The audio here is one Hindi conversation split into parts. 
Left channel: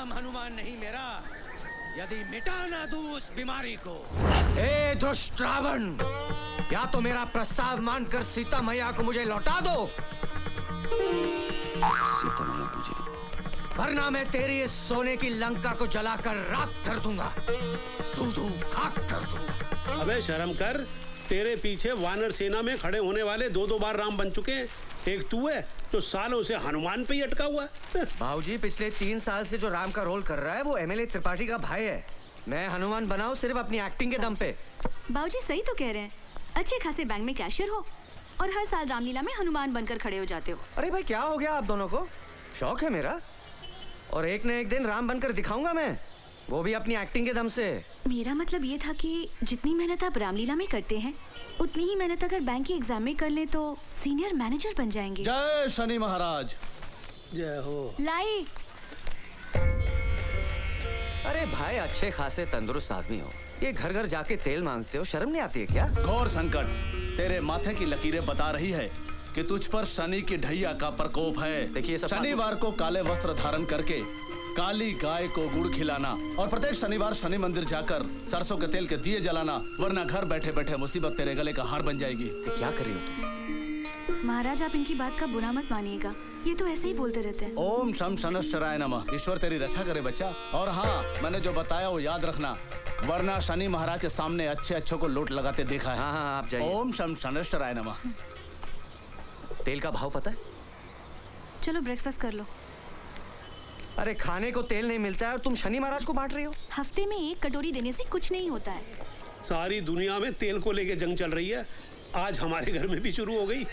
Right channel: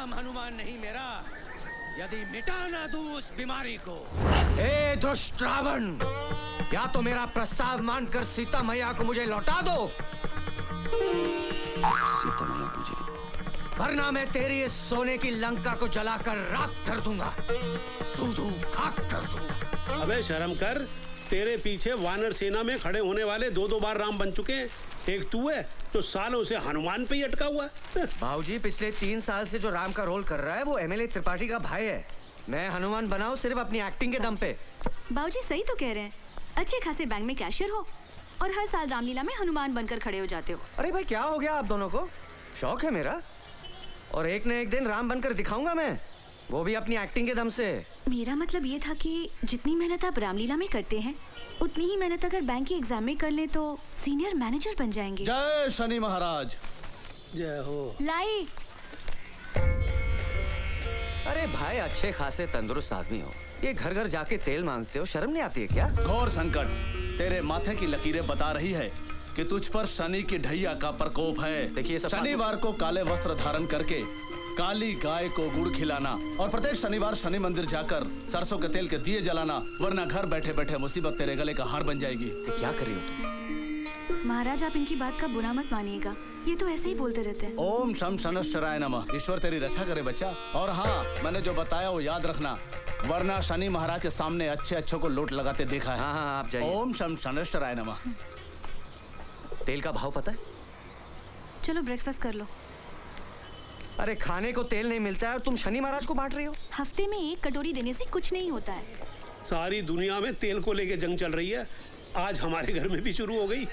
नाम हनुमान नहीं मेरा, यदि मिटा ना दूं उस बीमारी को। हे दुष्ट रावण, या तो मेरा प्रस्ताव मानकर सीता मैया को मुझे लौटा दो, सीता मैया मुझे, वरना मैं तेरी इस सोने की लंका को जलाकर राख कर दूंगा, दूधू खाक कर दूंगा। अबे शर्म कर, तेरे पीछे वानर सेना में खड़े होने वाले दो बार राम बन चुके हैं, एक तू है तो सालों से हनुमान पे ही अटका हुआ है। बाबूजी, पिछले 3 साल से जो राम का रोल कर रहा है वो एमएलए त्रिपाठी का भाई है। मैं हनुमान बनाऊं सिर्फ अपनी एक्टिंग के दम पे। बाबूजी सही तो कह रहे हैं, अच्छे खासे बैंक में कैशियर हो और हर साल रामलीला में हनुमान बनकर खड़े हो जाते हो। अरे भाई, क्या हो गया आप दोनों को? शौक है मेरा, और एक न एक दिन राम बनकर दिखाऊंगा मैं, वो भी अपनी एक्टिंग के दम से। मेरा मतलब ये था कि जितनी मेहनत आप रामलीला में करते हैं उतनी ही मेहनत अगर बैंक की एग्जाम में कर ले तो सीनियर मैनेजर बन जाएंगे। जय शनि महाराज। जय हो। लाए। अरे भाई, अच्छे खासे तंदुरुस्त आदमी हो, ये घर घर जाके तेल मांगते हो, शर्म नहीं आती है क्या? घोर संकट, तेरे माथे की लकीरें बता रही है कि तुझ पर शनि की ढैया का प्रकोप है। देखिए सब शनिवार को काले वस्त्र धारण करके काली गाय को गुड़ खिलाना और प्रत्येक शनिवार शनि मंदिर जाकर सरसों के तेल के दिए जलाना, वरना घर बैठे बैठे मुसीबत तेरे गले का हार बन जाएगी। क्या कर रही हो तुम? महाराज, आप इनकी बात का बुरा मत मानिएगा, ये तो ऐसे ही बोलते रहते हैं। ओम शम शनश्चराय नमः। ईश्वर तेरी रक्षा करे बच्चा। और हाँ, मैंने जो बताया वो याद रखना, वरना शनि महाराज के सामने अच्छे अच्छों को लूट लगाते देखा है। हाँ, आप जाइए। ओम शम शनश्चराय नमः। तेल का भाव पता है? चलो ब्रेकफास्ट कर लो। अरे खाने को तेल नहीं मिलता है और तुम शनि महाराज को बांट रही हो? हफ्ते में 1 कटोरी देने से कुछ नहीं होता है। सारी दुनिया में तेल को लेके जंग चल रही है, आज हमारे घर में भी शुरू हो गई। तो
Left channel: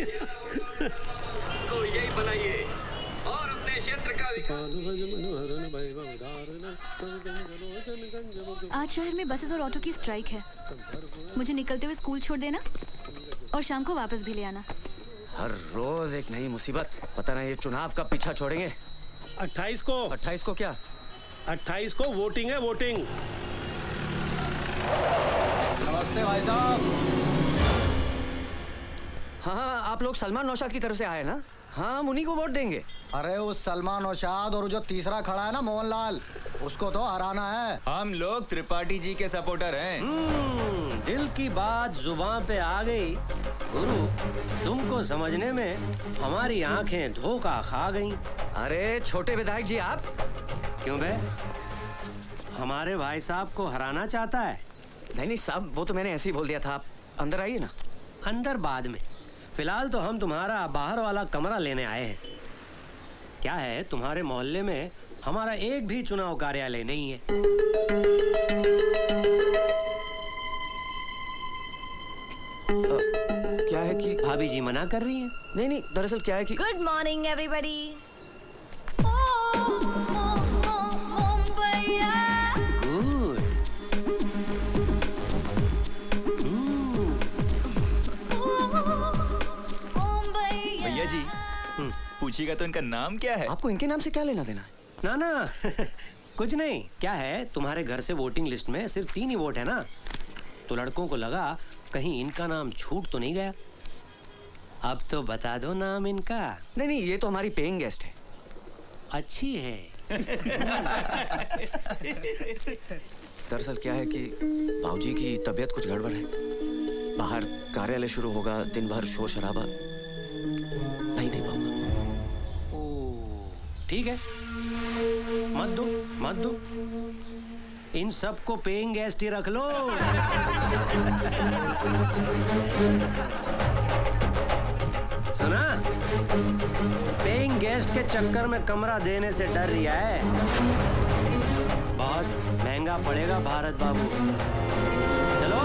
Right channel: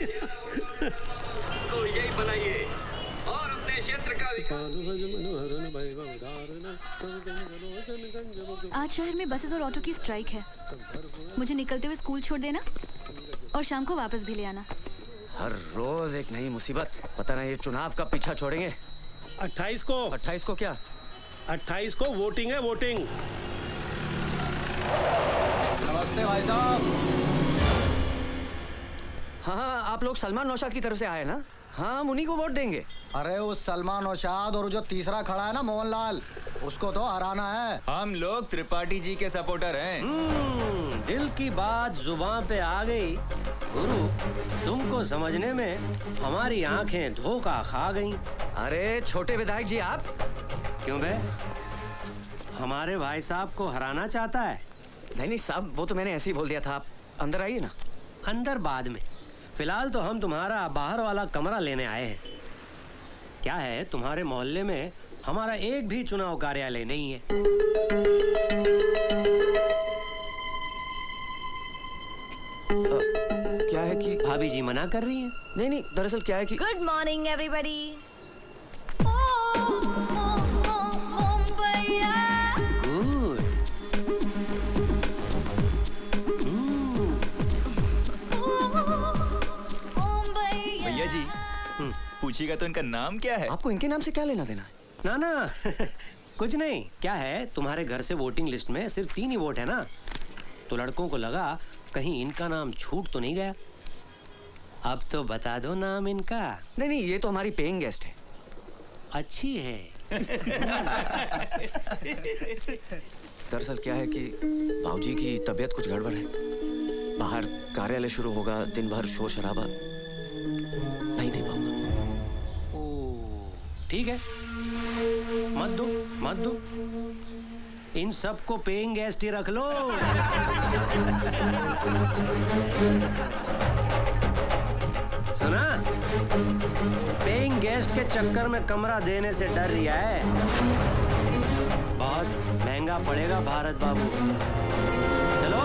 यही बनाइए और अपने क्षेत्र का आज शहर में बसेस और ऑटो की स्ट्राइक है, मुझे निकलते हुए स्कूल छोड़ देना और शाम को वापस भी ले आना। हर रोज एक नई मुसीबत, पता नहीं ये चुनाव का पीछा छोड़ेंगे। 28 को 28 को क्या? 28 को वोटिंग है, वोटिंग। नमस्ते भाई साहब। हाँ, आप लोग सलमान नौशाद की तरफ से आए ना? हाँ, हम उन्हीं को वोट देंगे। अरे उस सलमान नौशाद और जो तीसरा खड़ा है ना मोहनलाल, उसको तो हराना है। हम लोग त्रिपाठी जी के सपोर्टर हैं। दिल की बात जुबान पे आ गई। गुरु, तुमको समझने में हमारी आंखें धोखा खा गईं। अरे छोटे विधायक जी, आप क्यों बे? हमारे भाई साहब को हराना चाहता है? नहीं साहब, वो तो मैंने ऐसे ही बोल दिया था। आप अंदर आइए ना। अंदर बाद में, फिलहाल तो हम तुम्हारा बाहर वाला कमरा लेने आए हैं। क्या है, तुम्हारे मोहल्ले में हमारा एक भी चुनाव कार्यालय नहीं है। क्या है कि भाभी जी मना कर रही हैं। नहीं, दरअसल क्या है कि गुड मॉर्निंग एवरीबॉडी। गुड। भैया जी, पूछिएगा तो इनका नाम क्या है? आपको इनके नाम से क्या लेना देना है? ना ना कुछ नहीं। क्या है, तुम्हारे घर से वोटिंग लिस्ट में सिर्फ 3 ही वोट है ना, तो लड़कों को लगा कहीं इनका नाम छूट तो नहीं गया। अब तो बता दो नाम इनका। नहीं, ये तो हमारी पेइंग गेस्ट है। अच्छी है। दरअसल क्या है कि भाऊजी की तबीयत कुछ गड़बड़ है, बाहर कार्यालय शुरू होगा, दिन भर शोर शराबा, नहीं दे पाऊंगा। ओ, ठीक है, मत दो मत दो, इन सबको पेइंग गेस्ट ही रख लो। सुना, पेइंग गेस्ट के चक्कर में कमरा देने से डर रही है, बहुत महंगा पड़ेगा भारत बाबू। चलो।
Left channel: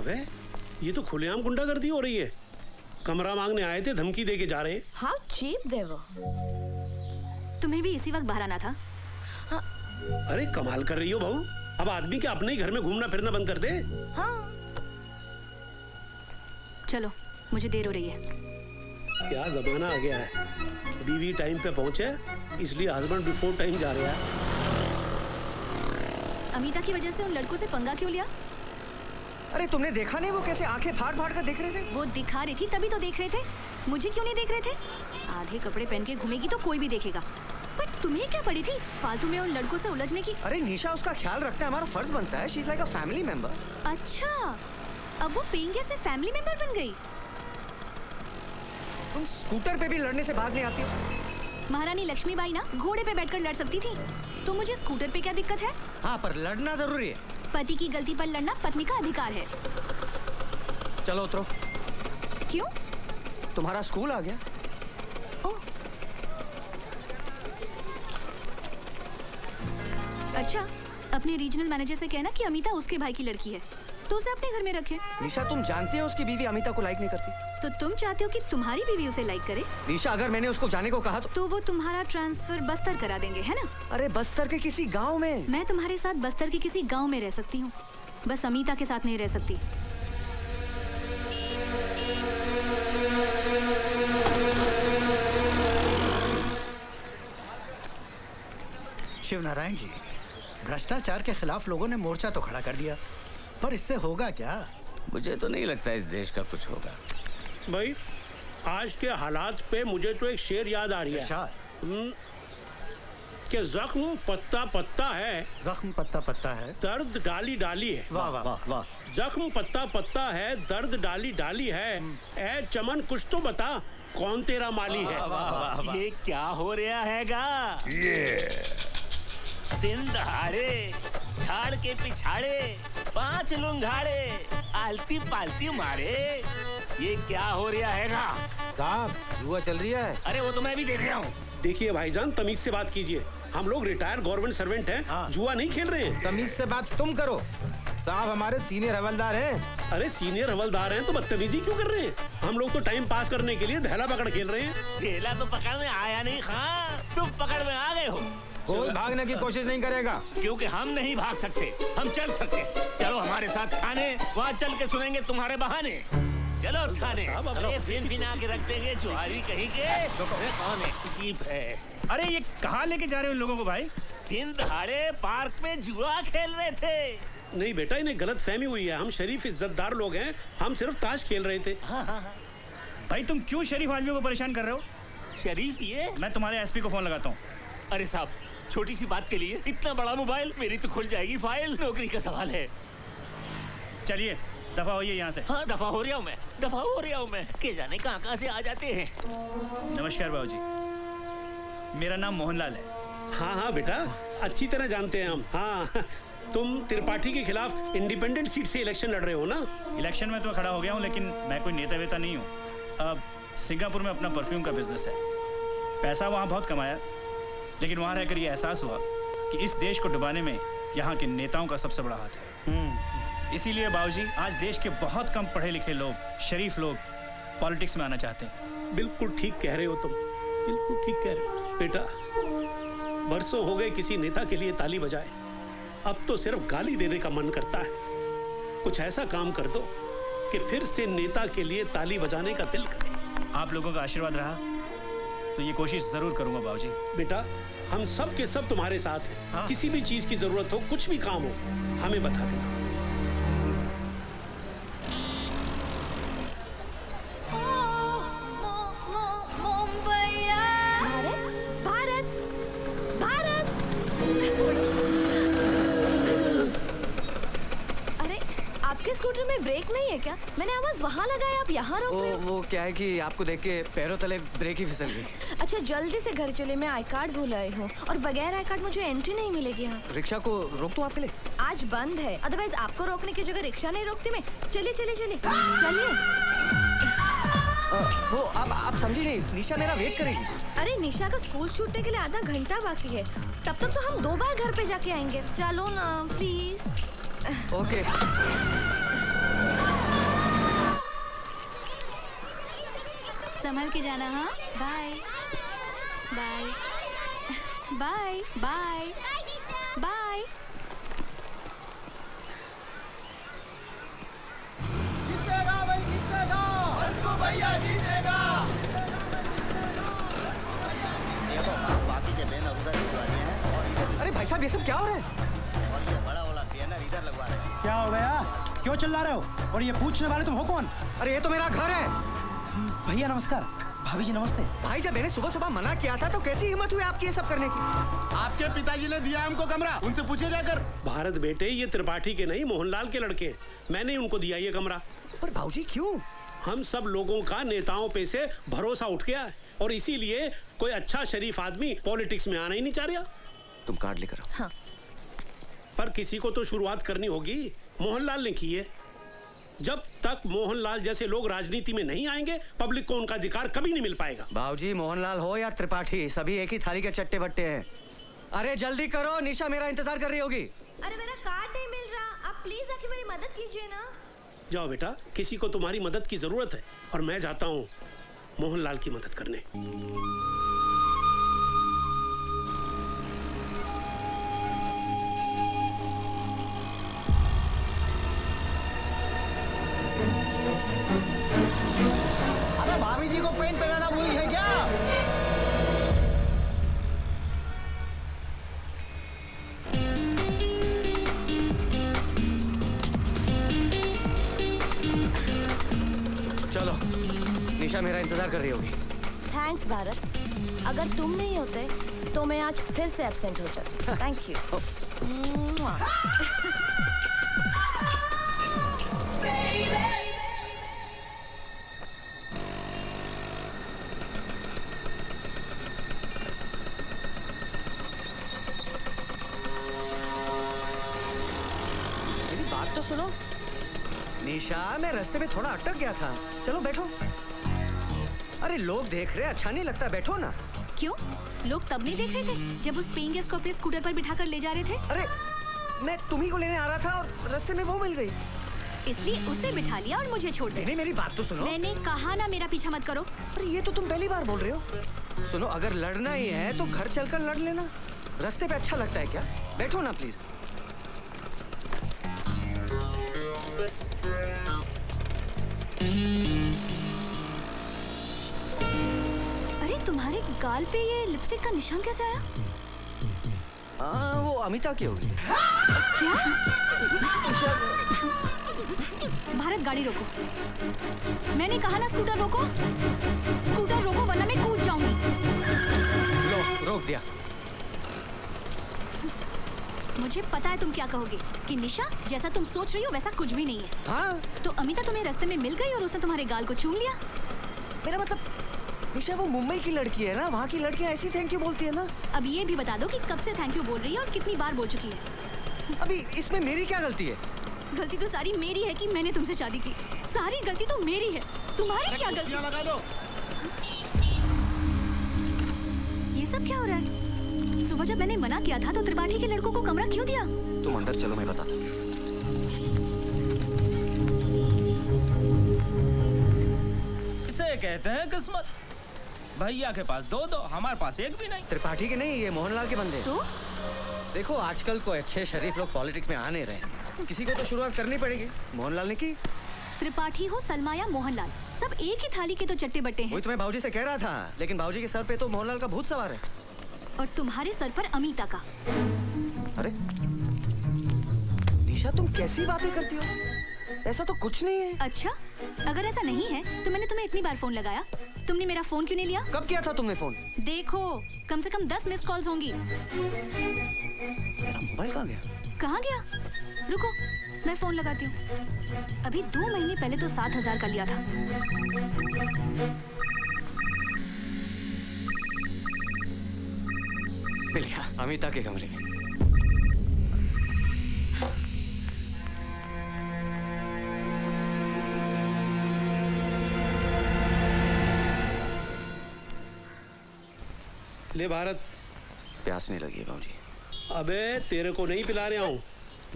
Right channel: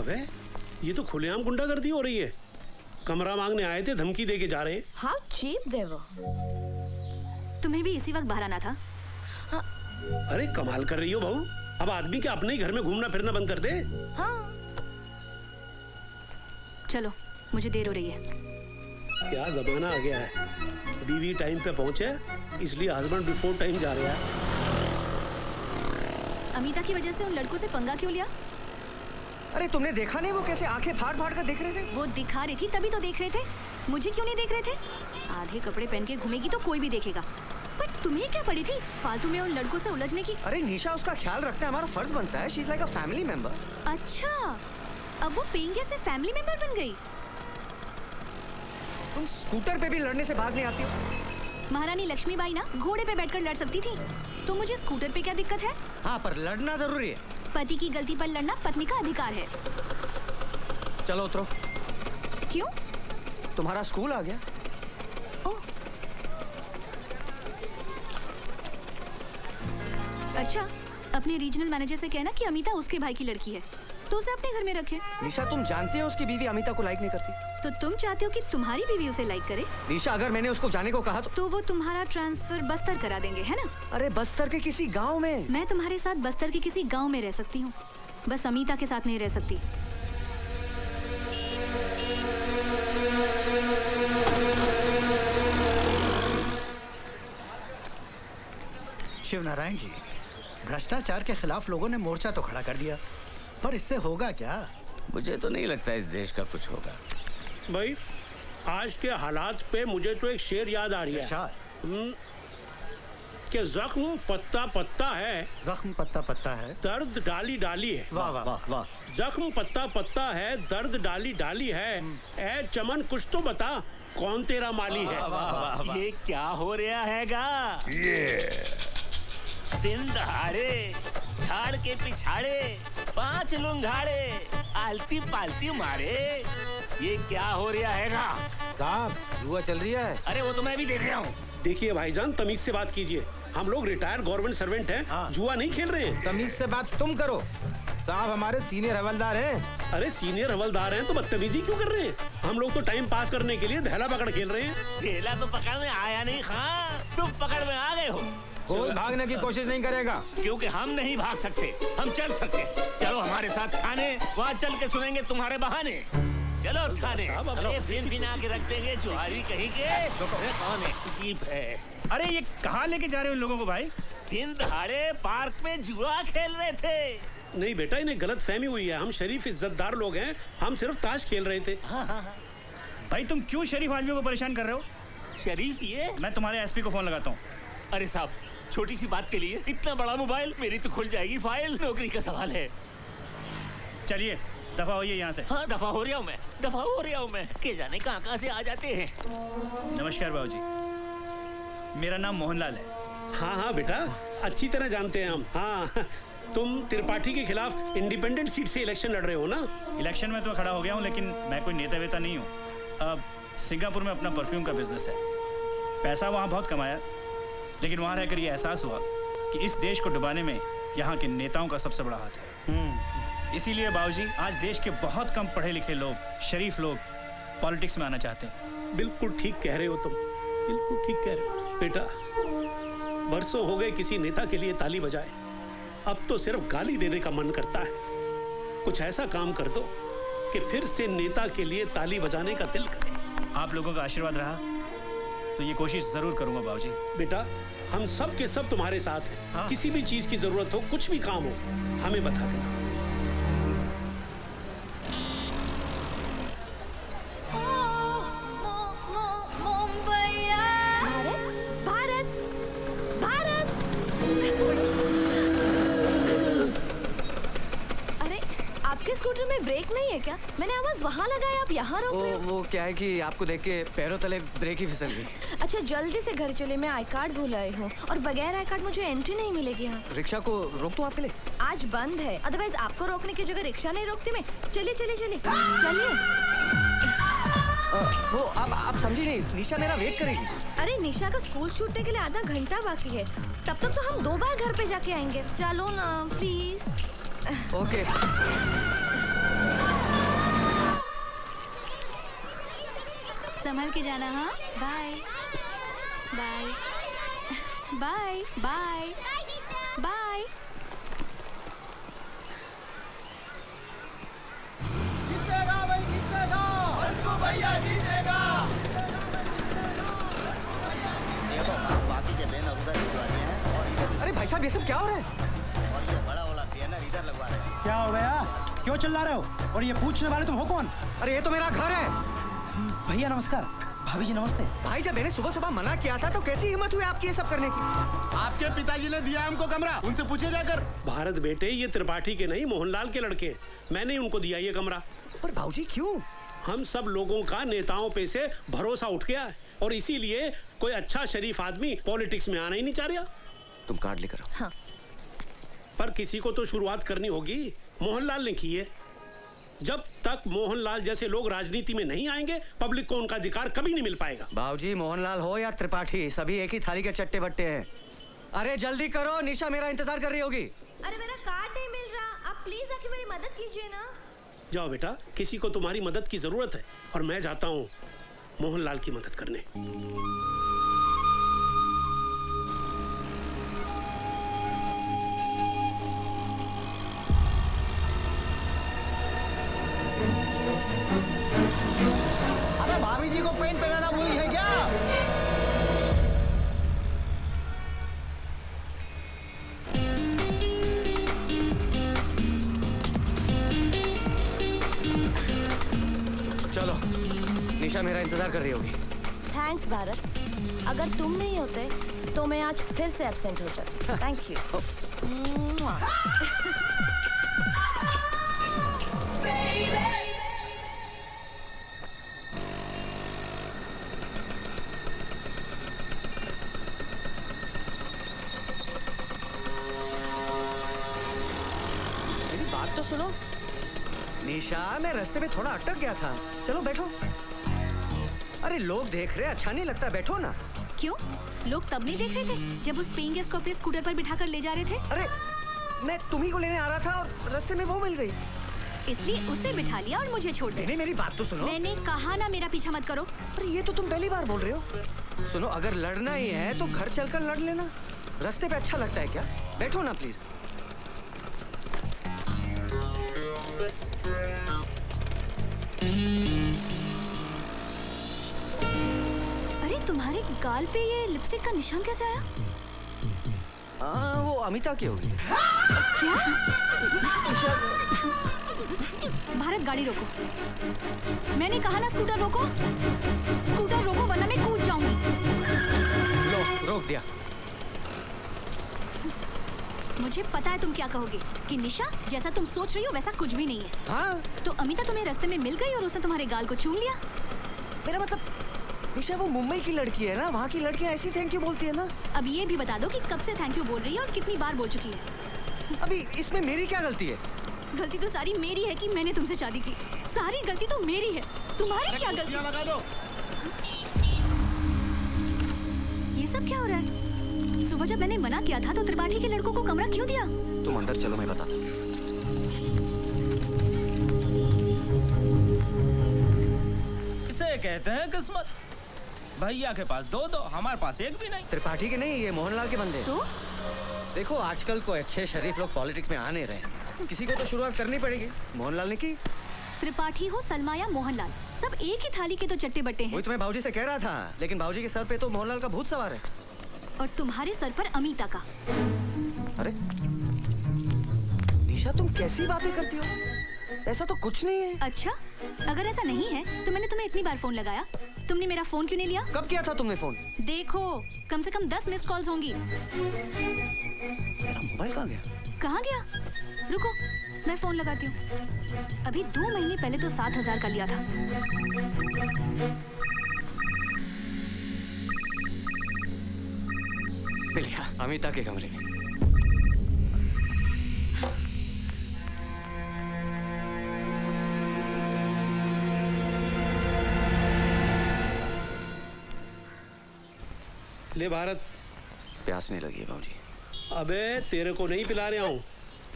अबे, ये तो खुलेआम गुंडागर्दी हो रही है। कमरा मांगने आए थे, धमकी देके जा रहे हैं। हाउ चीप दे वो। तुम्हें भी इसी वक्त बाहर आना था। अरे कमाल कर रही हो बहू, अब आदमी क्या अपने ही घर में घूमना फिरना बंद कर दे? हाँ। चलो, मुझे देर हो रही है। क्या जमाना आ गया है, बीवी टाइम पे पहुंचे इसलिए हस्बैंड बिफोर टाइम जा रहा है। अमिता की वजह से उन लड़कों से पंगा क्यों लिया? अरे तुमने देखा नहीं वो कैसे आंखें फाड़ फाड़ कर देख रहे थे? वो दिखा रही थी तभी तो देख रहे थे, मुझे क्यों नहीं देख रहे थे? आधे कपड़े पहन के घूमेगी तो कोई भी देखेगा। पर तुम्हें क्या पड़ी थी फालतू में उन लड़कों से उलझने की? अरे निशा, उसका ख्याल रखना हमारा फर्ज बनता है। She is like a family member. अच्छा, अब वो पेइंग गेस्ट से फैमिली मेंबर बन गई। तुम स्कूटर पे भी लड़ने से बाज नहीं आती। महारानी लक्ष्मीबाई ना घोड़े पे बैठकर लड़ सकती थी, तो मुझे स्कूटर पे क्या दिक्कत है? हाँ, पर लड़ना जरूरी है। पति की गलती पर लड़ना पत्नी का अधिकार है। चलो उतरो। क्यों? तुम्हारा स्कूल आ गया। ओह, अच्छा, अपने रीजनल मैनेजर से कहना कि अमिता उसके भाई की लड़की है, तो उसे अपने घर में रखे। निशा, तुम जानती हो उसकी बीवी अमिता को लाइक नहीं करती। तो तुम चाहते हो कि तुम्हारी बीवी उसे लाइक करे? निशा, अगर मैंने उसको जाने को कहा तो वो तुम्हारा ट्रांसफर बस्तर करा देंगे, है ना? अरे बस्तर के किसी गांव में। मैं तुम्हारे साथ बस्तर के किसी गांव में रह सकती हूँ, बस अमिता के साथ नहीं रह सकती। शिव नारायण जी, भ्रष्टाचार के खिलाफ लोगों ने मोर्चा तो खड़ा कर दिया, पर इससे होगा क्या? मुझे तो नहीं लगता इस देश का कुछ होगा। भाई, आज के हालात पे मुझे तो एक शेर याद आ रही है कि जख्म पत्ता पत्ता है, जख्म पत्ता पत्ता है, दर्द डाली डाली है। वाह वाह वाह वाह। जख्म पत्ता पत्ता है, दर्द डाली डाली है, ए चमन कुछ तो बता, कौन तेरा माली है? ये क्या हो रहा हैगा? दिन दहाड़े झाड़ के पिछाड़े 5 लुंघाड़े आलती पालती मारे, ये क्या हो रहा हैगा? साहब, जुआ चल रही है। अरे वो तो मैं भी देख रहा हूँ। देखिए भाईजान, तमीज से बात कीजिए। हम लोग रिटायर्ड गवर्नमेंट सर्वेंट हैं, जुआ नहीं खेल रहे हैं। तमीज से बात तुम करो। साहब हमारे सीनियर हवलदार हैं। अरे सीनियर हवलदार हैं तो बदतमीजी क्यों कर रहे हैं? हम लोग तो टाइम पास करने के लिए धैला पकड़ खेल रहे हैं। धेला तो पकड़ में आया नहीं खां, तुम पकड़ में आ गए हो। कोई भागने की कोशिश नहीं करेगा। क्योंकि हम नहीं भाग सकते, हम चल सकते। चलो हमारे साथ थाने, वहाँ चल के सुनेंगे तुम्हारे बहाने। चलो थाने। अरे फिर बिना के रख देंगे चुहारी कहीं के। अरे कौन है जीप है? अरे ये कहाँ लेके जा रहे हो लोगों को भाई? दिन दहाड़े पार्क में जुआ खेल रहे थे। नहीं बेटा, इन्हें गलत फहमी हुई है। हम शरीफ इज्जतदार लोग हैं, हम सिर्फ ताश खेल रहे थे। भाई तुम क्यों शरीफ आदमियों को परेशान कर रहे हो? शरीफ ये? मैं तुम्हारे एसपी को फोन लगाता हूँ। अरे साहब, छोटी सी बात के लिए इतना बड़ा मोबाइल? मेरी तो खुल जाएगी फाइल, नौकरी का सवाल है। चलिए दफा होइए यहाँ से। हाँ दफा हो रहा हूँ मैं, दफा हो रहा हूँ मैं। के जाने कहाँ से आ जाते हैं। नमस्कार बाबूजी, मेरा नाम मोहनलाल है। हाँ हाँ बेटा, अच्छी तरह जानते हैं हम। हाँ, तुम त्रिपाठी के खिलाफ इंडिपेंडेंट सीट से इलेक्शन लड़ रहे हो ना? इलेक्शन में तो खड़ा हो गया हूँ, लेकिन मैं कोई नेता वेता नहीं हूँ। अब सिंगापुर में अपना परफ्यूम का बिजनेस है। पैसा वहाँ बहुत कमाया, लेकिन वहाँ रहकर ये एहसास हुआ कि इस देश को डुबाने में यहाँ के नेताओं का सबसे बड़ा हाथ है। इसीलिए बाबूजी, आज देश के बहुत कम पढ़े लिखे लोग, शरीफ लोग पॉलिटिक्स में आना चाहते हैं। बिल्कुल ठीक कह रहे हो तुम, बिल्कुल ठीक कह रहे हो बेटा। बरसों हो गए किसी नेता के लिए ताली बजाए, अब तो सिर्फ गाली देने का मन करता है। कुछ ऐसा काम कर दो कि फिर से नेता के लिए ताली बजाने का दिल करे। आप लोगों का आशीर्वाद रहा तो ये कोशिश जरूर करूंगा बाबूजी। बेटा, हम सब के सब तुम्हारे साथ हैं। किसी भी चीज की जरूरत हो, कुछ भी काम हो, हमें बता देना। भारत, भारत। अरे आपके स्कूटर में ब्रेक नहीं है क्या? मैंने आवाज वहाँ लगाई, आप यहाँ रोक रहे हो। वो क्या है कि आपको देख के पैरों तले ब्रेक ही फिसल गई। अच्छा जल्दी से घर चले, मैं आई कार्ड भूल आई हूँ और बगैर आई कार्ड मुझे एंट्री नहीं मिलेगी यहाँ। रिक्शा को रोक दूं आपके लिए? आज बंद है, अदरवाइज आपको रोकने की जगह रिक्शा नहीं रोकती मैं। चलिए चलिए चलिए चलिए। वो आप समझी नहीं, निशा मेरा वेट करेगी। अरे निशा का स्कूल छूटने के लिए आधा घंटा बाकी है, तब तक तो हम 2 बार घर पे जाके आएंगे। चलो ना प्लीज। ओके। संभल के जाना। हाँ, bye bye bye bye bye. अरे भाई साहब, ये सब क्या हो रहा है? क्या हो गया? क्यों चिल्ला रहे हो? और ये पूछने वाले तुम हो कौन? अरे ये तो मेरा घर है। भैया नमस्कार। भाभी जी नमस्ते। भाई जब मैंने सुबह सुबह मना किया था तो कैसी हिम्मत हुई आपकी ये सब करने की? आपके पिताजी ने दिया हमको कमरा, उनसे पूछिए जाकर। भारत बेटे, ये त्रिपाठी के नहीं मोहनलाल के लड़के हैं। मैंने ही उनको दिया ये कमरा। पर भाऊजी क्यों? हम सब लोगों का नेताओं पे से भरोसा उठ गया है और इसीलिए कोई अच्छा शरीफ आदमी पॉलिटिक्स में आना ही नहीं चाह रहा। तुम कार्ड लेकर आओ। हाँ। पर किसी को तो शुरुआत करनी होगी। मोहनलाल ने की है। जब तक मोहनलाल जैसे लोग राजनीति में नहीं आएंगे, पब्लिक को उनका अधिकार कभी नहीं मिल पाएगा। भाऊजी मोहनलाल हो या त्रिपाठी, सभी एक ही थाली के चट्टे बट्टे हैं। अरे जल्दी करो, निशा मेरा इंतजार कर रही होगी। अरे मेरा कार्ड नहीं मिल रहा, आप प्लीज आके मेरी मदद कीजिए ना। जाओ बेटा, किसी को तुम्हारी मदद की जरूरत है और मैं जाता हूँ मोहनलाल की मदद करने। अबे भाभी जी को पेंट पहनाना भूली है क्या? चलो, निशा मेरा इंतजार कर रही होगी। थैंक्स भारत, अगर तुम नहीं होते तो मैं आज फिर से एब्सेंट हो जाती। Thank you. मेरी बात तो सुनो। निशा, मैं रास्ते में थोड़ा अटक गया था। चलो बैठो। अरे लोग देख रहे, अच्छा नहीं लगता, बैठो ना। क्यों? लोग तब नहीं देख रहे थे जब उस पेइंग गेस्ट को अपने स्कूटर पर बिठाकर ले जा रहे थे? अरे मैं तुम्ही को लेने आ रहा था और रास्ते में वो मिल गई। इसलिए उसे बिठा लिया और मुझे छोड़ नहीं, दिया। मेरी बात तो सुनो। मैंने कहा ना मेरा पीछा मत करो। अरे ये तो तुम पहली बार बोल रहे हो। सुनो, अगर लड़ना ही है तो घर चलकर लड़ लेना। रास्ते पे अच्छा लगता है क्या? बैठो ना प्लीज। अरे तुम्हारे गाल पे ये लिपस्टिक का निशान कैसे आया? हाँ, वो अमिता की होगी। क्या? भारत, गाड़ी रोको। मैंने कहा ना स्कूटर रोको। स्कूटर रोको वरना मैं कूद जाऊंगी। लो, रोक दिया। मुझे पता है तुम क्या कहोगे कि निशा, जैसा तुम सोच रही हो वैसा कुछ भी नहीं है। हाँ, तो अमिता तुम्हें रास्ते में मिल गई और उसने तुम्हारे गाल को चूम लिया। मेरा मतलब निशा वो मुंबई की लड़की है ना, वहाँ की लड़कियाँ ऐसी थैंक यू बोलती है ना। अब ये भी बता दो कि कब से थैंक यू बोल रही है और कितनी बार बोल चुकी है। अभी इसमें मेरी क्या गलती है? गलती तो सारी मेरी है कि मैंने तुमसे शादी की। सारी गलती तो मेरी है, तुम्हारी क्या गलती? लगा दो। ये सब क्या हो रहा है? सुबह जब मैंने मना किया था तो त्रिपाठी के लड़कों को कमरा क्यों दिया? तुम अंदर चलो, मैं बताता हूँ। इसे कहते हैं किस्मत। भैया के पास दो दो, हमारे पास एक भी नहीं। त्रिपाठी के नहीं, ये मोहनलाल के बंदे। तो देखो आजकल कोई अच्छे शरीफ लोग पॉलिटिक्स में आ नहीं रहे। किसी को तो शुरुआत करनी पड़ेगी। मोहनलाल ने की। त्रिपाठी हो सलमा या मोहनलाल, सब एक ही थाली के तो चट्टे बट्टे हैं। वही तो मैं भाऊजी से कह रहा था, लेकिन भाऊजी के सर पे तो मोहनलाल का भूत सवार है। और तुम्हारे सर पर अमिता का। अरे निशा, तुम कैसी बातें करती हो? ऐसा तो कुछ नहीं है। अच्छा, अगर ऐसा नहीं है तो मैंने तुम्हें इतनी बार फोन लगाया, तुमने मेरा फोन क्यों नहीं लिया? कब किया था तुमने फोन? देखो, कम से कम 10 मिस्ड कॉल्स होंगी। मेरा मोबाइल कहाँ गया? कहाँ गया? रुको, मैं फोन लगाती हूँ। अभी 2 महीने पहले तो 7,000 का लिया था। मिलिया, अमिता के कमरे में। ले भारत, प्यास नहीं लगी है भाऊजी। अबे तेरे को नहीं पिला रहा हूँ,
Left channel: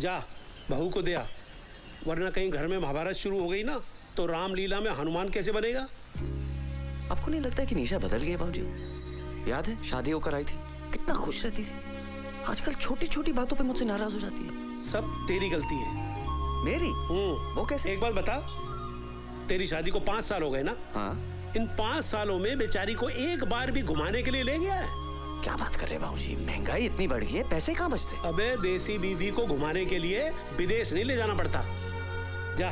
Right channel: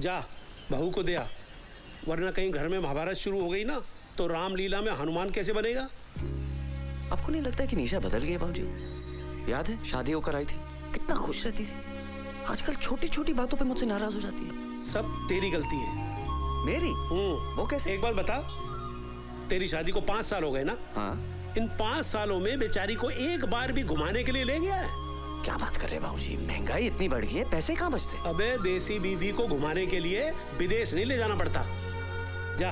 जा बहू को दे आ, वरना कहीं घर में महाभारत शुरू हो गई ना तो रामलीला में हनुमान कैसे बनेगा? आपको नहीं लगता कि निशा बदल गई है भाऊजी? याद है शादी होकर आई थी, कितना खुश रहती थी। आजकल छोटी छोटी बातों पे मुझसे नाराज हो जाती है। सब तेरी गलती है। मेरी? वो कैसे? एक बात बता, तेरी शादी को 5 साल हो गए ना? हाँ। इन 5 सालों में बेचारी को एक बार भी घुमाने के लिए ले गया है? क्या बात कर रहे हैं भाऊजी, महंगाई इतनी बढ़ गई है, पैसे कहाँ बचते? अबे देसी बीवी को घुमाने के लिए विदेश नहीं ले जाना पड़ता। जा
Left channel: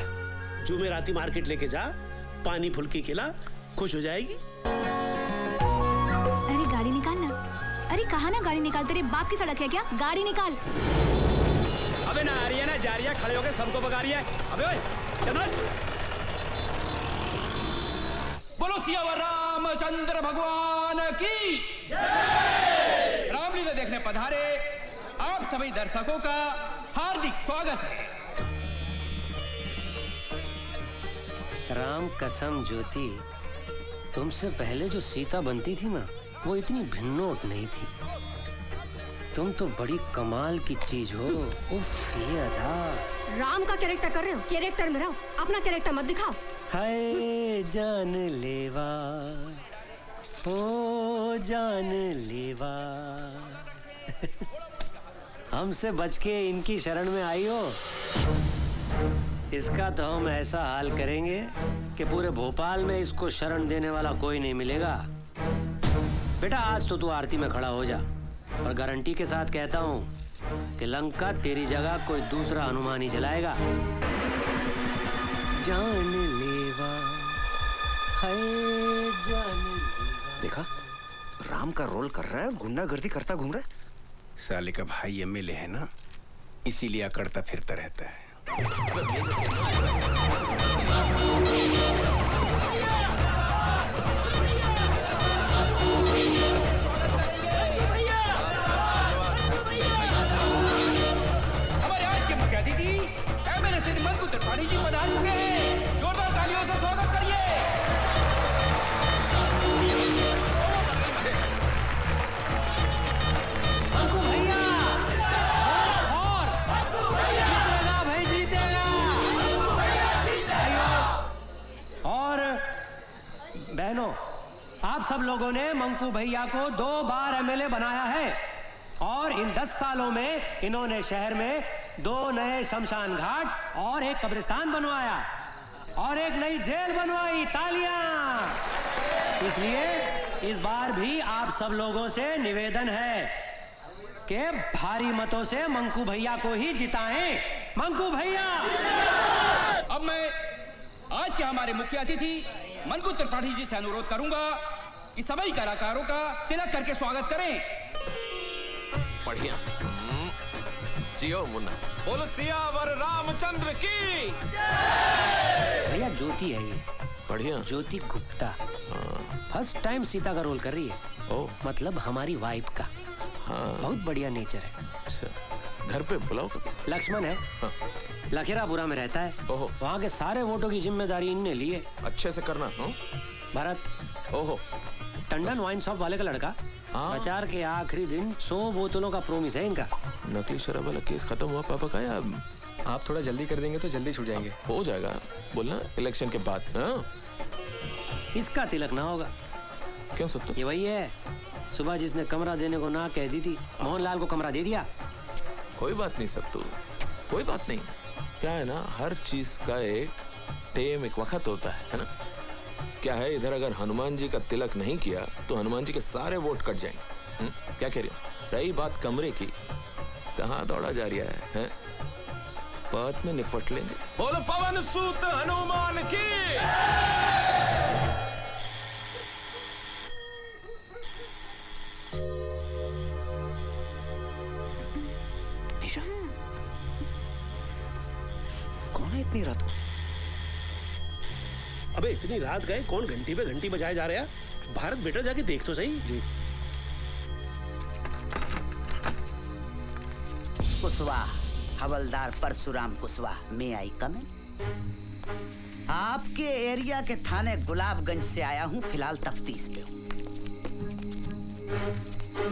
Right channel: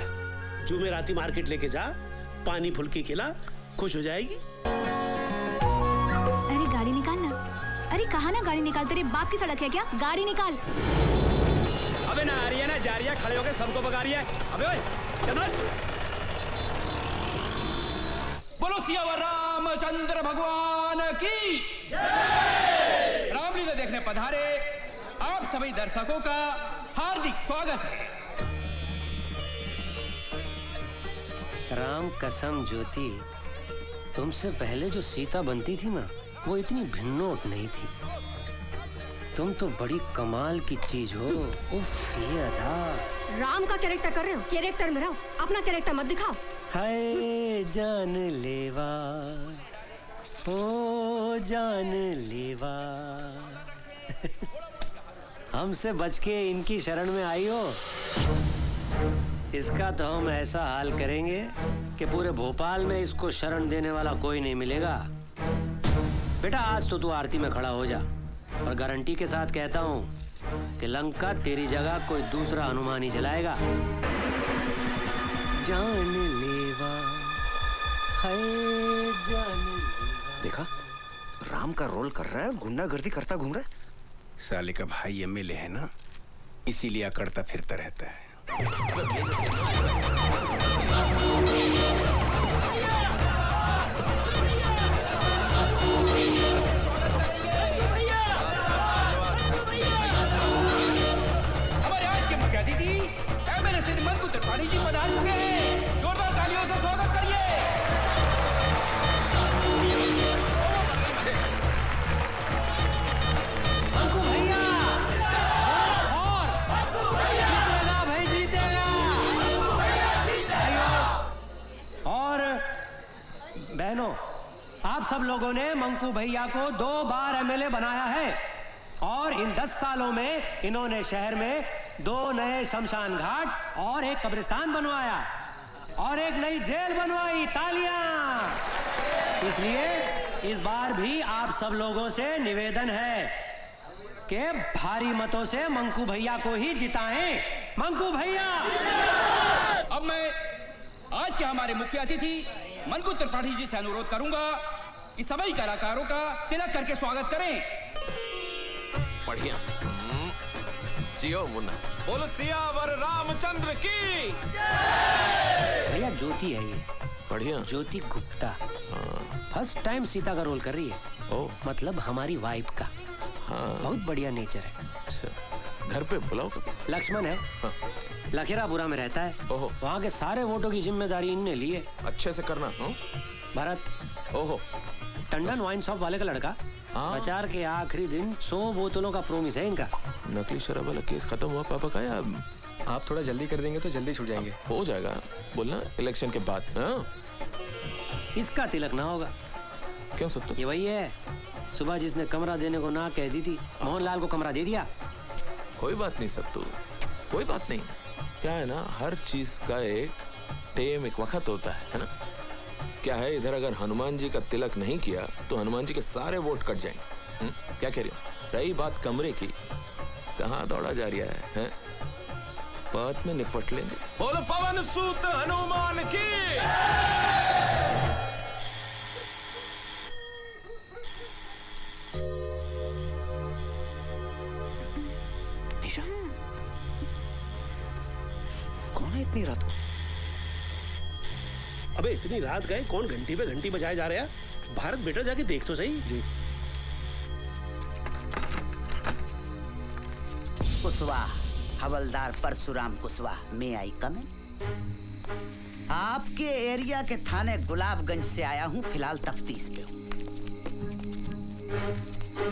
जुमेराती मार्केट लेके जा, पानी फुल्की खिला, खुश हो जाएगी। अरे गाड़ी निकाल ना। अरे कहाँ ना गाड़ी निकाल, तेरे बाप की सड़क है क्या? गाड़ी निकाल। अबे ना आ रही है ना जा रही है, खड़े होके सबको भगा रही है। अबे ओए, चल। बोलो सियावर रामचंद्र भगवान की रामलीला देखने पधारे आप सभी दर्शकों का हार्दिक स्वागत है। राम कसम ज्योति, तुमसे पहले जो सीता बनती थी ना, वो इतनी भिन्नोट नहीं थी। तुम तो बड़ी कमाल की चीज हो। उफ, ये अदा। राम का कैरेक्टर कर रहे हो, कैरेक्टर में रहो, अपना कैरेक्टर मत दिखाओ। हाय जान लेवा, ओ जान लेवा। हमसे बच के इनकी शरण में आई हो। इसका तो हम ऐसा हाल करेंगे कि पूरे भोपाल में इसको शरण देने वाला कोई नहीं मिलेगा। बेटा आज तो तू आरती में खड़ा हो जा, और गारंटी के साथ कहता हूँ कि लंका तेरी जगह कोई दूसरा हनुमान ही जलाएगा। जान लेवा, हाय जान लेवा। देखा, राम का रोल कर रहा है, गुंडागर्दी करता घूम रहा है। साले का भाई एमएलए है ना, इसीलिए अकड़ता फिरता रहता है। हमारे आज के मुख्य अतिथि एमएलए श्री मंकु त्रिपाठी जी पधार चुके हैं। जोरदार तालियों से स्वागत करिए। मंकू भैया और बहनों, आप सब लोगों ने मंकू भैया को 2 बार एमएलए बनाया है, और इन 10 सालों में इन्होंने शहर में 2 नए शमशान घाट और एक कब्रिस्तान बनवाया और एक नई जेल बनवाई। तालियां! इसलिए इस बार भी आप सब लोगों से निवेदन है कि भारी मतों से मंकू भैया को ही जिताएं। मंकू भैया! अब मैं आज के हमारे मुख्य अतिथि मंकु त्रिपाठी जी से अनुरोध करूंगा कि सभी कलाकारों का तिलक करके स्वागत करें। बढ़िया। जियो मुन्ना। बोलो सियावर रामचंद्र की। भैया ज्योति है ये, बढ़िया। ज्योति गुप्ता फर्स्ट टाइम सीता का रोल कर रही है। ओ, मतलब हमारी वाइफ का। हाँ। बहुत बढ़िया नेचर है। अच्छा, घर पे बुलाओ। लक्ष्मण है। हाँ। लखेरापुरा में रहता है। ओहो। वहाँ के सारे वोटों की जिम्मेदारी इनने ली है। अच्छे से करना। भरत। ओहो। टंडन वाइन शॉप वाले का लड़का। हाँ। प्रचार के आखिरी दिन 100 बोतलों का प्रोमिस है इनका। नकली शराब वाला केस खत्म हुआ पापा का, या आप थोड़ा जल्दी कर देंगे तो जल्दी छूट जाएंगे। हो जाएगा, बोलना इलेक्शन के बाद। हाँ? इसका तिलक ना होगा। क्यों सब? ये वही है, सुबह जिसने कमरा देने को ना कह दी थी, मोहनलाल को कमरा दे दिया। कोई बात नहीं सत्तू, कोई बात नहीं। क्या है ना, हर चीज का एक टेम, एक वक्त होता है ना। क्या है, इधर अगर हनुमान जी का तिलक नहीं किया तो हनुमान जी के सारे वोट कट जाएंगे। क्या कह रही हो? रही बात कमरे की, कहाँ दौड़ा जा रहा है? बात में निपट लेंगे। बोलो पवन सूत हनुमान की। निशा, कौन है इतनी रात को? अबे इतनी रात गए, कौन घंटी पे घंटी बजाए जा रहा है? भारत बेटा जाके देख तो सही। कुशवाहा, हवलदार परशुराम कुशवाहा, मैं आई कम। आपके एरिया के थाने गुलाबगंज से आया हूँ, फिलहाल तफ्तीश पे हूँ।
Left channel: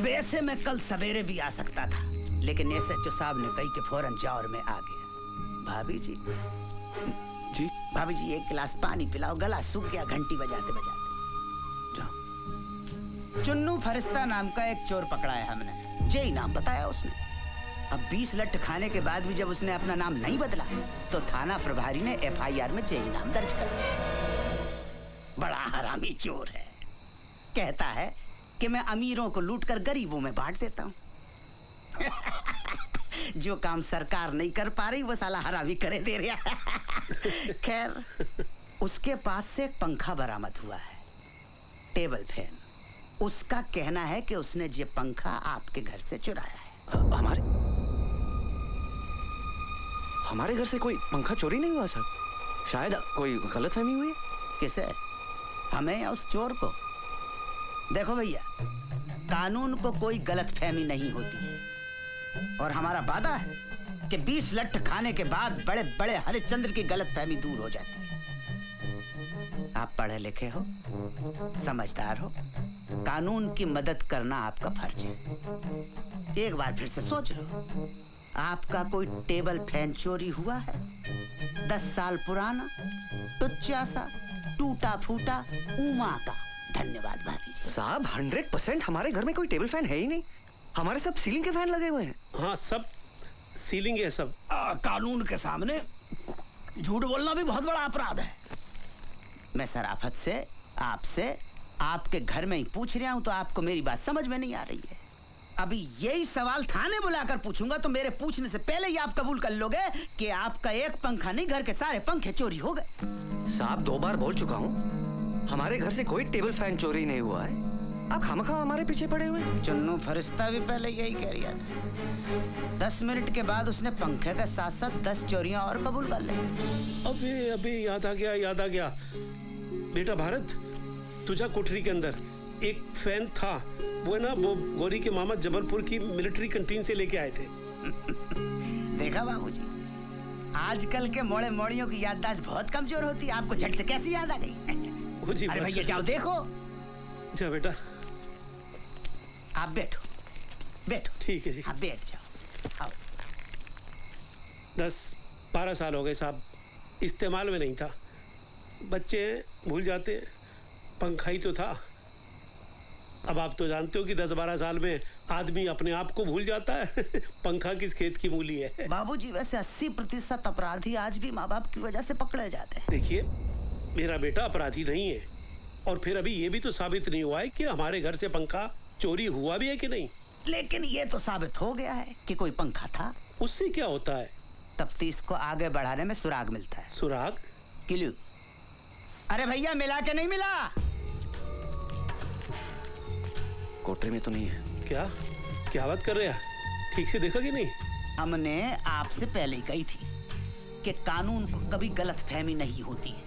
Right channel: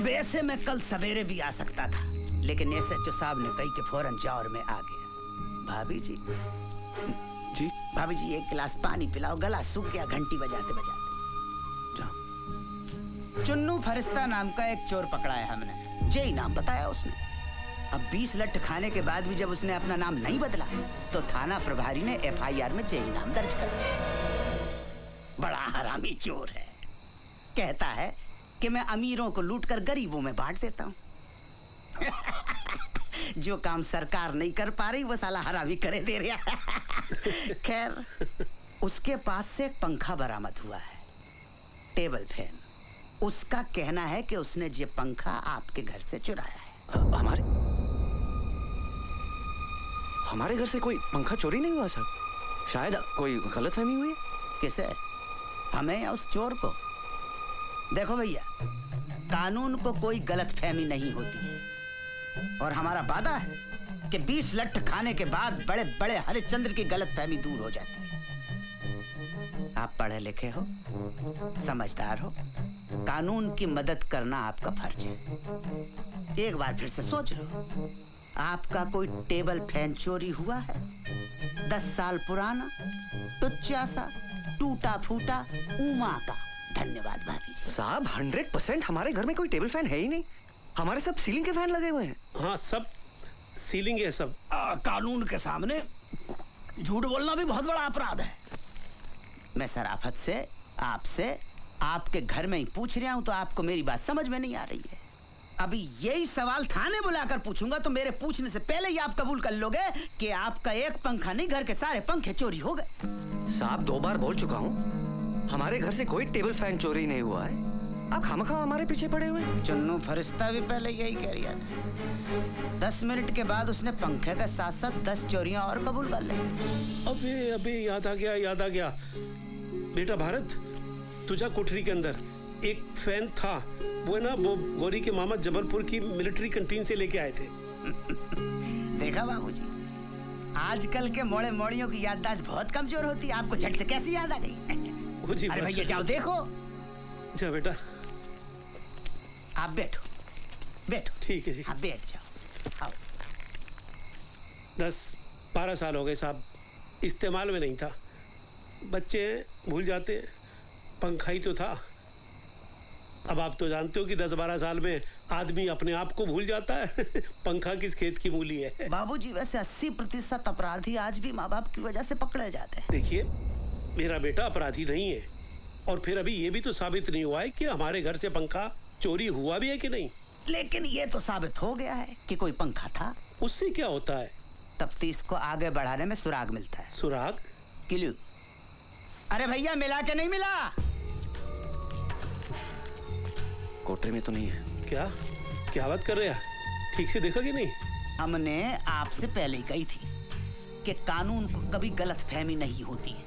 वैसे मैं कल सवेरे भी आ सकता था, लेकिन एसएचओ साहब ने कही कि फौरन जाओ और मैं आ गया। भाभी जी जी, भाभी जी एक गिलास पानी पिलाओ, गला सूख गया घंटी बजाते बजाते। चुन्नू फरिश्ता नाम का एक चोर पकड़ा है हमने, जी नाम बताया उसने। अब 20 लठ खाने के बाद भी जब उसने अपना नाम नहीं बदला तो थाना प्रभारी ने एफआईआर में जेई नाम दर्ज कर दिया। बड़ा हरामी चोर है, कहता है कि मैं अमीरों को लूटकर गरीबों में बांट देता हूँ। जो काम सरकार नहीं कर पा रही वो साला हरामी करे दे रहा। खैर, उसके पास से एक पंखा बरामद हुआ है। Table fan. उसका कहना है कि उसने ये पंखा आपके घर से चुराया है। हमारे घर से कोई पंखा चोरी नहीं हुआ साहब। शायद कोई गलतफहमी हुई। किसे? हमें या उस चोर को? देखो भैया, कानून को कोई गलतफहमी नहीं होती है और हमारा वादा है कि 20 लठ खाने के बाद बड़े बड़े हरिश्चंद्र की गलतफहमी दूर हो जाती है। आप पढ़े लिखे हो, समझदार हो, कानून की मदद करना आपका फर्ज है। एक बार फिर से सोच लो, आपका कोई टेबल फैन चोरी हुआ है? 10 साल पुराना, टुच्चा सा, टूटा फूटा, उमा का। धन्यवाद भाभी जी। साहब 100% हमारे घर में कोई टेबल फैन है ही नहीं। हमारे सब सीलिंग के फैन लगे हुए हैं। हाँ, सब सीलिंग है सब। कानून के सामने झूठ बोलना भी बहुत बड़ा अपराध है। मैं शराफत से आपसे आपके घर में ही पूछ रहा हूँ तो आपको मेरी बात समझ में नहीं आ रही है। अभी यही सवाल थाने बुलाकर पूछूंगा तो मेरे पूछने से पहले ही आप कबूल कर लोगे कि आपका एक पंखा नहीं, घर के सारे पंखे चोरी हो गए। साहब 2 बार बोल चुका हूँ, हमारे घर से कोई टेबल फैन चोरी नहीं हुआ है। आप खामखा हमारे पीछे पड़े हुए हैं। चन्नू फरिश्ता भी पहले यही कह रहा था। 10 मिनट के बाद उसने पंखे के साथ साथ 10 चोरियां और कबूल कर ली। अबे याद आ गया। बेटा भारत, तुझा कोठरी के अंदर एक फैन था, वो है ना, वो गौरी के मामा जबलपुर की मिलिट्री कैंटीन से लेके आए थे। देखा बाबूजी, आजकल के मोड़े मोड़ियों की याददाश्त बहुत कमजोर होती है। आपको झट से कैसी याद आ गई? अरे भैया जाओ देखो। जा बेटा, आप बैठो। ठीक है जी। हाँ बैठ जाओ। आओ। 10-12 साल हो गए साहब, इस्तेमाल में नहीं था। बच्चे भूल जाते, पंखा ही तो था। अब आप तो जानते हो कि 10-12 साल में आदमी अपने आप को भूल जाता है। पंखा किस खेत की मूली है। बाबूजी वैसे 80% अपराधी आज भी माँ बाप की वजह से पकड़े जाते हैं। देखिए, मेरा बेटा अपराधी नहीं है और फिर अभी ये भी तो साबित नहीं हुआ है कि हमारे घर से पंखा चोरी हुआ भी है कि नहीं। लेकिन ये तो साबित हो गया है कि कोई पंखा था। उससे क्या होता है? तफ्तीश को आगे बढ़ाने में सुराग मिलता है। सुराग? क्लू। अरे भैया मिला के नहीं मिला? कोठरी में तो नहीं है। क्या बात कर रहे हैं? ठीक से देखा कि नहीं? हमने आपसे पहले ही कही थी कि कानून को कभी गलतफहमी नहीं होती है।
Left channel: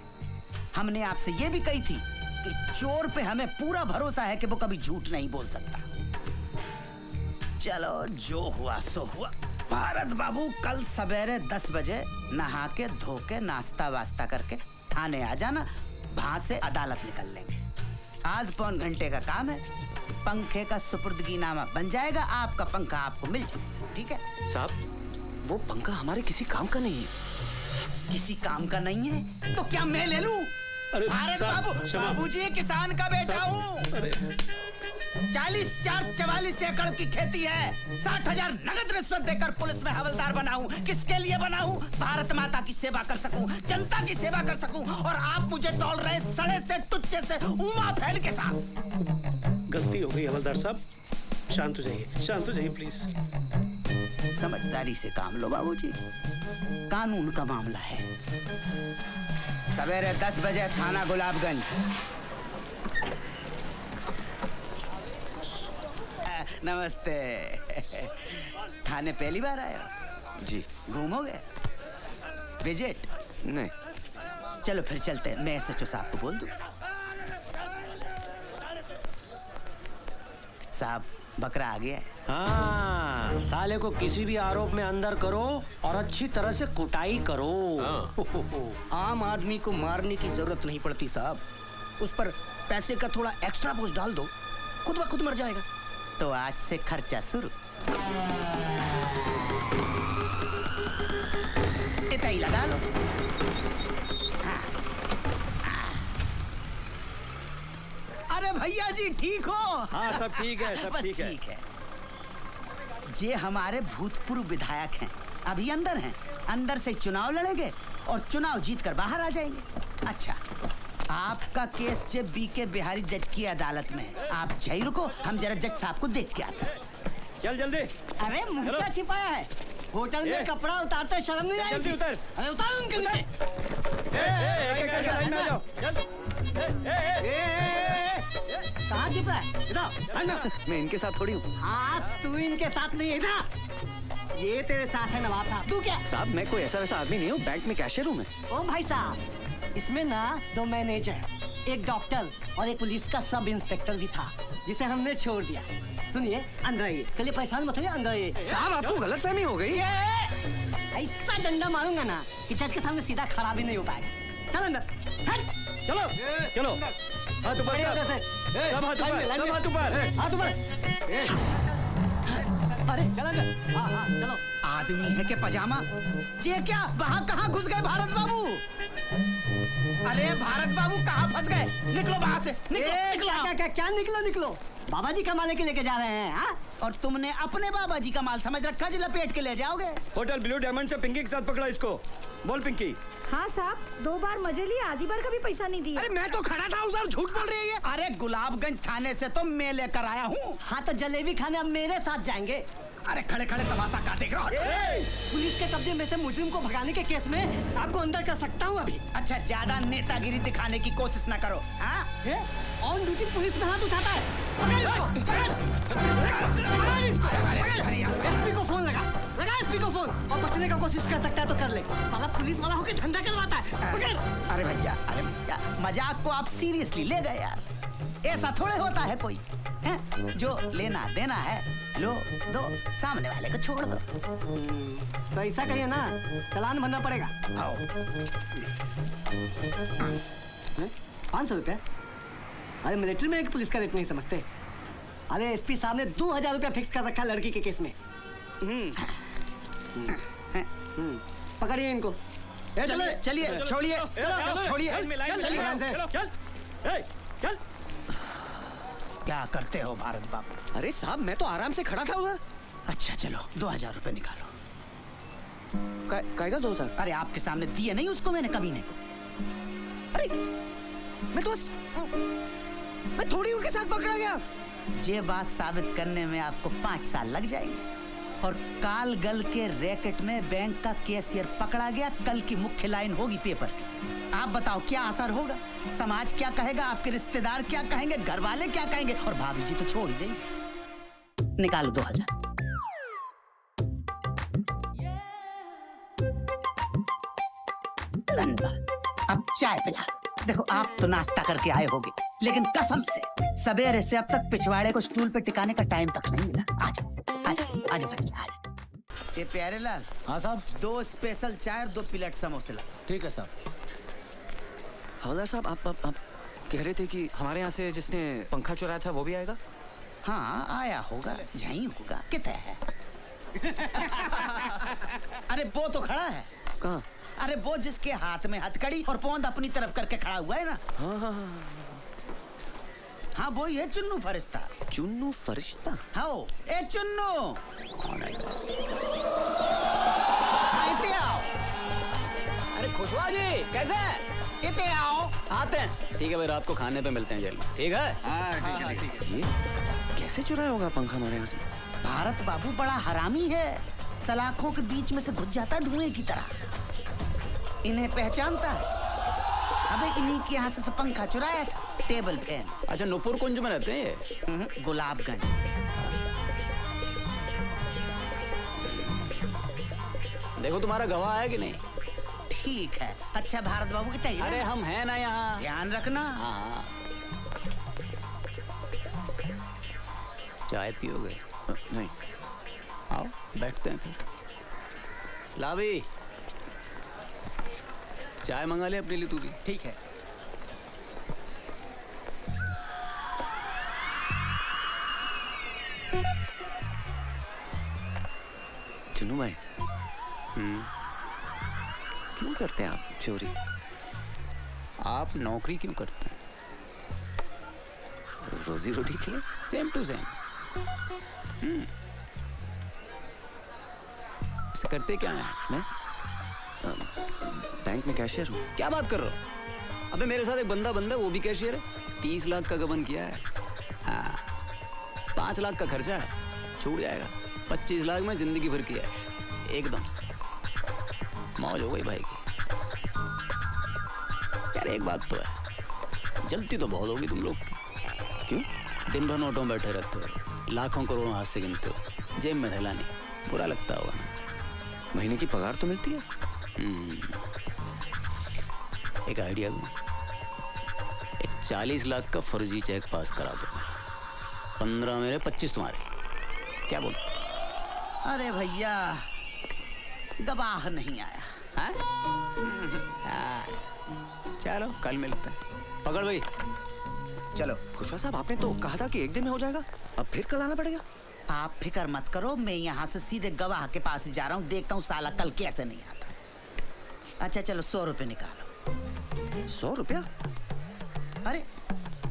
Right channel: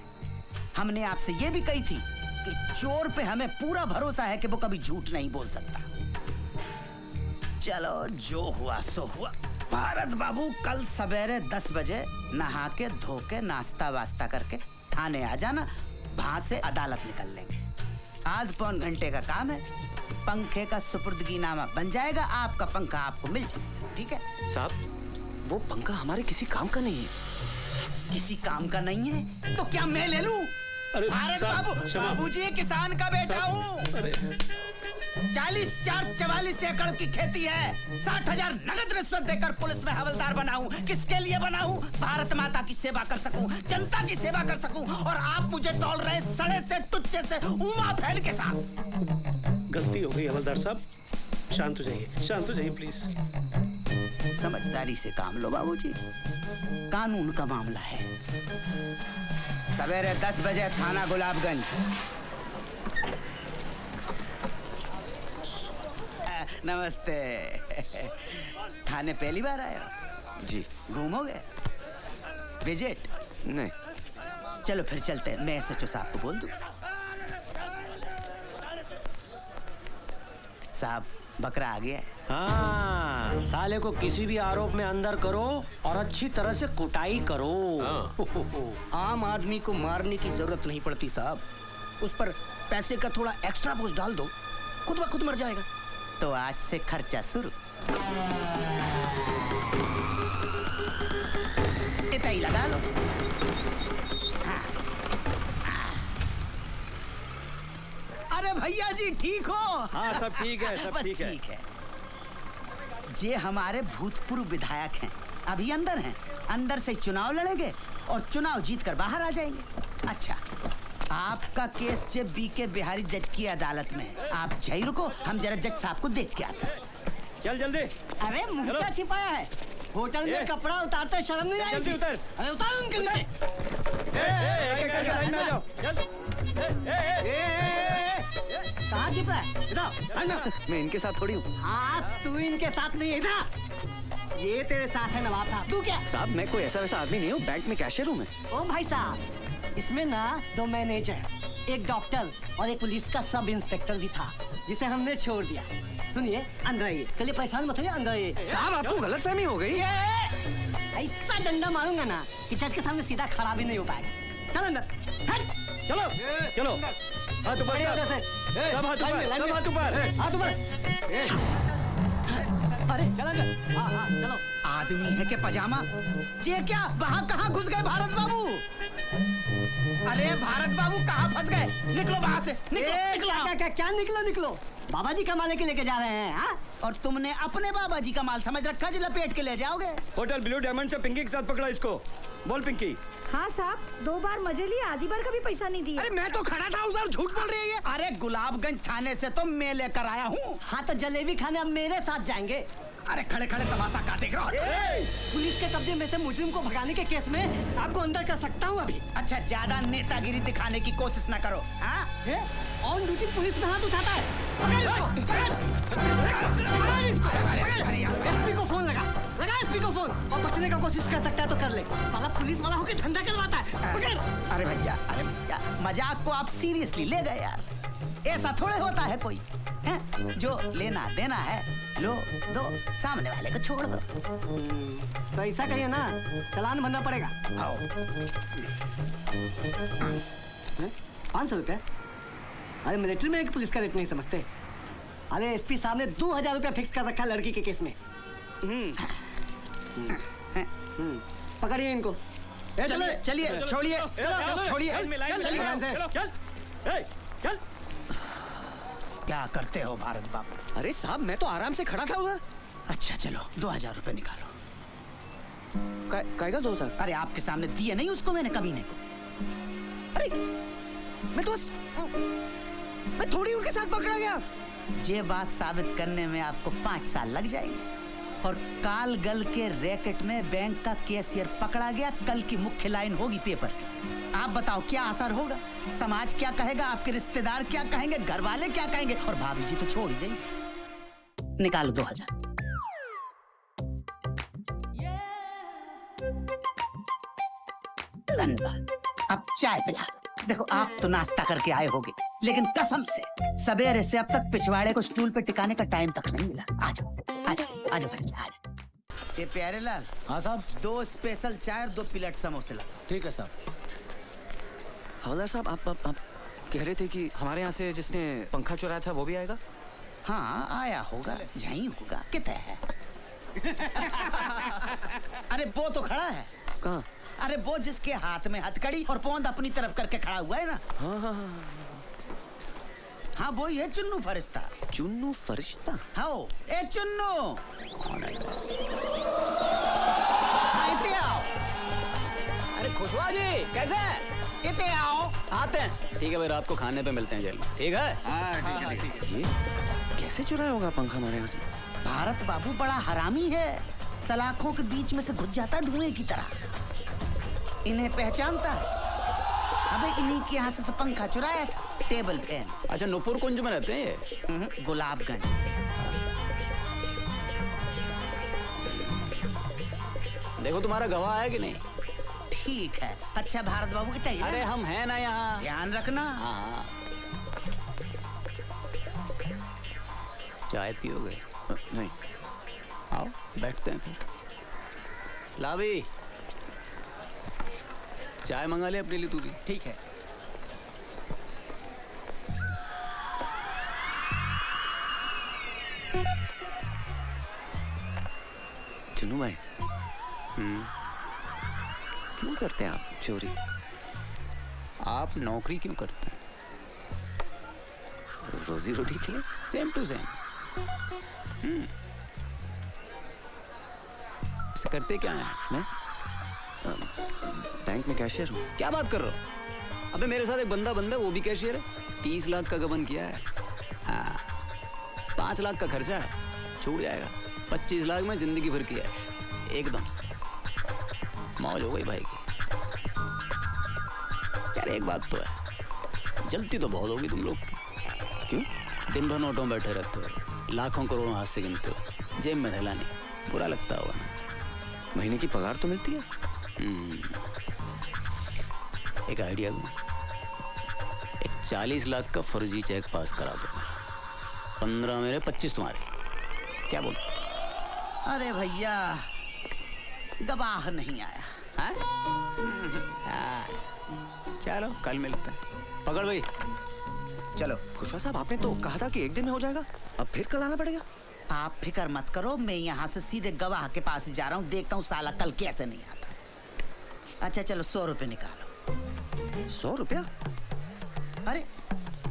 हमने आपसे ये भी कही थी कि चोर पे हमें पूरा भरोसा है कि वो कभी झूठ नहीं बोल सकता। चलो जो हुआ सो हुआ। भारत बाबू कल सवेरे 10 बजे नहा के धो के नाश्ता वास्ता करके थाने आ जाना, वहां से अदालत निकल लेंगे। आध पौन घंटे का काम है, पंखे का सुपुर्दगीनामा बन जाएगा, आपका पंखा आपको मिल जाएगा। ठीक है साहब, वो पंखा हमारे किसी काम का नहीं है। किसी काम का नहीं है तो क्या मैं ले लूं? अरे भारत बाबूजी किसान का बेटा हूँ। 44 एकड़ की खेती है। 60,000 नगद रिश्वत देकर पुलिस में हवलदार बना हूँ। किसके लिए बना हूँ? भारत माता की सेवा कर सकूं, जनता की सेवा कर सकूं। और आप मुझे तौल रहे सड़े से टुच्चे से उमा फैन के साथ। गलती हो गई हवलदार साहब, शांत हो जाइए प्लीज। समझदारी से काम लो बाबूजी, कानून का मामला है। सवेरे 10 बजे थाना गुलाबगंज। नमस्ते। थाने पहली बार आए हो? जी। घूमोगे? विजिट? नहीं। चलो फिर चलते हैं, मैं SHO साहब को बोल दूं। साहब बकरा आ गया है। हाँ, साले को किसी भी आरोप में अंदर करो और अच्छी तरह से कुटाई करो। आम आदमी को मारने की जरूरत नहीं पड़ती साहब, उस पर पैसे का थोड़ा एक्स्ट्रा बोझ डाल दो, खुद ब खुद मर जाएगा। तो आज से खर्चा शुरू। इतना ही लगा लो। अरे भैया जी ठीक हो? हाँ सब ठीक है, सब ठीक है। ये हमारे भूतपूर्व विधायक हैं, अभी अंदर हैं। अंदर से चुनाव लड़ेंगे और चुनाव जीत कर बाहर आ जाएंगे। अच्छा, आपका केस जे BK बिहारी जज की अदालत में है। आप यहीं रुको, हम जरा जज साहब को देख के आते हैं। चल जल्दी। अरे मुंह क्या छिपाया है? होटल में कपड़ा उतारते शर्म नहीं आई? जल्दी उतर। अरे उतारो अंकल। कहाँ छिपा है? इधर मैं इनके साथ थोड़ी हूँ हाँ तू इनके साथ नहीं, इधर ये तेरे साथ है नवाब साहब। तू क्या? साहब, मैं कोई ऐसा वैसा आदमी नहीं हूँ, बैंक में कैशियर हूँ मैं। ओ भाई साहब, इसमें ना 2 मैनेजर, एक डॉक्टर और एक पुलिस का सब इंस्पेक्टर भी था, जिसे हमने छोड़ दिया। सुनिए, अंदर आइए। चलिए परेशान मत होइए, अंदर आइए। साहब, आपको गलतफहमी हो गई। ऐसा डंडा मारूंगा ना कि जज के सामने सीधा खड़ा भी नहीं हो पाएगा। चलो अंदर, हट। चलो चलो, हाथ ऊपर, हाथ ऊपर, हाथ ऊपर। अरे चलो अंदर। हाँ चलो। आदमी है के पजामा, ये क्या वहाँ कहाँ घुस गए भारत बाबू? अरे भारत बाबू कहाँ फंस गए? निकलो वहाँ से, निकलो। क्या निकलो? बाबा जी का माल के लेके जा रहे हैं हाँ? और तुमने अपने बाबा जी का माल समझ रखा, जो लपेट के ले जाओगे। होटल ब्लू डायमंड से पिंकी के साथ पकड़ा इसको। बोल पिंकी। हाँ साहब, 2 बार मजे लिए, आधी बार का भी पैसा नहीं दिया। अरे मैं तो खड़ा था उधर, झूठ बोल रही है। अरे गुलाबगंज थाने से तो मैं लेकर आया हूँ। हाँ तो जलेबी खाने अब मेरे साथ जाएंगे। अरे खड़े खड़े तमाशा का देख रहा हो? पुलिस के कब्जे में से मुजरिम को भगाने के केस में आपको अंदर कर सकता हूँ अभी। अच्छा, ज्यादा नेतागिरी दिखाने की कोशिश ना करो। ऑन ड्यूटी पुलिस में हाथ उठाता है। एसपी को फोन लगा एसपी को फोन, और बचने का कोशिश कर सकता है तो कर ले। साला पुलिस वाला होकर झंडा करवाता है। अरे भैया मजाक को आप सीरियसली ले गए यार। ऐसा थोड़े होता है कोई है? जो लेना देना है लो दो, सामने वाले को छोड़ दो। तो ऐसा कहिए ना, चालान भरना पड़ेगा। आओ। 500 रुपया? अरे मिलिट्री में एक पुलिस का रेट नहीं समझते। अरे एसपी साहब ने 2000 रुपया फिक्स कर रखा लड़की के केस में। पकड़िए इनको। चलिए छोड़िए, चल। क्या करते हो भारत बाबू? अरे साहब, मैं तो आराम से खड़ा था उधर। अच्छा चलो, 2000 रुपए निकालो। कायदा 2000? अरे आपके सामने दिए नहीं उसको मैंने कभी नहीं को। अरे मैं तो मैं थोड़ी उनके साथ पकड़ा गया। ये बात साबित करने में आपको 5 साल लग जाएंगे। और कालगल के रैकेट में बैंक का कैशियर पकड़ा गया, कल की मुख्य लाइन होगी पेपर की। आप बताओ क्या असर होगा? समाज क्या कहेगा, आपके रिश्तेदार क्या कहेंगे, घर वाले क्या कहेंगे, और भाभी जी तो छोड़ ही देंगे। निकालो 2000। धन्यवाद। अब चाय पिला दो। देखो आप तो नाश्ता करके आए होगे, लेकिन कसम से सवेरे से अब तक पिछवाड़े को स्टूल पे टिकाने का टाइम तक नहीं मिला। आज भाई आज। ए प्यारे लाल। हाँ साहब। 2 स्पेशल चाय, 2 प्लेट समोसे ला। ठीक है साहब। हवलदार साहब, आप कह रहे थे कि हमारे यहाँ से जिसने पंखा चुराया था वो भी आएगा? हाँ आया होगा, यहीं होगा। कितना है? अरे वो तो खड़ा है। कहाँ? अरे वो जिसके हाथ में हथकड़ी और पोंद अपनी तरफ करके खड़ा हुआ है ना। हाँ वो ही है चुन्नू फरिश्ता। चुन्नू फरिश्ता? हाँ ए चुन्नू, अरे खुशवा जी कैसे है? इतने आओ। आते हैं। ठीक है भाई, रात को खाने पे मिलते हैं जेल में। ठीक है। ये कैसे चुराया होगा पंखा हमारे यहाँ से? भारत बाबू बड़ा हरामी है, सलाखों के बीच में से घुस जाता है धुएं की तरह। इन्हें पहचानता है। अबे इन्हीं के यहाँ से तो पंखा चुराया था, टेबल फैन। अच्छा, नूपुर कुंज में रहते हैं? गुलाबगंज। देखो तुम्हारा गवाह है कि नहीं? ठीक है। अच्छा भारत बाबू की तैयारी? अरे हम हैं ना यहाँ, ध्यान रखना। हाँ। चाय पियोगे? नहीं। आओ बैठते हैं फिर। ला भाई, चाय मंगा ले अपने लिए तू भी। ठीक है। चुन्नू भाई, क्यों करते हैं आप चोरी? आप नौकरी क्यों करते हैं? रोजी रोटी की? Same to same. इसे करते क्या है? मैं बैंक में कैशियर हूँ। क्या बात कर रहे हो? अबे मेरे साथ एक बंदा वो भी कैशियर है। 30 लाख का गबन किया है। हाँ, 5 लाख का खर्चा है, छूट जाएगा। 25 लाख में जिंदगी भर की है, एकदम से मौज हो गई भाई की। यार एक बात तो है, जलती तो बहुत होगी तुम लोग की। क्यों? दिन भर नोटों में बैठे रहते हो, लाखों करोड़ों हाथ से गिनते हो, जेब में थैला नहीं, बुरा लगता होगा। महीने की पगार तो मिलती है। एक आइडिया दूं, एक 40 लाख का फर्जी चेक पास करा दो, 15 मेरे 25 तुम्हारे, क्या बोल? अरे भैया गवाह नहीं आया। चलो कल मिलते हैं। पकड़ भाई। चलो खुशवा साहब, आपने तो कहा था कि एक दिन में हो जाएगा, अब फिर कल आना पड़ेगा। आप फिक्र मत करो, मैं यहाँ से सीधे गवाह के पास ही जा रहा हूँ, देखता हूँ साला कल कैसे नहीं आता। अच्छा चलो 100 रुपए निकालो। 100 रुपया? अरे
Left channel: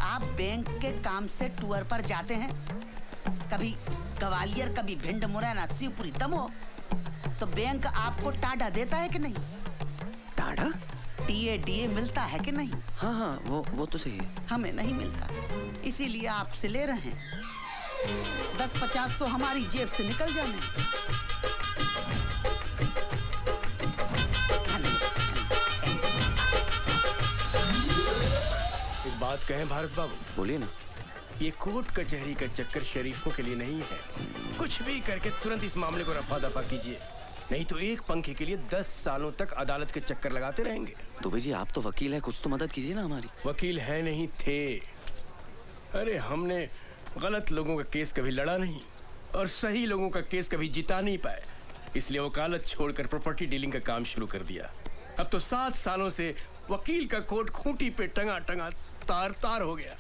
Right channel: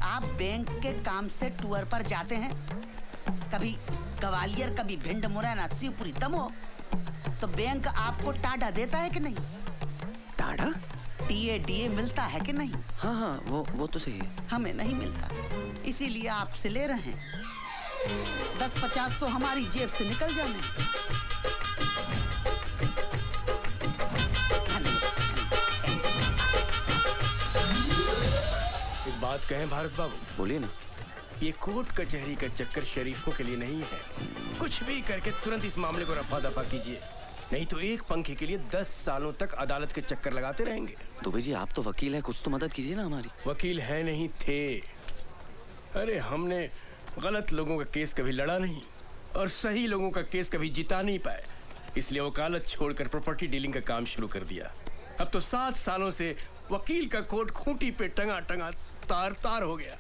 आप बैंक के काम से टूर पर जाते हैं, कभी ग्वालियर कभी भिंड मुरैना शिवपुरी दमो, तो बैंक आपको टाडा देता है कि नहीं? टाडा? टीए मिलता है कि नहीं? हाँ हाँ वो तो सही है। हमें नहीं मिलता, इसीलिए आपसे ले रहे हैं। 10-50 तो हमारी जेब से निकल जाए। एक बात कहें भारत बाबू? बोलिए ना। ये कोर्ट कचहरी का चक्कर शरीफों के लिए नहीं है। कुछ भी करके तुरंत इस मामले को रफा दफा कीजिए, नहीं तो एक पंखे के लिए 10 सालों तक अदालत के चक्कर लगाते रहेंगे। दुबे जी आप तो वकील हैं, कुछ तो मदद कीजिए ना हमारी। वकील है नहीं थे। अरे हमने गलत लोगों का केस कभी लड़ा नहीं और सही लोगों का केस कभी जिता नहीं पाए, इसलिए वकालत छोड़कर प्रॉपर्टी डीलिंग का काम शुरू कर दिया। अब तो 7 सालों से वकील का कोट खूंटी पे टंगा टंगा तार तार हो गया।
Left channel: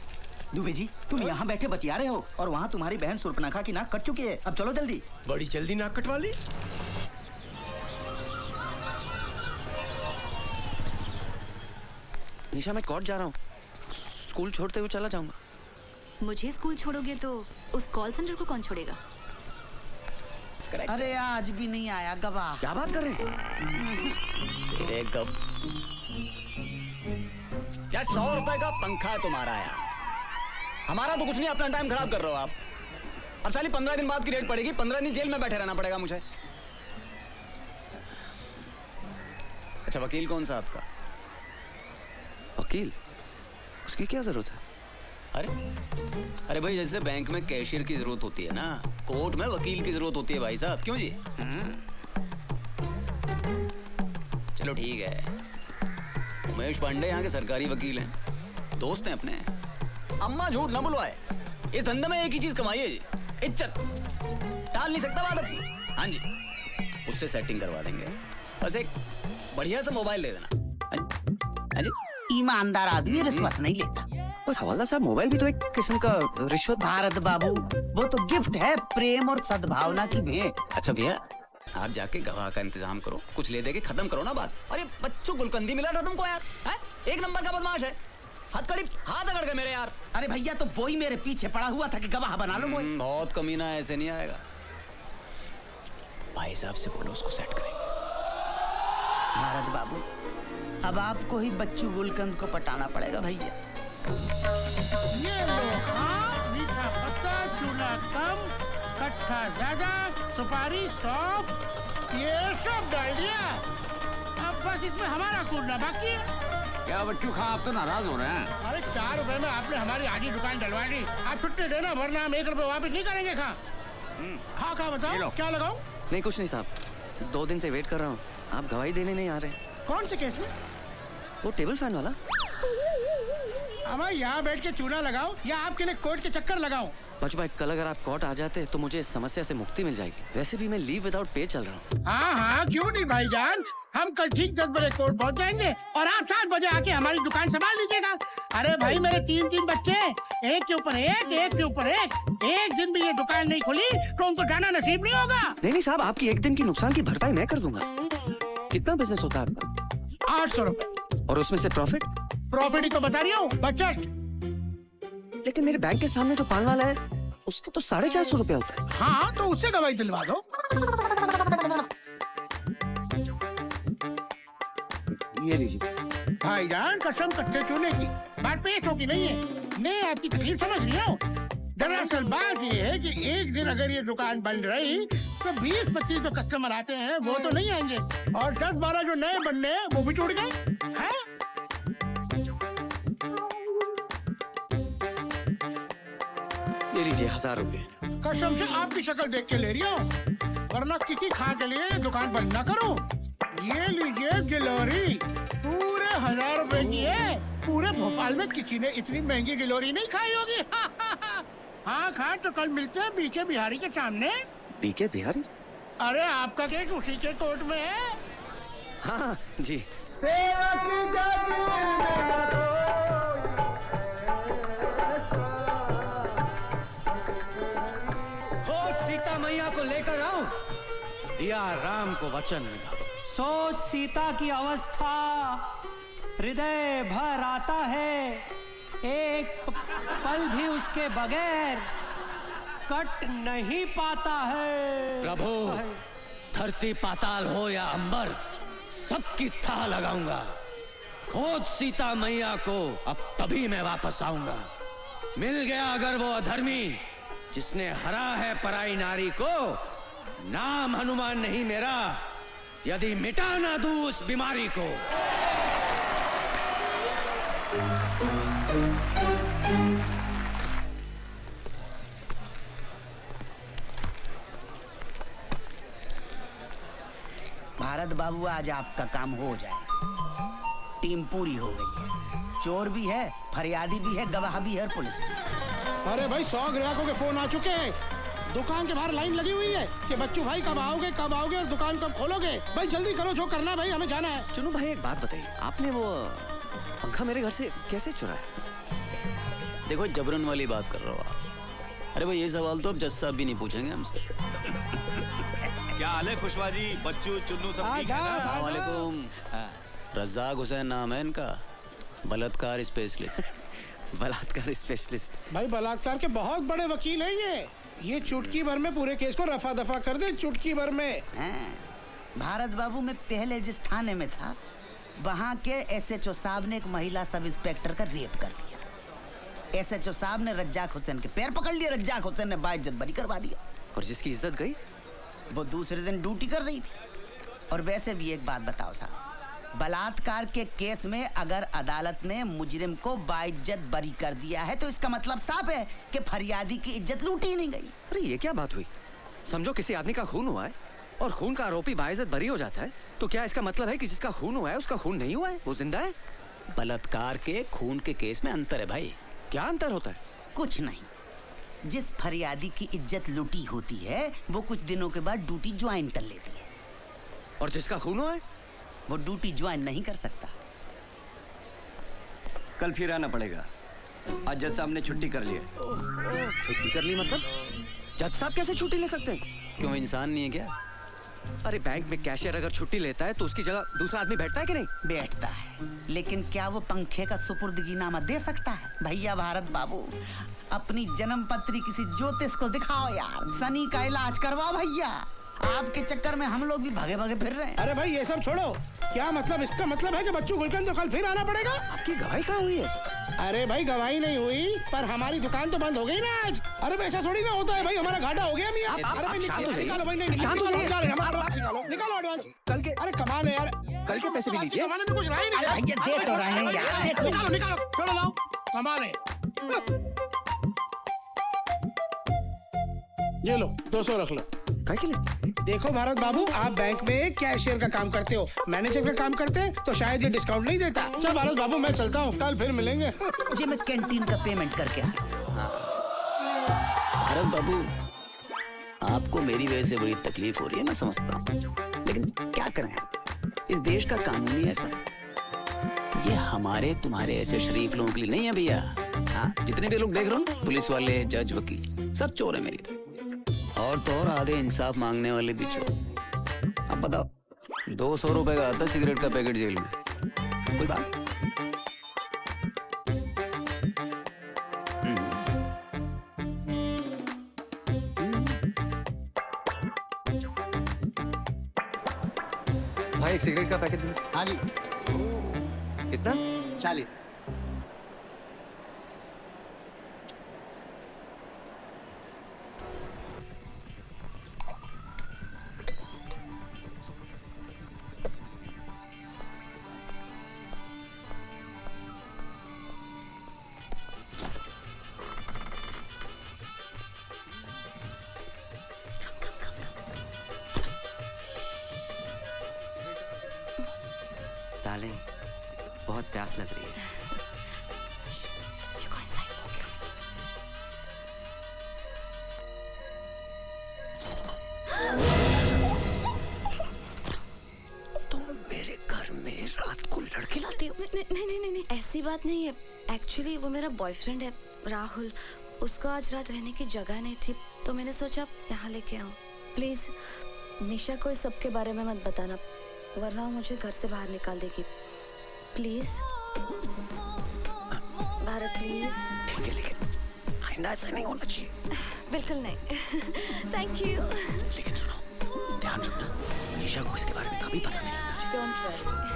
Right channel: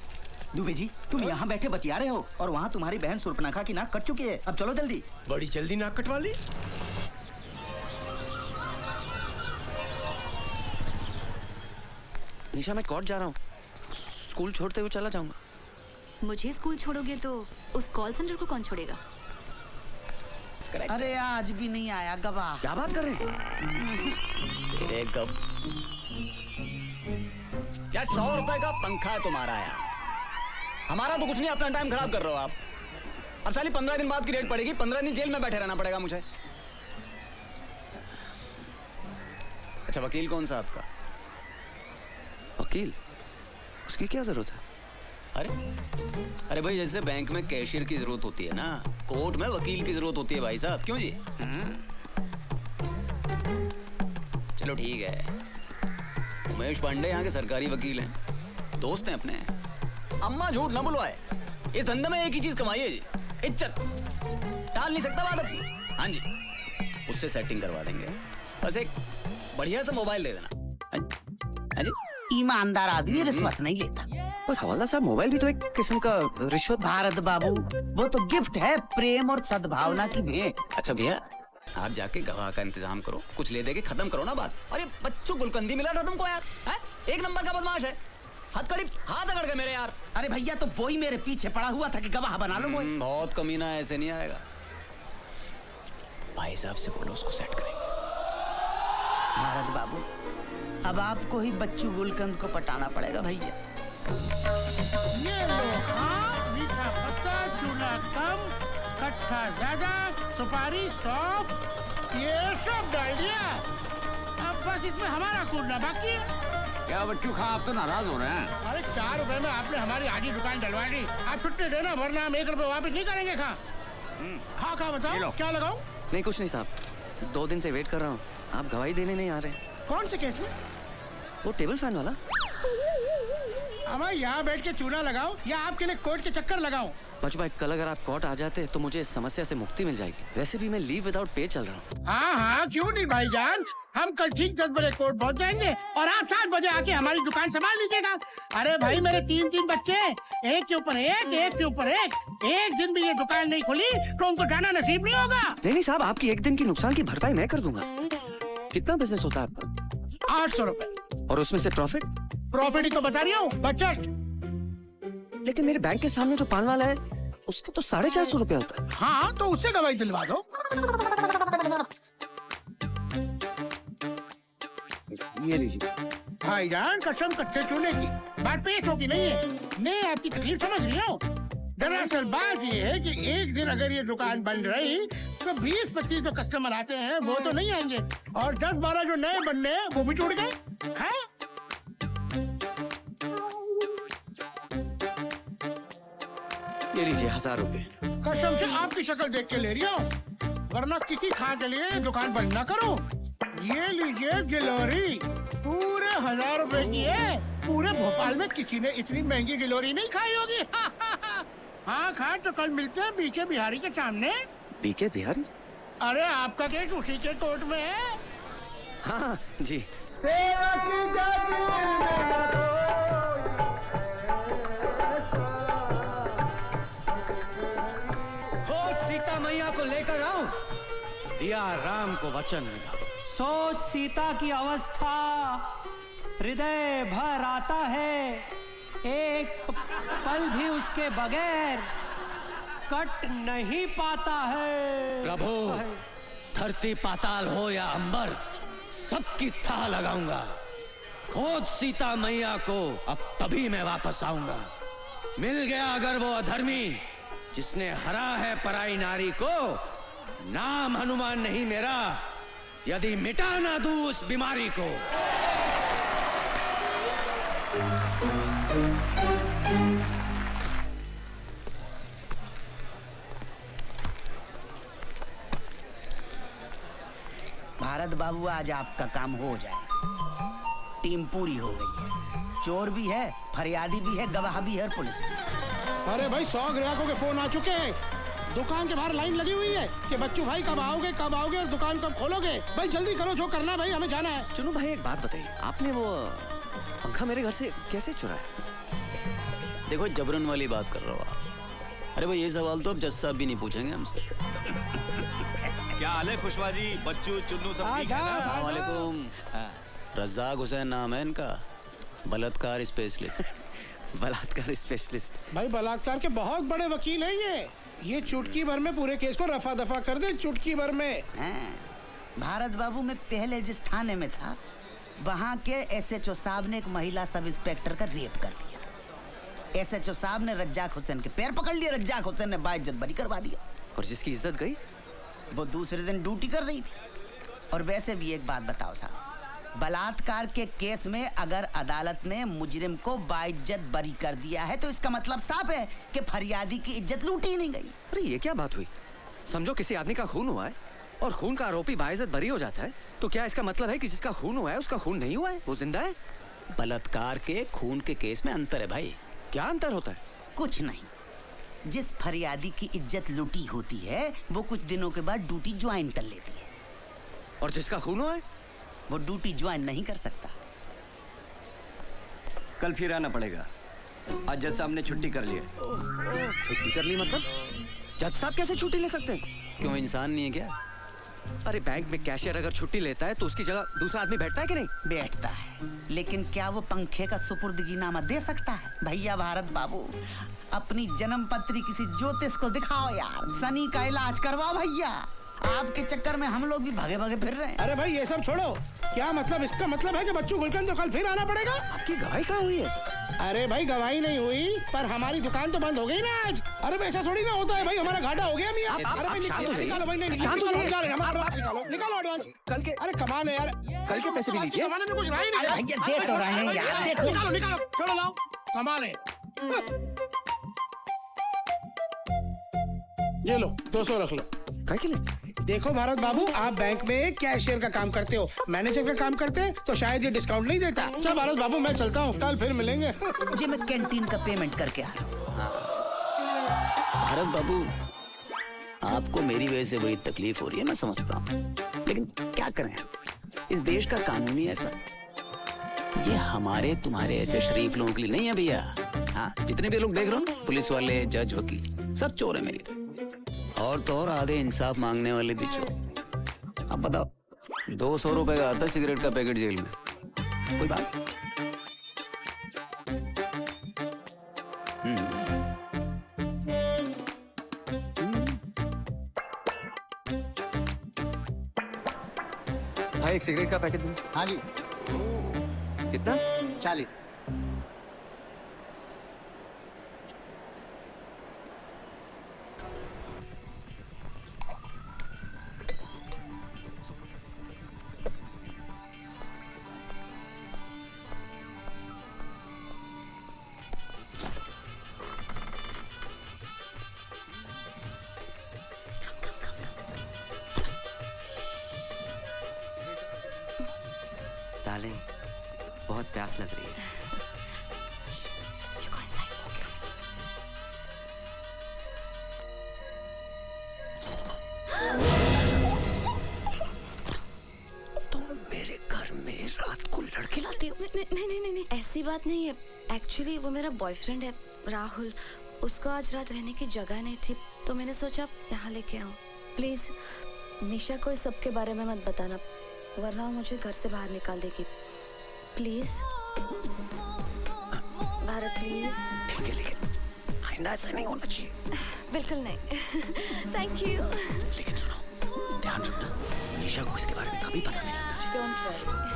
दुबे जी तुम यहाँ बैठे बतिया रहे हो और वहाँ तुम्हारी बहन सुर्पनखा की नाक कट चुकी है, अब चलो जल्दी। बड़ी जल्दी नाक कटवा ली। निशा मैं कोर्ट जा रहा हूँ, स्कूल छोड़ते हुए चला जाऊंगा। मुझे स्कूल छोड़ोगे तो उस कॉल सेंटर को कौन छोड़ेगा? अरे आज भी नहीं आया गवाह। क्या बात कर रहे हैं? यार 100 रुपए का पंखा तुम्हारा यार, हमारा तो कुछ नहीं, अपना टाइम खराब कर रहे हो आप। अब साली 15 दिन बाद की रेट पड़ेगी, 15 दिन जेल में बैठे रहना पड़ेगा मुझे। अच्छा वकील कौन सा आपका? वकील? उसकी क्या जरूरत है? अरे भाई जैसे बैंक में कैशियर की जरूरत होती है ना, कोर्ट में वकील की जरूरत होती है भाई साहब। क्यों जी? चलो ठीक है, उमेश पांडे यहाँ के सरकारी वकील हैं, दोस्त हैं अपने। अम्मा झूठ ना बुलवाए, इस धंधे में एक ही चीज कमाई है जी, इज्जत। टाल नहीं सकता बात अपनी। हाँ जी, उससे सेटिंग करवा देंगे, बस एक बढ़िया सा मोबाइल दे देना। हाँ जी, ईमानदार आदमी रिश्वत नहीं लेता। पर हवाला साहब मोबाइल भी तो एक किस्म का रिश्वत। भारत बाबू वो तो गिफ्ट है, प्रेम और सद्भावना की भेंट। अच्छा भैया आप जाके गवाह का इंतजाम करो, कुछ ले दे के खत्म करो ना बात। अरे बच्चों गुलकंदी मिला था तुमको यार, है? एक नंबर का बदमाश है, हथकड़ी हाथ अगड़ गए मेरे यार। अरे भैया तो वो ही मेरे पीछे पड़ा हुआ था कि गवाह बना लो मुझे। बहुत कमीना, ऐसे नहीं आएगा। भाई साहब से बोलो उसको सेट करेंगे। भारत बाबू अब आपको ही बच्चू गुलकंद को पटाना पड़ेगा भैया। ये मीठा पत्ता, चूड़ा कम, कट्ठा ज्यादा, सुपारी सौंफ, ये सब डाल दिया। अब बस इसमें हमारा कूदना बाकी है। क्या बच्चों खा, आप तो नाराज हो रहे हैं। अरे 4 रुपए में आपने हमारी आधी दुकान डलवा दी, आप छुट्टी देना वरना हम 1 रुपए वापस नहीं करेंगे। खा बताओ क्या लगाओ? नहीं कुछ नहीं साहब, 2 दिन से वेट कर रहा हूँ, आप गवाही देने नहीं आ रहे। कौन से केस में? वो टेबल फैन वाला। अब यहाँ बैठ के चूना लगाओ या आपके लिए कोर्ट के चक्कर लगाओ? बच भाई कल अगर आप कोर्ट आ जाते तो मुझे इस समस्या से मुक्ति मिल जाएगी। वैसे भी मैं लीव विदाउट पे चल रहा हूँ। हाँ क्यों नहीं भाईजान, हम कल ठीक 10 बजे कोर्ट पहुँच जाएंगे और आप 7 बजे आके हमारी दुकान संभाल लीजिएगा। अरे भाई मेरे 3 बच्चे, एक के ऊपर एक के ऊपर एक दिन भी ये दुकान नहीं खुली तो उनको जाना नसीब नहीं होगा। नहीं साहब, आपकी एक दिन की नुकसान की भरपाई मैं कर दूंगा। कितना बिजनेस होता है आपका? 800 रुपए। और उसमें से प्रॉफिट ही तो बता रही हूँ, बजट। लेकिन मेरे बैंक के सामने जो पान वाला है उसका तो 450 रुपए होता है। हाँ तो उससे गवाही दिलवा दो। ये लीजिए। हाँ यार कसम कच्चे चूने की बात पेश होगी नहीं है, मैं आपकी तकलीफ समझ रही हूँ। दरअसल बात ये है कि एक दिन अगर ये दुकान बंद रही तो 20-25 तो कस्टमर आते हैं, वो तो नहीं आएंगे और 10-12 जो नए बनने हैं वो भी टूट गए। 1000 रुपए। कसम से आपकी शक्ल देख के ले रही हो, वरना किसी खा के लिए दुकान बंद ना करो। ये लीजिए गिलोरी, पूरे 1000 रुपए की है। पूरे भोपाल में किसी ने इतनी महंगी गिलोरी नहीं खाई होगी। हाँ खाए तो कल मिलते हैं बीके बिहारी के सामने। बीके बिहारी? अरे आपका केस उसी के कोर्ट में है। हाँ जी। सेवा की खोज सीता मैया को लेकर आओ, दिया राम को वचन मिला। सोच सीता की अवस्था, हृदय भर आता है, एक पल भी उसके बगैर कट नहीं पाता है। प्रभु, धरती पाताल हो या अंबर, सबकी थाह लगाऊंगा। खोज सीता मैया को, अब तभी मैं वापस आऊंगा। मिल गया अगर वो अधर्मी जिसने हरा है पराई नारी को, नाम हनुमान नहीं मेरा, यदि मिटा ना दूं उस बीमारी को। भारत बाबू, आज आपका काम हो जाए। टीम पूरी हो गई है, चोर भी है, फरियादी भी है, गवाह भी है, पुलिस भी। अरे भाई 100 ग्राहकों के फोन आ चुके हैं। दुकान के बाहर लाइन लगी हुई है कि बच्चू भाई कब आओगे और दुकान कब खोलोगे। भाई जल्दी करो, जो करना है भाई, हमें जाना है। चलो भाई, एक बात बताइए, आपने वो पंखा मेरे घर से कैसे चुराया? देखो, जबरन वाली बात कर रहे हो आप। अरे भाई, ये सवाल तो अब जज साहब भी नहीं पूछेंगे हमसे। क्या हाल है खुशवा जी, बच्चू चुन्नू सब ठीक है? वालेकुम। रज़ाक हुसैन नाम है इनका, बलात्कार स्पेशलिस्ट। बलात्कार स्पेशलिस्ट? भाई बलात्कार के बहुत बड़े वकील हैं ये चुटकी भर में पूरे केस को रफा दफा कर दे, चुटकी भर में। भारत बाबू, मैं पहले जिस थाने में था, वहाँ के SHO साहब ने एक महिला सब इंस्पेक्टर का रेप कर दिया। SHO साहब ने रज्जाक हुसैन के पैर पकड़ लिए, रज्जाक हुसैन ने बाइज्जत बरी करवा दिया। और जिसकी इज्जत गई, वो दूसरे दिन ड्यूटी कर रही थी। और वैसे भी एक बात बताओ साहब, बलात्कार के केस में अगर अदालत ने मुजरिम को बाइज्जत बरी कर दिया है, तो इसका मतलब साफ है कि फरियादी की इज्जत लूटी ही नहीं गई। अरे ये क्या बात हुई? समझो किसी आदमी का खून हुआ है और खून का आरोपी बाइज्जत बरी हो जाता है, तो क्या इसका मतलब है कि जिसका खून हुआ है उसका खून नहीं हुआ है, वो जिंदा है? बलात्कार के खून के केस में अंतर है भाई। क्या अंतर होता है? कुछ नहीं। जिस फरियादी की इज्जत लूटी होती है, वो कुछ दिनों के बाद ड्यूटी ज्वाइन कर लेती है। और जिसका खून हुआ है, वो ड्यूटी ज्वाइन नहीं कर सकता। कल फिर आना पड़ेगा। आज जज साहब ने छुट्टी कर ली है। छुट्टी कर ली मतलब? जज साहब कैसे छुट्टी ले सकते हैं? क्यों, इंसान नहीं है क्या? अरे बैंक में कैशियर अगर छुट्टी लेता है तो उसकी जगह दूसरा आदमी बैठता है कि नहीं? बैठता है, लेकिन क्या वो पंखे का सुपुर्दगीनामा दे सकता है? भैया भारत बाबू, अपनी जन्म पत्री किसी ज्योतिष को दिखाओ यार, सनी का इलाज करवाओ भैया। आपके चक्कर में हम लोग भी भागे भागे फिर रहे हैं। अरे भाई ये सब छोड़ो, क्या मतलब? इसका मतलब है कि बच्चू गुलकंद तो कल फिर आना पड़ेगा। आपकी गवाही कहाँ हुई है? अरे भाई गवाही नहीं हुई, पर हमारी दुकान तो बंद हो गई ना आज। अरे वैसा थोड़ी ना होता है भाई, हमारा घाटा हो गया। निकालो एडवांस कल के। अरे कमाल है यार, कल के पैसे भी लीजिए। कमाने में कुछ रहा ही नहीं। देख तो रहे हैं यार, देख। निकालो छोड़ो, लाओ कमाल। ये लो 200 रख लो। देखो भारत बाबू, आप बैंक में कैशियर का काम करते हो, मैनेजर का काम करते हैं तो शायद ये डिस्काउंट नहीं देता। अच्छा भारत बाबू, मैं चलता हूँ, कल फिर मिलेंगे। जी मैं कैंटीन का पेमेंट करके आ रहा हूँ। भारत बाबू, आपको मेरी वजह से बड़ी तकलीफ हो रही है, मैं समझता हूँ, लेकिन क्या करें, इस देश का कानून ही ऐसा। ये हमारे तुम्हारे ऐसे शरीफ लोगों के लिए नहीं है भैया। हाँ, जितने भी लोग देख रहे हो, पुलिस वाले, जज, वकील, सब चोर है मेरी तरह। और तो और आधे इंसाफ मांगने वाले भी चोर। अब बताओ, 200 रुपए का आता सिगरेट का पैकेट जेल में, कोई बात? भाई एक सिगरेट का पैकेट दो। हाँ जी। कितना? 40। डार्लिंग, बहुत प्यास लग रही है। तुम मेरे घर में रात को लड़के लाते हो? नहीं, ऐसी बात नहीं है। एक्चुअली वो मेरा बॉयफ्रेंड है राहुल। उसका आज रात रहने की जगह नहीं थी, तो मैंने सोचा यहाँ लेके आऊँ। प्लीज निशा को इस सब के बारे में मत बताना, वरना वो मुझे घर से बाहर निकाल देगी। Please Bharat, please. ठीक है, लेकिन आइंदा ऐसा नहीं होना चाहिए। बिल्कुल नहीं। Thank you. लेकिन सुनो, ध्यान रखना, निशा को इसके बारे में कभी पता नहीं लगना चाहिए। Don't worry.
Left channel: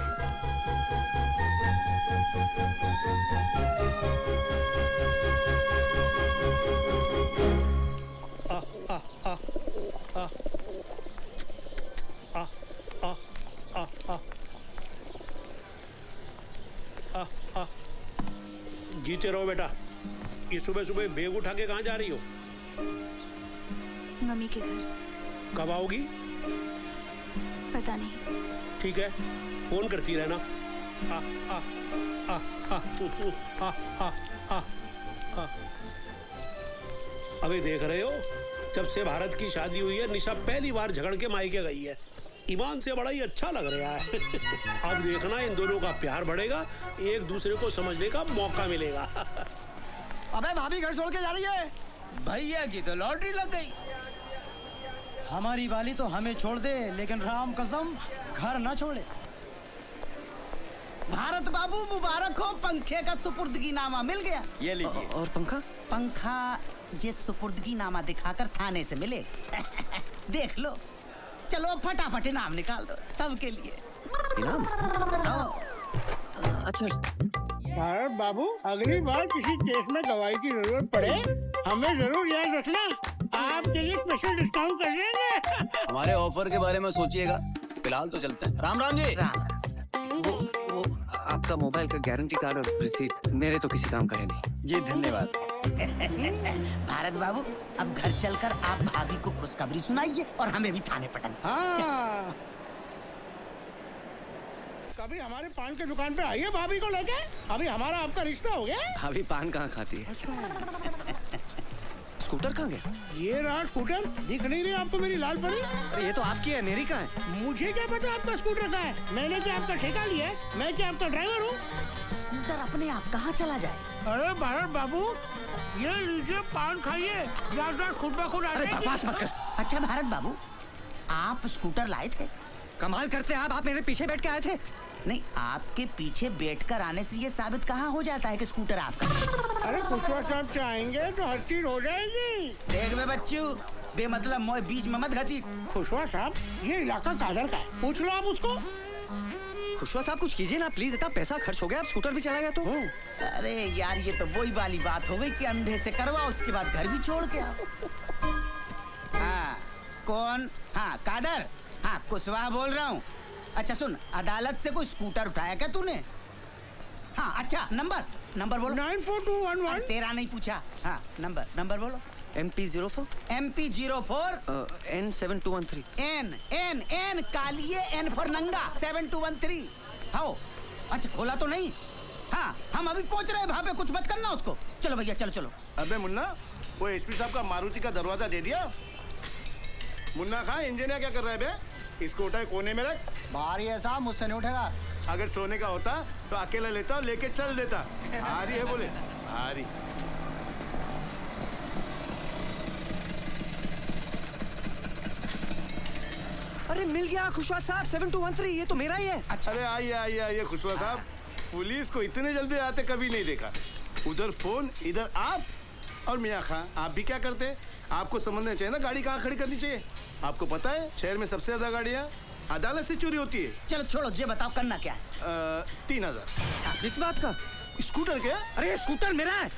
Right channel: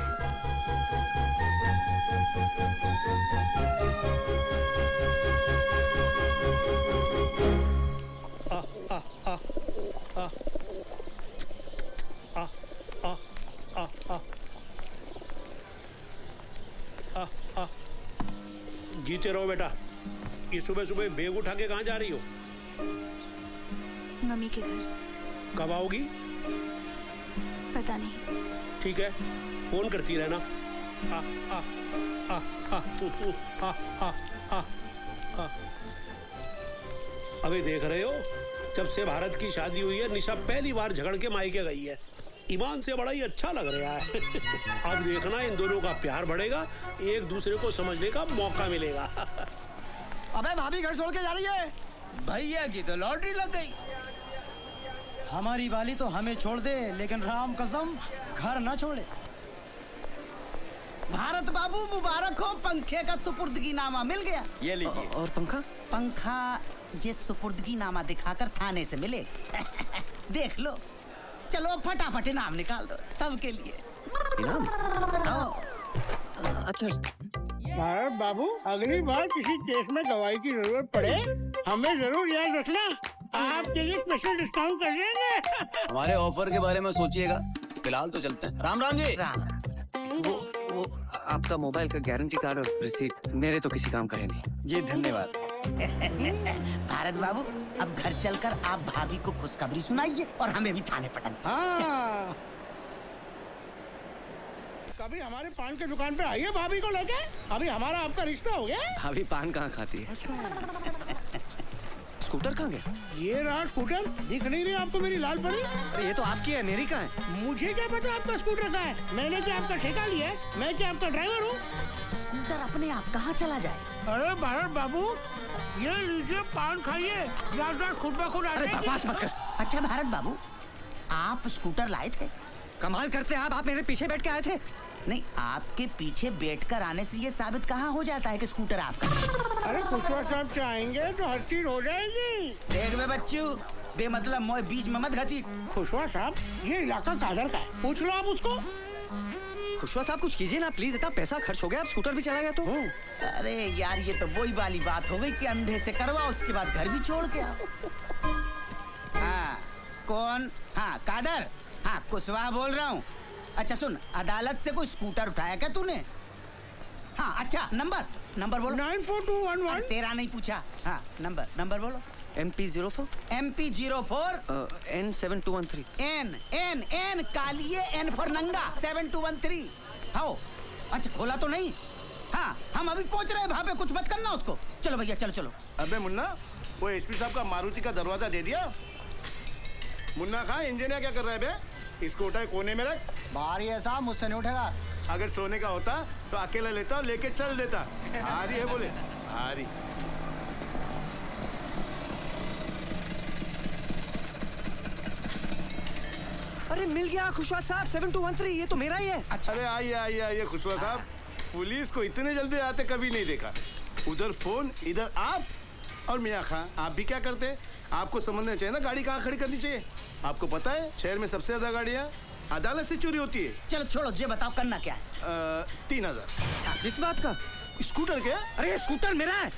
जीते रहो बेटा। ये सुबह सुबह बैग उठा के कहाँ जा रही हो? मम्मी के घर। कब आओगी? पता नहीं। ठीक है, फोन करती रहना। आ, आ, आ, आ, आ, आ, आ, आ। अभी देख रहे हो, जब से भारत की शादी हुई है निशा पहली बार झगड़ के मायके गई है। ईमान से बड़ा ही अच्छा लग रहा है। अब देखना इन दोनों का प्यार बढ़ेगा, एक दूसरे को समझने का मौका मिलेगा। अबे भाभी घर छोड़ के जा रही है। भैया की तो लॉटरी लग गई। हमारी वाली तो हमें छोड़ दे, लेकिन राम कसम घर न छोड़े। भारत बाबू मुबारक हो, पंखे का सुपुर्दगी नामा मिल गया। ये लीजिए। और पंखा? पंखा जिस सुपुर्दगी नामा दिखाकर थाने से मिले। देख लो, चलो फटाफट इनाम निकाल दो सबके लिए। इनाम? भारत बाबू, अगली बार किसी केस में दवाई की जरूरत पड़े हमें जरूर याद रखना, आपके लिए स्पेशल डिस्काउंट कर देंगे। हमारे ऑफर के बारे में सोचिएगा, फिलहाल तो चलते हैं। राम राम जी। आपका मोबाइल का गारंटी कार्ड और रिसीट मेरे तो किसी काम करे नहीं। जी धन्यवाद। भारत बाबू, अब घर चलकर आप भाभी को खुशखबरी सुनाइए और हमें भी थाने पटन। कभी हमारे पान की दुकान पे आइए भाभी को लेके, अभी हमारा आपका रिश्ता हो गया। भाभी पान कहाँ खाती है? स्कूटर कहाँ गया? ये रहा स्कूटर, दिख नहीं रही आपको मेरी लाल परी? अरे ये तो आपकी है, मेरी कहाँ है? मुझे क्या पता आपका स्कूटर कहाँ है? मैंने क्या आपका ठेका लिया है? मैं क्या आपका ड्राइवर हूँ? स्कूटर अपने आप कहाँ चला जाए? अरे भारत बाबू, ये लीजिए पान खाइए, ज्यादा खुद ब खुद अरे बकवास मत कर। अच्छा भारत बाबू, आप स्कूटर लाए थे? कमाल करते हैं आप मेरे पीछे बैठ के आए थे। नहीं, आपके पीछे बैठकर आने से ये साबित कहाँ हो जाता है कि स्कूटर आपका? अरे खुशवा साहब चाहेंगे तो हर चीज हो जाएगी। देख में बच्चू, बेमतलब मोए बीच में मत घसीट। खुशवा साहब, ये इलाका कादर का है, पूछ लो आप उसको। खुशवा साहब कुछ कीजिए ना प्लीज, इतना पैसा खर्च हो गया, अब स्कूटर भी चला गया तो। अरे यार, ये तो वही वाली बात हो गई कि अंधे से करवा, उसके बाद घर भी छोड़ के आओ। हाँ, कौन? हाँ कादर, हाँ कुशवाहा बोल रहा हूँ। अच्छा सुन, अदालत से कोई स्कूटर उठाया क्या तूने? हाँ अच्छा, नंबर बोलो। 94211। तेरा नहीं पूछा। हाँ नंबर बोलो। MP04 N कालिए, N फॉर नंगा, 7213। हाँ, अच्छा खोला तो नहीं? हाँ, हम अभी पहुंच रहे हैं, वहाँ पे कुछ मत करना उसको। चलो भैया, चलो। अबे मुन्ना, वो एसपी साहब का मारुति का दरवाजा दे दिया? मुन्ना खां, इंजीनियर क्या कर रहा है बे? स्कूटर कोने में रख। भारी है साहब, मुझसे नहीं उठेगा। अगर सोने का होता तो अकेला लेता, लेके चल देता। भारी है बोले, भारी। अरे मिल गया खुशवा साहब, 7213, ये तो मेरा ही है। अच्छा, अरे आइए खुशवा साहब, पुलिस को इतने जल्दी आते कभी नहीं देखा। उधर फोन, इधर आप। और मियाँ खां, आप भी क्या करते? आपको समझना चाहिए ना, गाड़ी कहाँ खड़ी करनी चाहिए। आपको पता है शहर में सबसे ज्यादा गाड़ियाँ अदालत से चोरी होती है। चलो छोड़ो, ये बताओ करना क्या है? 3000। इस बात का? स्कूटर क्या? अरे स्कूटर मेरा है।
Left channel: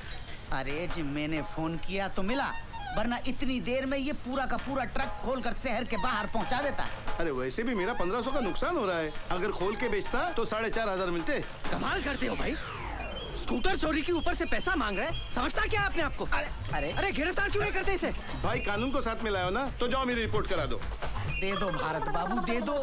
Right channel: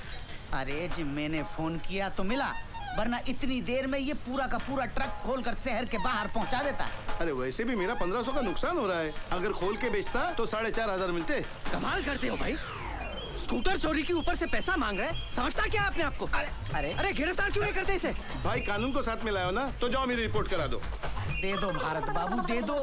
अरे जी, मैंने फोन किया तो मिला, वरना इतनी देर में ये पूरा का पूरा ट्रक खोलकर शहर के बाहर पहुंचा देता। अरे वैसे भी मेरा 1500 का नुकसान हो रहा है, अगर खोल के बेचता तो 4500 मिलते। कमाल करते हो भाई, स्कूटर चोरी के ऊपर से पैसा मांग रहे हैं, समझता क्या आपने आपको? अरे गिरफ्तार क्यों नहीं करते इसे? भाई कानून को साथ में लाओ ना, तो जाओ मेरी रिपोर्ट करा दो। दे दो भारत बाबू, दे दो।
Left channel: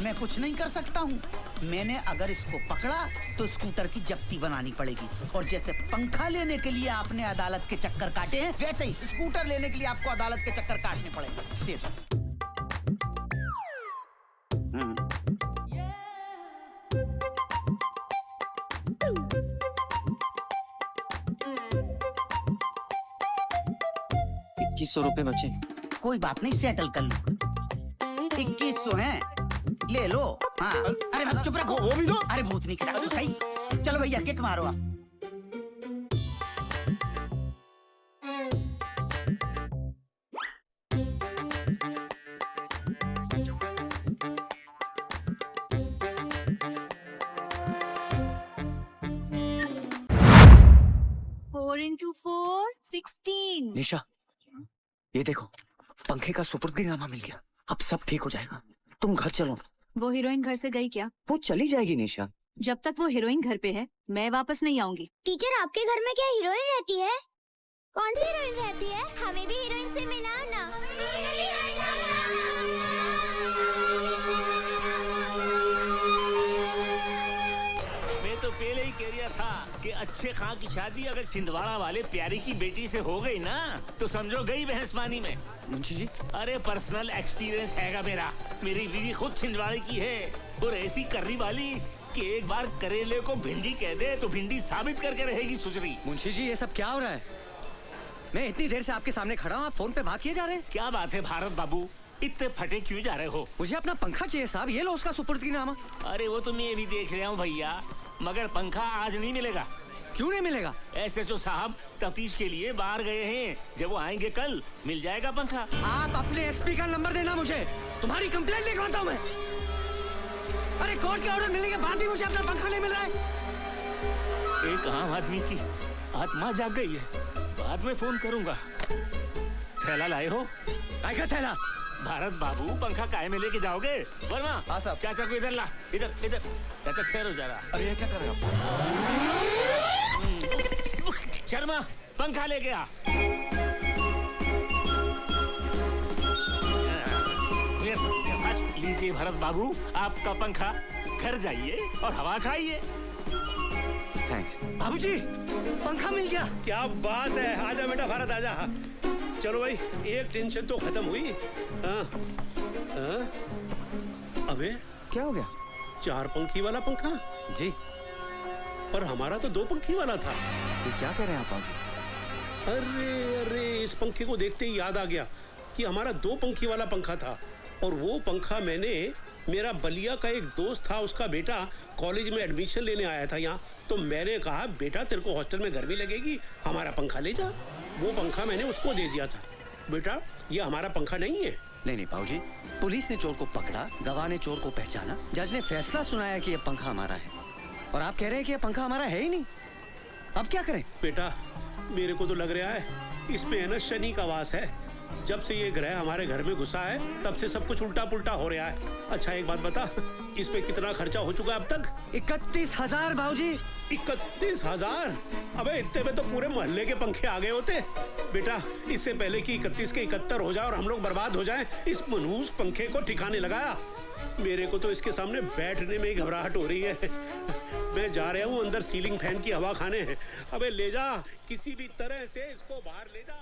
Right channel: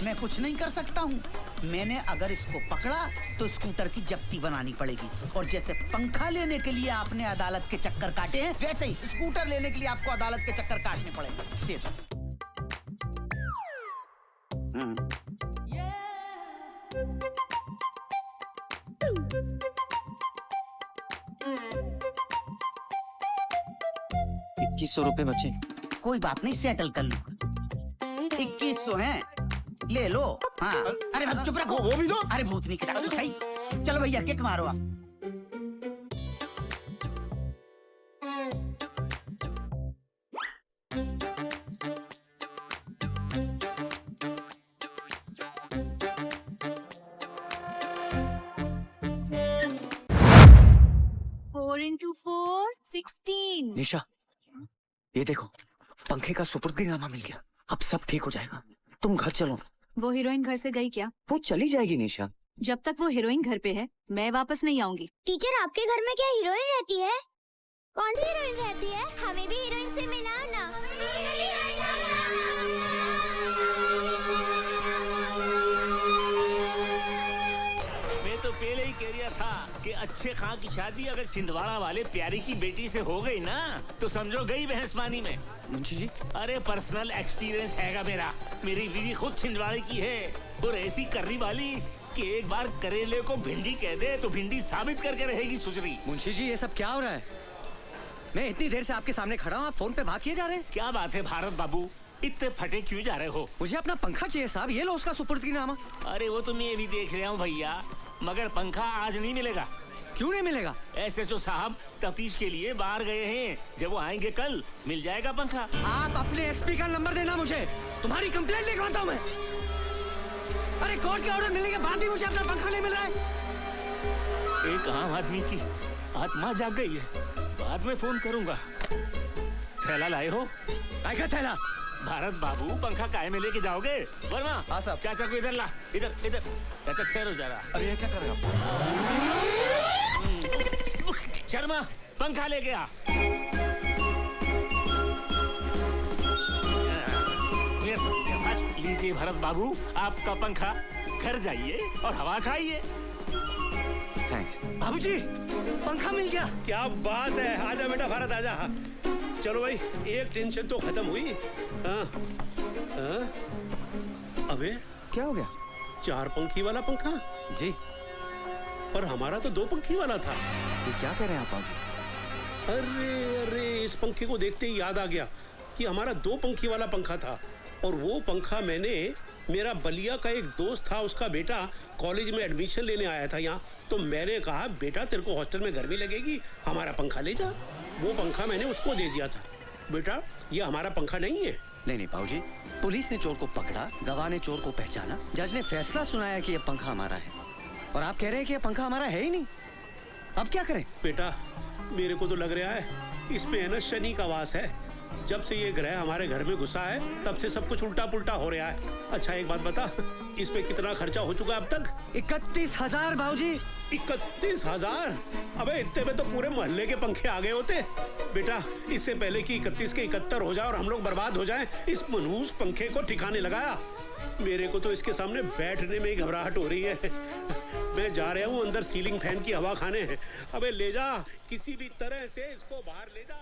मैं कुछ नहीं कर सकता हूँ। मैंने अगर इसको पकड़ा तो स्कूटर की जब्ती बनानी पड़ेगी, और जैसे पंखा लेने के लिए आपने अदालत के चक्कर काटे हैं, वैसे ही स्कूटर लेने के लिए आपको अदालत के चक्कर काटने पड़ेंगे। दे दो। ₹2100 बचे। कोई बात नहीं, सेटल कर लो। 2100 है, ले लो। हाँ। अरे चुप रखो। वो भी दो। अरे भूतनी की तरह तो सही। चलो भैया किक मारो आप। निशा, ये देखो, पंखे का सुपुर्दगीनामा मिल गया। अब सब ठीक हो जाएगा। तुम घर चलो। वो हीरोइन घर से गई क्या? वो चली जाएगी निशा। जब तक वो हीरोइन घर पे है मैं वापस नहीं आऊंगी। टीचर, आपके घर में क्या हीरोइन रहती है? कौन सी हीरोइन रहती है? हमें भी हीरोइन से मिलाओ ना। मैं तो पहले ही कह रहा था कि अच्छे खां की शादी अगर छिंदवाड़ा वाले प्यारी की बेटी से हो गई ना तो समझो गई भैंस पानी में। मुंशी जी, अरे पर्सनल एक्सपीरियंस हैगा मेरा। मेरी बीवी खुद छिंदवाड़े की है और ऐसी कर्री वाली कि एक बार करेले को भिंडी कह दे तो भिंडी साबित करके रहेगी सुसरी। मुंशी जी, ये सब क्या हो रहा है? मैं इतनी देर से आपके सामने खड़ा हूँ, आप फोन पे बात किए जा रहे हैं। क्या बात है भारत बाबू, इतने फटे क्यों जा रहे हो? मुझे अपना पंखा चाहिए साहब, ये लो उसका सुपुर्दगीनामा। अरे वो तो मैं ये भी देख रहा हूँ भैया, मगर पंखा आज नहीं मिलेगा। क्यों नहीं मिलेगा? SHO साहब तफ्तीश के लिए बाहर गए हैं, जब वो आएंगे कल मिल जाएगा पंखा। आप अपने SP का नंबर देना मुझे, तुम्हारी कंप्लेंट लिख रहा हूँ मैं। अरे कोर्ट का ऑर्डर मिलने के बाद भी मुझे अपना पंखा नहीं मिल रहा है। एक आम आदमी की आत्मा जाग गई है, बाद में फोन करूंगा। थैला लाए हो? आएगा थैला। भारत बाबू, पंखा काहे में लेके जाओगे? वर्मा, हाँ साहब। चाचा को इधर ला, इधर इधर। चाचा ठहरो जरा। अरे ये क्या कर रहे हो? शर्मा, पंखा लेके आ। लीजिए भरत बाबू, आपका पंखा। घर जाइए और हवा खाइए। बाबूजी, पंखा मिल गया। क्या बात है, आजा बेटा भारत आजा। चलो भाई, एक टेंशन तो खत्म हुई। हाँ। हाँ? अबे क्या हो गया? 4 पंखी वाला पंखा जी, और हमारा तो 2 पंखी वाला था। क्या कह रहे हैं आप बाबू? अरे इस पंखे को देखते ही याद आ गया कि हमारा 2 पंखी वाला पंखा था, और वो पंखा मैंने, मेरा बलिया का एक दोस्त था, उसका बेटा कॉलेज में एडमिशन लेने आया था यहाँ, तो मैंने कहा बेटा तेरे को हॉस्टल में गर्मी लगेगी, हमारा पंखा ले जा। वो पंखा मैंने उसको दे दिया था। बेटा ये हमारा पंखा नहीं है। नहीं बाबूजी, पुलिस ने चोर को पकड़ा, गवाह ने चोर को पहचाना, जज ने फैसला सुनाया कि ये पंखा हमारा है, और आप कह रहे हैं कि ये पंखा हमारा है ही नहीं। अब क्या करें? बेटा मेरे को तो लग रहा है इसमें है ना शनि का वास है। जब से ये ग्रह हमारे घर में घुसा है तब से सब कुछ उल्टा पुल्टा हो रहा है। अच्छा एक बात बता, इस पे कितना खर्चा हो चुका अब तक? 31,000 भाऊजी। 31,000? अबे इतने में तो पूरे मोहल्ले के पंखे आ गए होते। बेटा इससे पहले कि 31 के 71 हो जाए और हम लोग बर्बाद हो जाएं, इस मनहूस पंखे को ठिकाने लगाया। मेरे को तो इसके सामने बैठने में ही घबराहट हो रही है। मैं जा रहा हूँ अंदर सीलिंग फैन की हवा खाने। अबे ले जा, किसी भी तरह से इसको बाहर ले जा।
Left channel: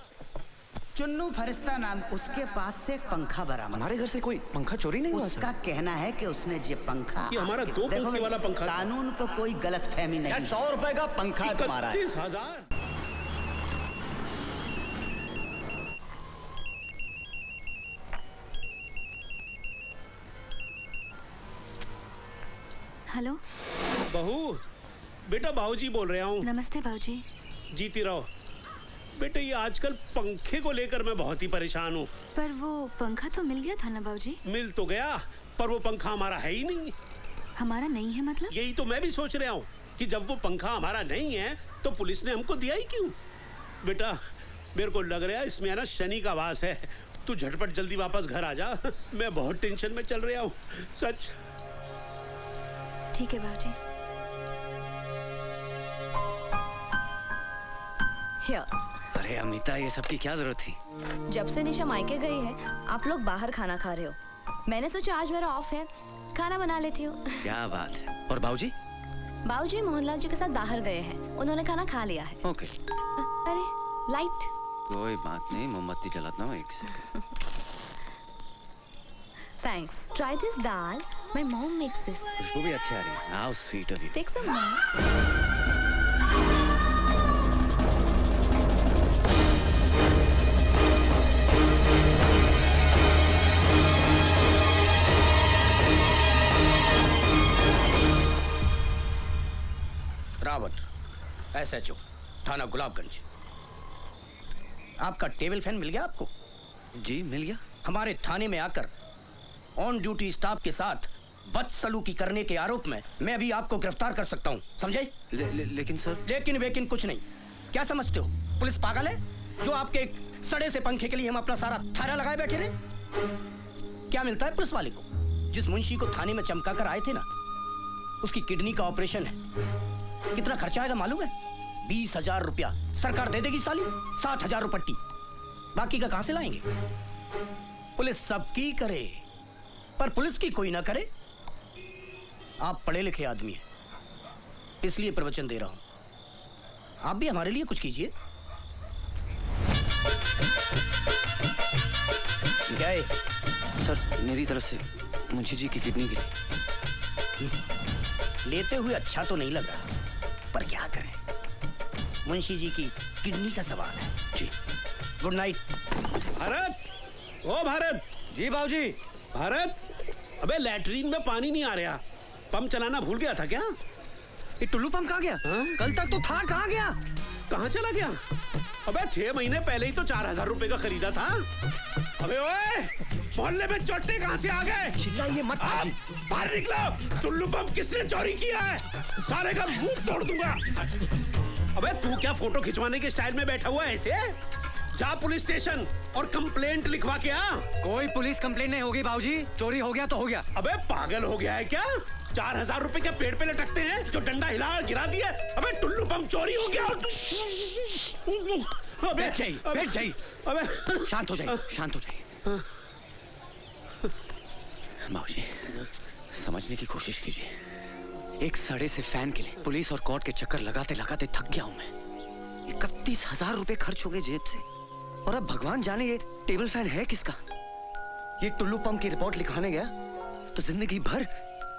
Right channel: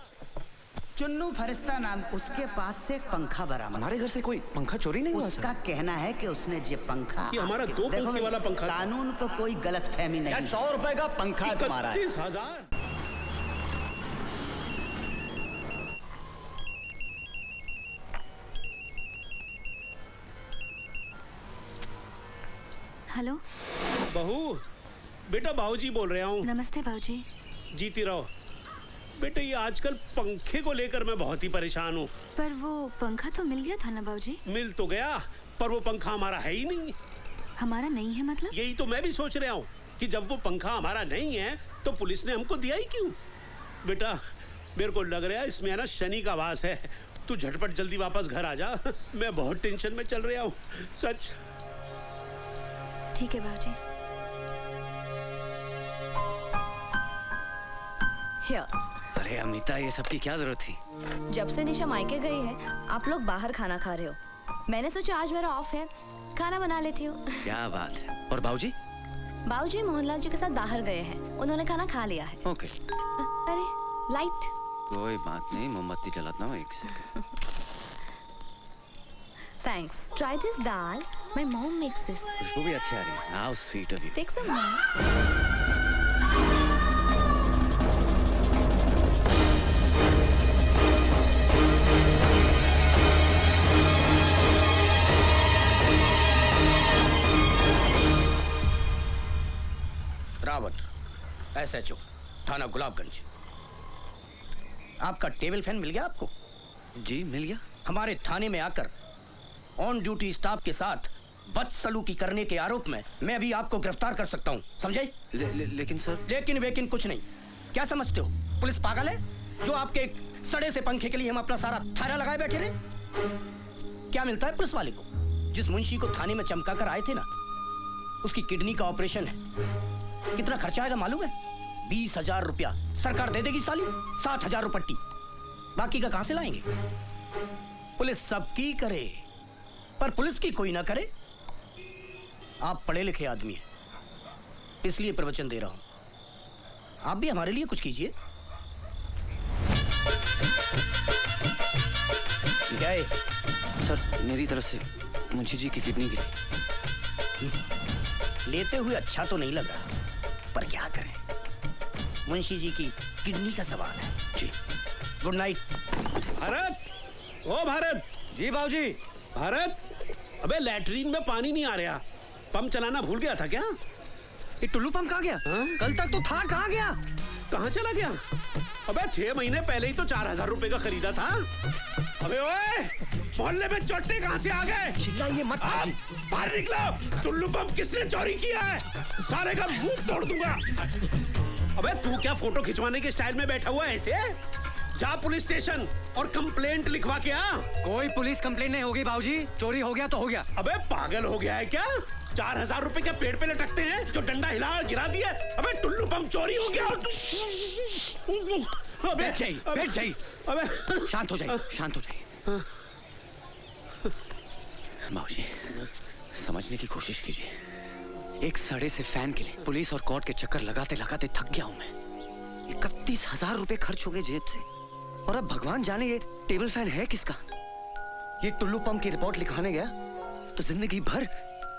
चुन्नू फरिश्ता नाम, उसके पास से एक पंखा बरामद। हमारे घर से कोई पंखा चोरी नहीं हुआ? उसका कहना है कि उसने ये पंखा, ये हमारा 2 पंखी वाला पंखा। कानून को कोई गलत फहमी नहीं। 100 रुपए का पंखा तुम्हारा है। 31,000? हेलो बहू, बेटा बाबूजी बोल रहा हूँ। नमस्ते बाबूजी। जीती रहो बेटे। ये आजकल पंखे को लेकर मैं बहुत ही परेशान हूँ। पर वो पंखा तो मिल गया था ना बाबूजी? मिल तो गया, पर वो पंखा हमारा है ही नहीं। हमारा नहीं है मतलब? यही तो मैं भी सोच रहा हूँ कि जब वो पंखा हमारा नहीं है तो पुलिस ने हमको दिया ही क्यों? बेटा मेरे को लग रहा है इसमें है ना शनि का वास है। तू झटपट जल्दी वापस घर आ जा, मैं बहुत टेंशन में चल रहा हूँ सच। ठीक है बाबूजी। अरे अमिता, ये सब की क्या जरूरत थी? जब से निशा मायके गई है आप लोग बाहर खाना खा रहे हो। मैंने सोचा आज मेरा ऑफ है खाना बना लेती हूँ। क्या बात है। और बाबूजी? बाबूजी मोहनलाल जी के साथ बाहर गए हैं, उन्होंने खाना खा लिया है। ओके। अरे लाइट। कोई बात नहीं, मोमबत्ती जलाता हूँ 1 second. Thanks. Try this dal. My mom makes this. खुशबू भी अच्छी आ रही है। How sweet of you. Take some. Rawat, SHO, थाना गुलाबगंज। आपका टेबल फैन मिल गया आपको? जी मिल गया। हमारे थाने में आकर ऑन ड्यूटी स्टाफ के साथ बदसलूकी करने के आरोप में मैं भी आपको गिरफ्तार कर सकता हूँ, समझे? लेकिन सर। लेकिन वेकिन कुछ नहीं। क्या समझते हो, पुलिस पागल है जो आपके एक सड़े से पंखे के लिए हम अपना सारा थाना लगाए बैठे रहे? क्या मिलता है पुलिस वाले को? जिस मुंशी को थाने में चमका कर आए थे ना, उसकी किडनी का ऑपरेशन है। कितना खर्चा आएगा मालूम है? 20,000 रुपया सरकार दे देगी साली, 60,000 पट्टी। बाकी का कहां से लाएंगे? पुलिस सबकी करे पर पुलिस की कोई ना करे। आप पढ़े लिखे आदमी हैं, इसलिए प्रवचन दे रहा हूं। आप भी हमारे लिए कुछ कीजिए। क्या है? सर मेरी तरफ से मुंशी जी की किडनी गिरी। लेते हुए अच्छा तो नहीं लग रहा, पर क्या करें, मुंशी जी की किडनी का सवाल है। जी गुड नाइट। भारत, ओ भारत। जी बाबूजी। भारत, अबे लैट्रीन में पानी नहीं आ रहा, पंप चलाना भूल गया था क्या? ये टुल्लू पंप कहाँ गया? कल तक तो था, कहाँ गया? कहाँ चला गया? अबे 6 महीने पहले ही तो 4,000 रुपए का खरीदा था। अबे ओए, मोहल्ले में चोटे कहाँ से आ गए? चिल्लाइए मत। बाहर निकलो। टुल्लू पंप किसने चोरी किया है? सारे का मुंह तोड़ दूंगा। अबे तू क्या फोटो खिंचवाने के स्टाइल में बैठा हुआ है ऐसे? जा पुलिस स्टेशन और कंप्लेंट लिखवा के आ। कोई पुलिस कंप्लेंट नहीं होगी बाबूजी, चोरी हो गया तो हो गया। अबे पागल हो गया है क्या? 4,000 रुपए क्या पेड़ पे लटकते हैं जो डंडा हिला गिरा दिए? अबे टुल्लू पंप चोरी हो गया। अबे बैठ जाइए। अबे शांत हो जाइए, शांत हो जाइए। बाबूजी समझने की कोशिश कीजिए। एक सड़े से फैन के लिए पुलिस और कोर्ट के चक्कर लगाते लगाते थक गया हूं मैं। 31,000 रुपए खर्च हो गए जेब से, और अब भगवान जाने ये टेबल फैन है किसका। ये टुल्लू पंप की रिपोर्ट लिखवाने गया तो जिंदगी भर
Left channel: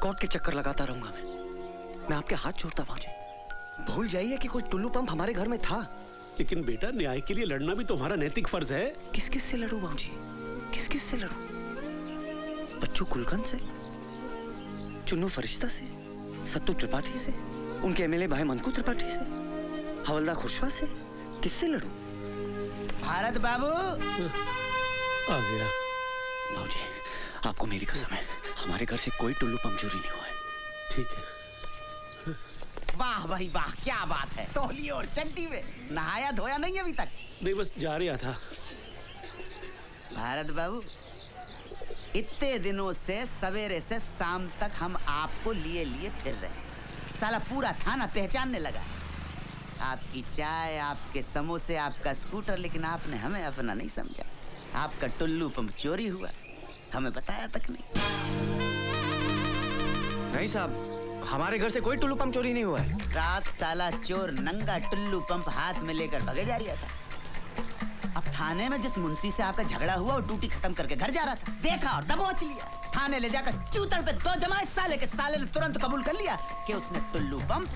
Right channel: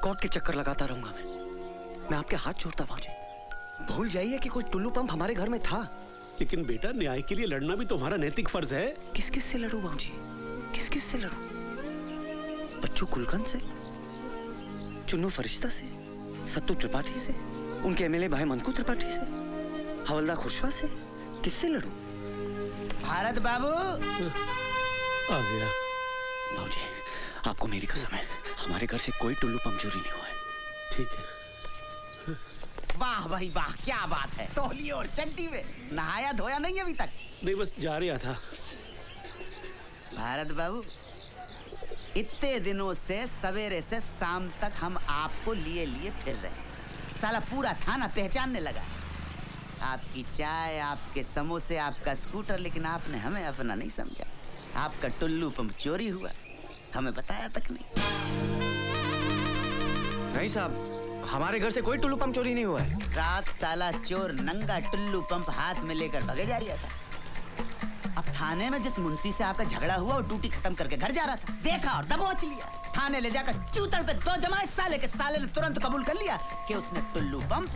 कोर्ट के चक्कर लगाता रहूंगा मैं आपके हाथ छोड़ता बाबूजी। भूल जाइए कि कोई टुल्लू पंप हमारे घर में था। लेकिन बेटा न्याय के लिए लड़ना भी तुम्हारा नैतिक फर्ज है। किस किस से लड़ूं बाबूजी, किस किस से लड़ूं? बच्चू कुलकर्णी से, चुन्नू फरिश्ता से, सत्तू त्रिपाठी से, उनके एमएलए भाई मंकू त्रिपाठी से, हवलदार खुशवा से, किससे लड़ूं? भारत बाबू आ गया। बाबूजी आपको मेरी कसम है, हमारे घर से कोई टुल्लू पंप चोरी नहीं हुआ है। ठीक है। वाह भाई वाह, क्या बात है। तौलिए और चंटी में नहाया धोया नहीं अभी तक? नहीं बस जा रहा था। भारत बाबू, इतने दिनों से सवेरे से शाम तक हम आपको लिए लिए फिर रहे हैं। साला पूरा थाना पहचानने लगा। आपकी चाय, आपके समोसे, आपका स्कूटर, लेकिन आपने हमें अपना नहीं समझा। आपका टुल्लू पंप चोरी हुआ, हमें बताया तक नहीं। भाई साहब, हमारे घर से कोई टुल्लू पंप चोरी नहीं हुआ है। रात साला चोर नंगा टुल्लू पंप हाथ में लेकर भगे जा रहा था। अब थाने में जिस मुंशी से आपका झगड़ा हुआ, वो ड्यूटी खत्म करके घर जा रहा था, देखा और दबोच लिया। थाने ले जाकर चूतड़ पे 2 जमाए साले के साले ने तुरंत कबूल कर लिया कि उसने टुल्लू पंप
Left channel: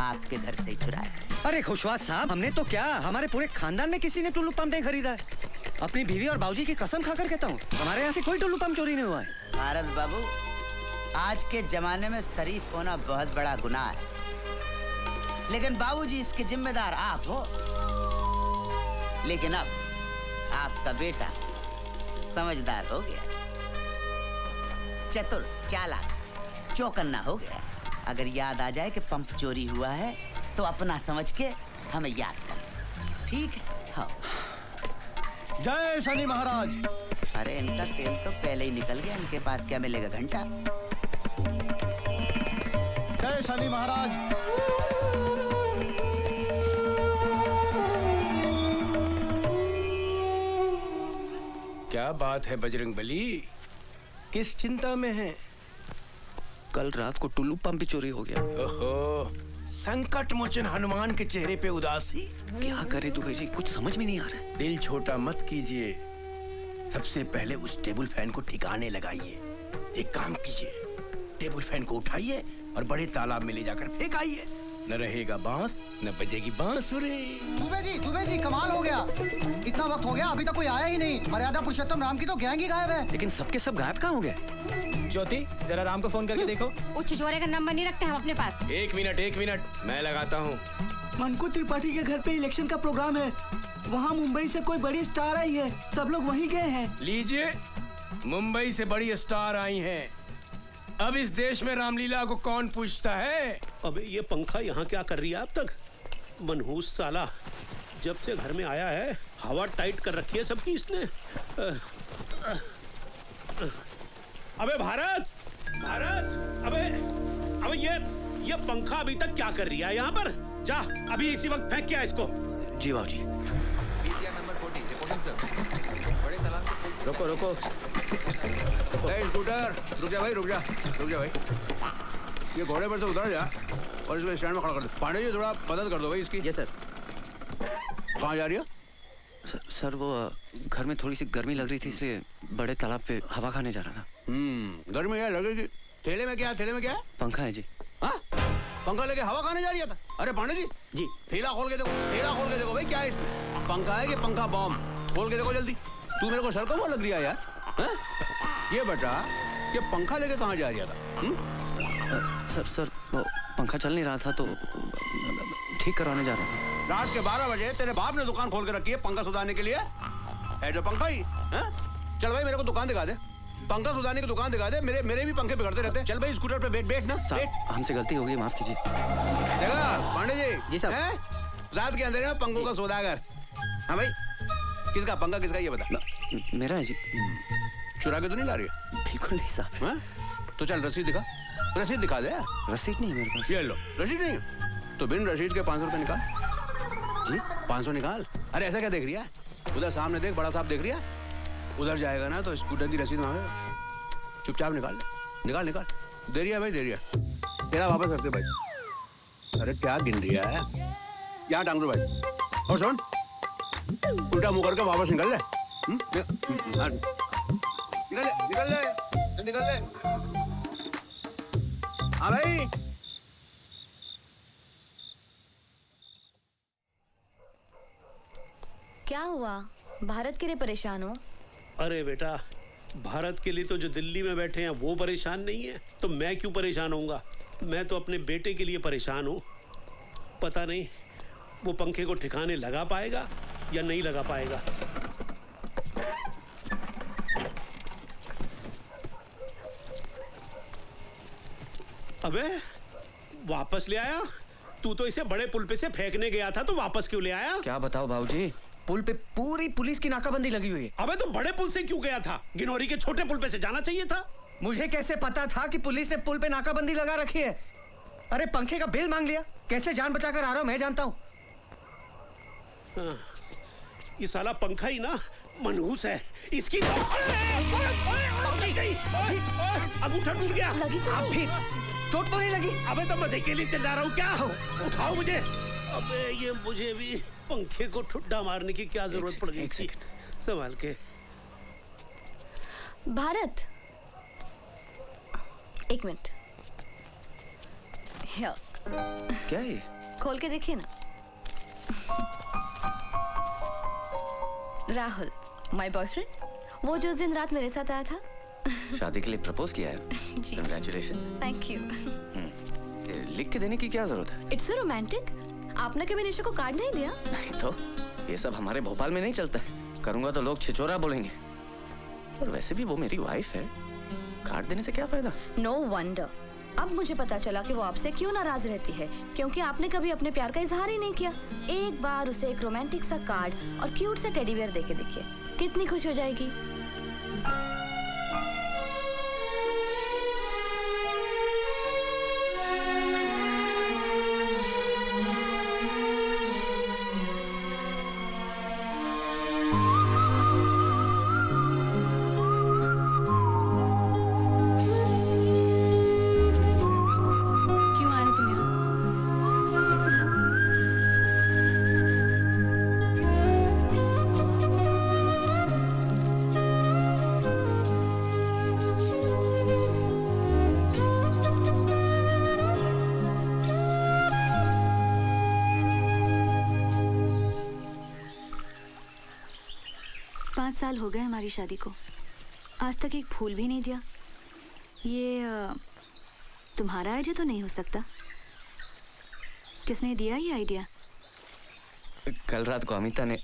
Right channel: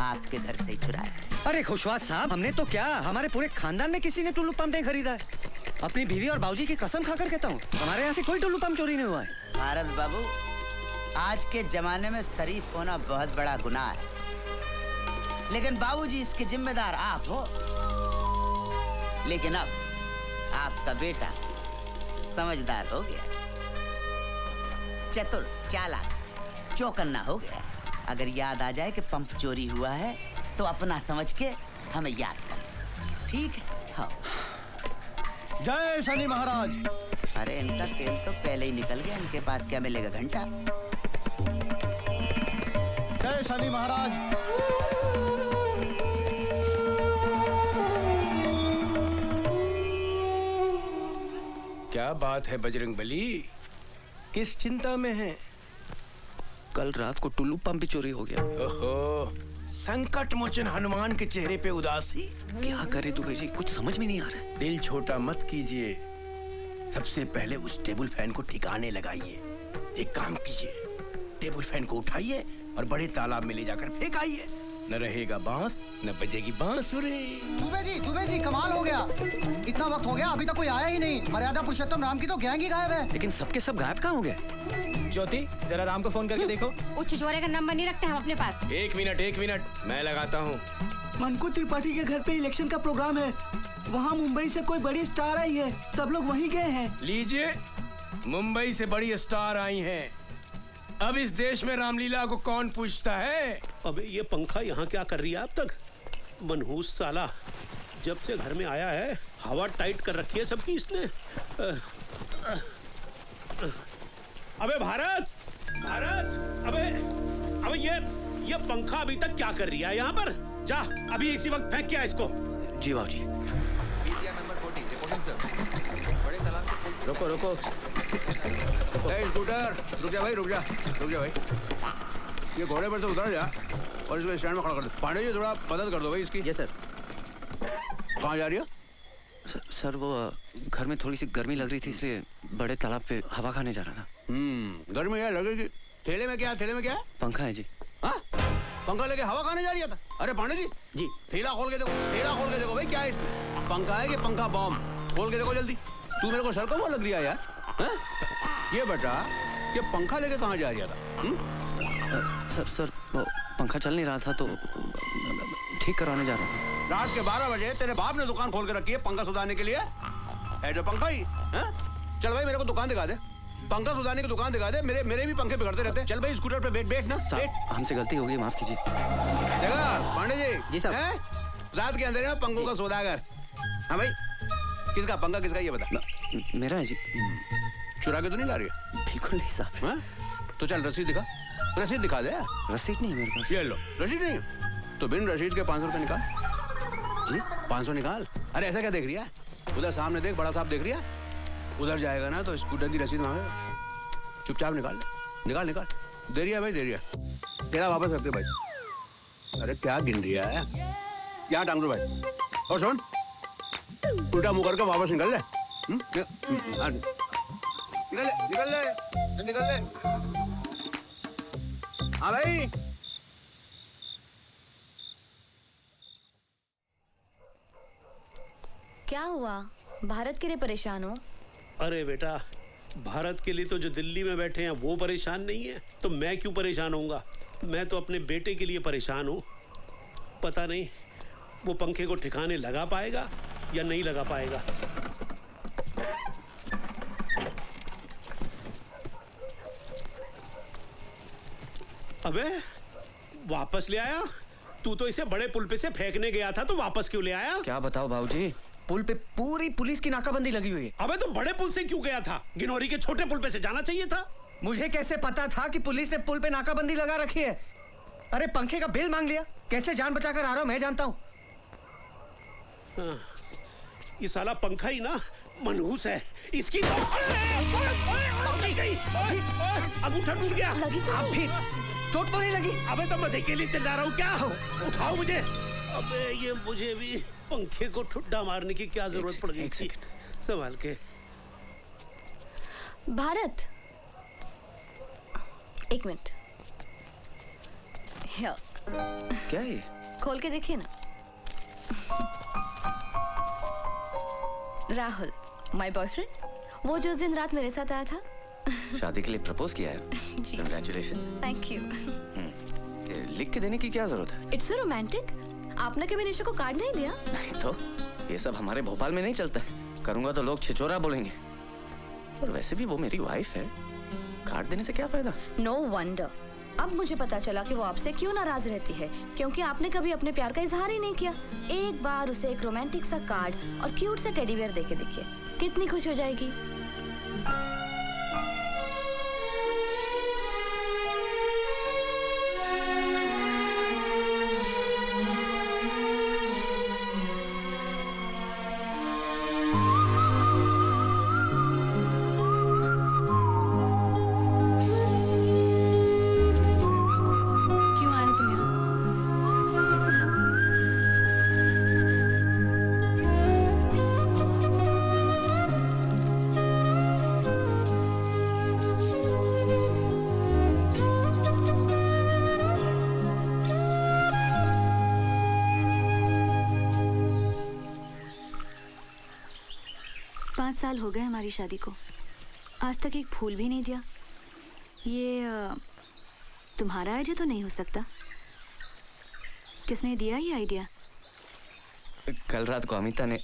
आपके घर से ही चुराया। अरे खुशवा साहब, हमने तो क्या, हमारे पूरे खानदान में किसी ने टुल्लू पंप नहीं खरीदा है। अपनी बीवी और बाबूजी की कसम खाकर कहता हूँ, हमारे यहाँ से कोई टुल्लू पंप चोरी नहीं हुआ है। भारत बाबू, आज के जमाने में शरीफ होना बहुत बड़ा गुनाह है, लेकिन बाबूजी इसके जिम्मेदार आप हो। लेकिन अब आपका बेटा समझदार हो गया, चतुर, चालाक, चौकन्ना हो गया। अगर याद आ जाए कि पंप चोरी हुआ है तो अपना समझ के हमें याद कर, ठीक है? हाँ। जय शनि महाराज। अरे इनका तेल तो पहले ही निकल गया, इनके पास क्या मिलेगा घंटा? जय शनि महाराज। क्या बात है बजरंगबली, किस चिंता में है? कल रात को टुल्लू पंप भी चोरी हो गया। ओहो, संकट मोचन हनुमान के चेहरे पे उदासी। क्या करे दुबे जी, कुछ समझ में नहीं आ रहा है। दिल छोटा मत कीजिए, सबसे पहले उस टेबल फैन को ठिकाने लगाइए। एक काम कीजिए, टेबल फैन को उठाइए और बड़े तालाब में ले जाकर फेंकाइए। न रहेगा बांस, न बजेगी बांसुरी। दुबे जी कमाल हो गया। इतना वक्त हो गया अभी तक कोई आया ही नहीं। मर्यादा पुरुषोत्तम राम की तो गैंग ही गायब है। लेकिन सबके सब गायब कहाँ हो गए? ज्योति, जरा राम को फोन करके देखो। वो छिछोरे का नंबर नहीं रखते हम अपने पास। एक मिनट, मैं लगाता हूँ। मनकू त्रिपाठी के घर पे इलेक्शन का प्रोग्राम है। वहाँ मुंबई से कोई बड़ी स्टार आई है, सब लोग वहीं गए हैं। लीजिए, मुंबई से बड़ी स्टार आई हैं। अब इस देश में रामलीला को कौन पूछता है? अब ये पंखा यहाँ क्या कर रही है अब तक? मनहूस साला, जब से घर में आया है हवा टाइट कर रखी है सबकी इसने। अबे भारत, अबे ये पंखा अभी तक क्या कर रही है यहाँ पर? जा अभी इसी वक्त फेंक किया इसको। जी बाबू जी। रुको। रुक जा भाई। ये घोड़े पर से उतार दिया और इसको स्टैंड में खड़ा कर दो। पांडे जी थोड़ा मदद कर दो भाई इसकी। जी सर। कहाँ जा रही है? सर वो घर में थोड़ी सी गर्मी लग रही थी, इसलिए बड़े तालाब पे हवा खाने जा रहा था। गर्मी है लग रही थी। थैले में क्या है? पंखा है जी। हाँ, पंखा लेके हवा खाने जा रही था? अरे पांडे जी थैला खोल के देखो भाई, क्या है इसमें? पंखा है कि पंखा बॉम्ब? खोल के देखो जल्दी। तू मेरे को सर को वो लग रही है यार। ये बेटा, ये पंखा लेके कहाँ जा रही था? सर वो पंखा चल नहीं रहा था तो ठीक करवाने जा रहा था। रात के 12 बजे तेरे बाप ने दुकान खोल के रखी है पंखा सुधारने के लिए? ऐसा पंखा ही? चल भाई मेरे को दुकान दिखा दे, पंखा सुधारने की दुकान दिखा दे। मेरे भी पंखे बिगड़ते रहते हैं। चल भाई स्कूटर पे बैठ ना। हमसे गलती हो गई, माफ कीजिए। पांडे जी साहब, रात के अंधेरे में पंखों का सौदागर। हाँ भाई, किसका पंखा किसका ये बता। मेरा है जी। चुरा के तो नहीं ला रही है? बिल्कुल नहीं साहब। तो चल रसीद दिखा, रसीद दिखा दे। रसीद नहीं है मेरे पास। ये लो रसीद नहीं तो बिन रसीद के 500 रुपए निकाल। जी 500 निकाल। अरे ऐसा क्या देख रही है? उधर सामने देख, बड़ा साहब देख रही है। उधर जाएगा ना तो स्कूटर की रसीद मांगेगा। चुपचाप निकाल। दे रही है भाई, दे रही है। क्या वापस रख दे भाई। अरे क्या गिन रही है? क्या टांग लो भाई। और सुन, उल्टा मुंह करके वापस निकल ले। निकल ले। हाँ भाई। क्या हुआ? भारत के लिए परेशान हो? अरे बेटा, भारत के लिए तो जो दिल्ली में बैठे हैं वो परेशान नहीं है, तो मैं क्यों परेशान होऊंगा? मैं तो अपने बेटे के लिए परेशान हूँ। पता नहीं वो पंखे को ठिकाने लगा पाएगा या नहीं लगा पाएगा। अबे वापस ले आया? तू तो इसे बड़े पुल पे से फेंकने गया था, तो वापस क्यों ले आया? क्या बताओ बाबूजी, पुल पे पूरी पुलिस की नाकाबंदी लगी हुई है। अबे तो बड़े पुल से क्यों गया था? गिनौरी के छोटे पुल पे से जाना चाहिए था। मुझे कैसे पता था कि पुलिस ने पुल पे नाकाबंदी लगा रखी है? अरे पंखे का बिल मांग लिया, कैसे जान बचाकर आ रहा हूँ मैं जानता हूँ। ये साला पंखा ही ना मनहूस है। इसकी तो अंगूठा टूट गया। अब भी चोट तो नहीं लगी? अबे तो मजे के लिए चल जा रहा हूँ क्या? उठाओ मुझे। अबे ये मुझे भी पंखे को ठुड्डा मारने की क्या जरूरत पड़ गई थी? संभाल के। भारत, एक मिनट। क्या ये? खोल के देखिए ना। राहुल, माय बॉयफ्रेंड, वो जो उस दिन रात मेरे साथ आया था। शादी के लिए प्रपोज किया है? जी। Congratulations। Thank you. लिख के देने की क्या जरूरत है? It's so romantic. आपने कभी निशा को कार्ड नहीं दिया? नहीं तो, ये सब हमारे भोपाल में नहीं चलता है। करूंगा तो लोग छिछोरा बोलेंगे। और वैसे भी वो मेरी वाइफ है, कार्ड देने से क्या फायदा? No wonder. अब मुझे पता चला कि वो आपसे क्यों नाराज रहती है, क्योंकि आपने कभी अपने प्यार का इजहार ही नहीं किया। एक बार उसे एक रोमांटिक सा कार्ड और क्यूट सा टेडी बेयर देके देखिए, कितनी खुश हो जाएगी। हो गए हमारी शादी को, आज तक एक फूल भी नहीं दिया। ये तुम्हारा आइडिया तो नहीं हो सकता। किसने दिया ये आइडिया? कल रात को अमिता ने।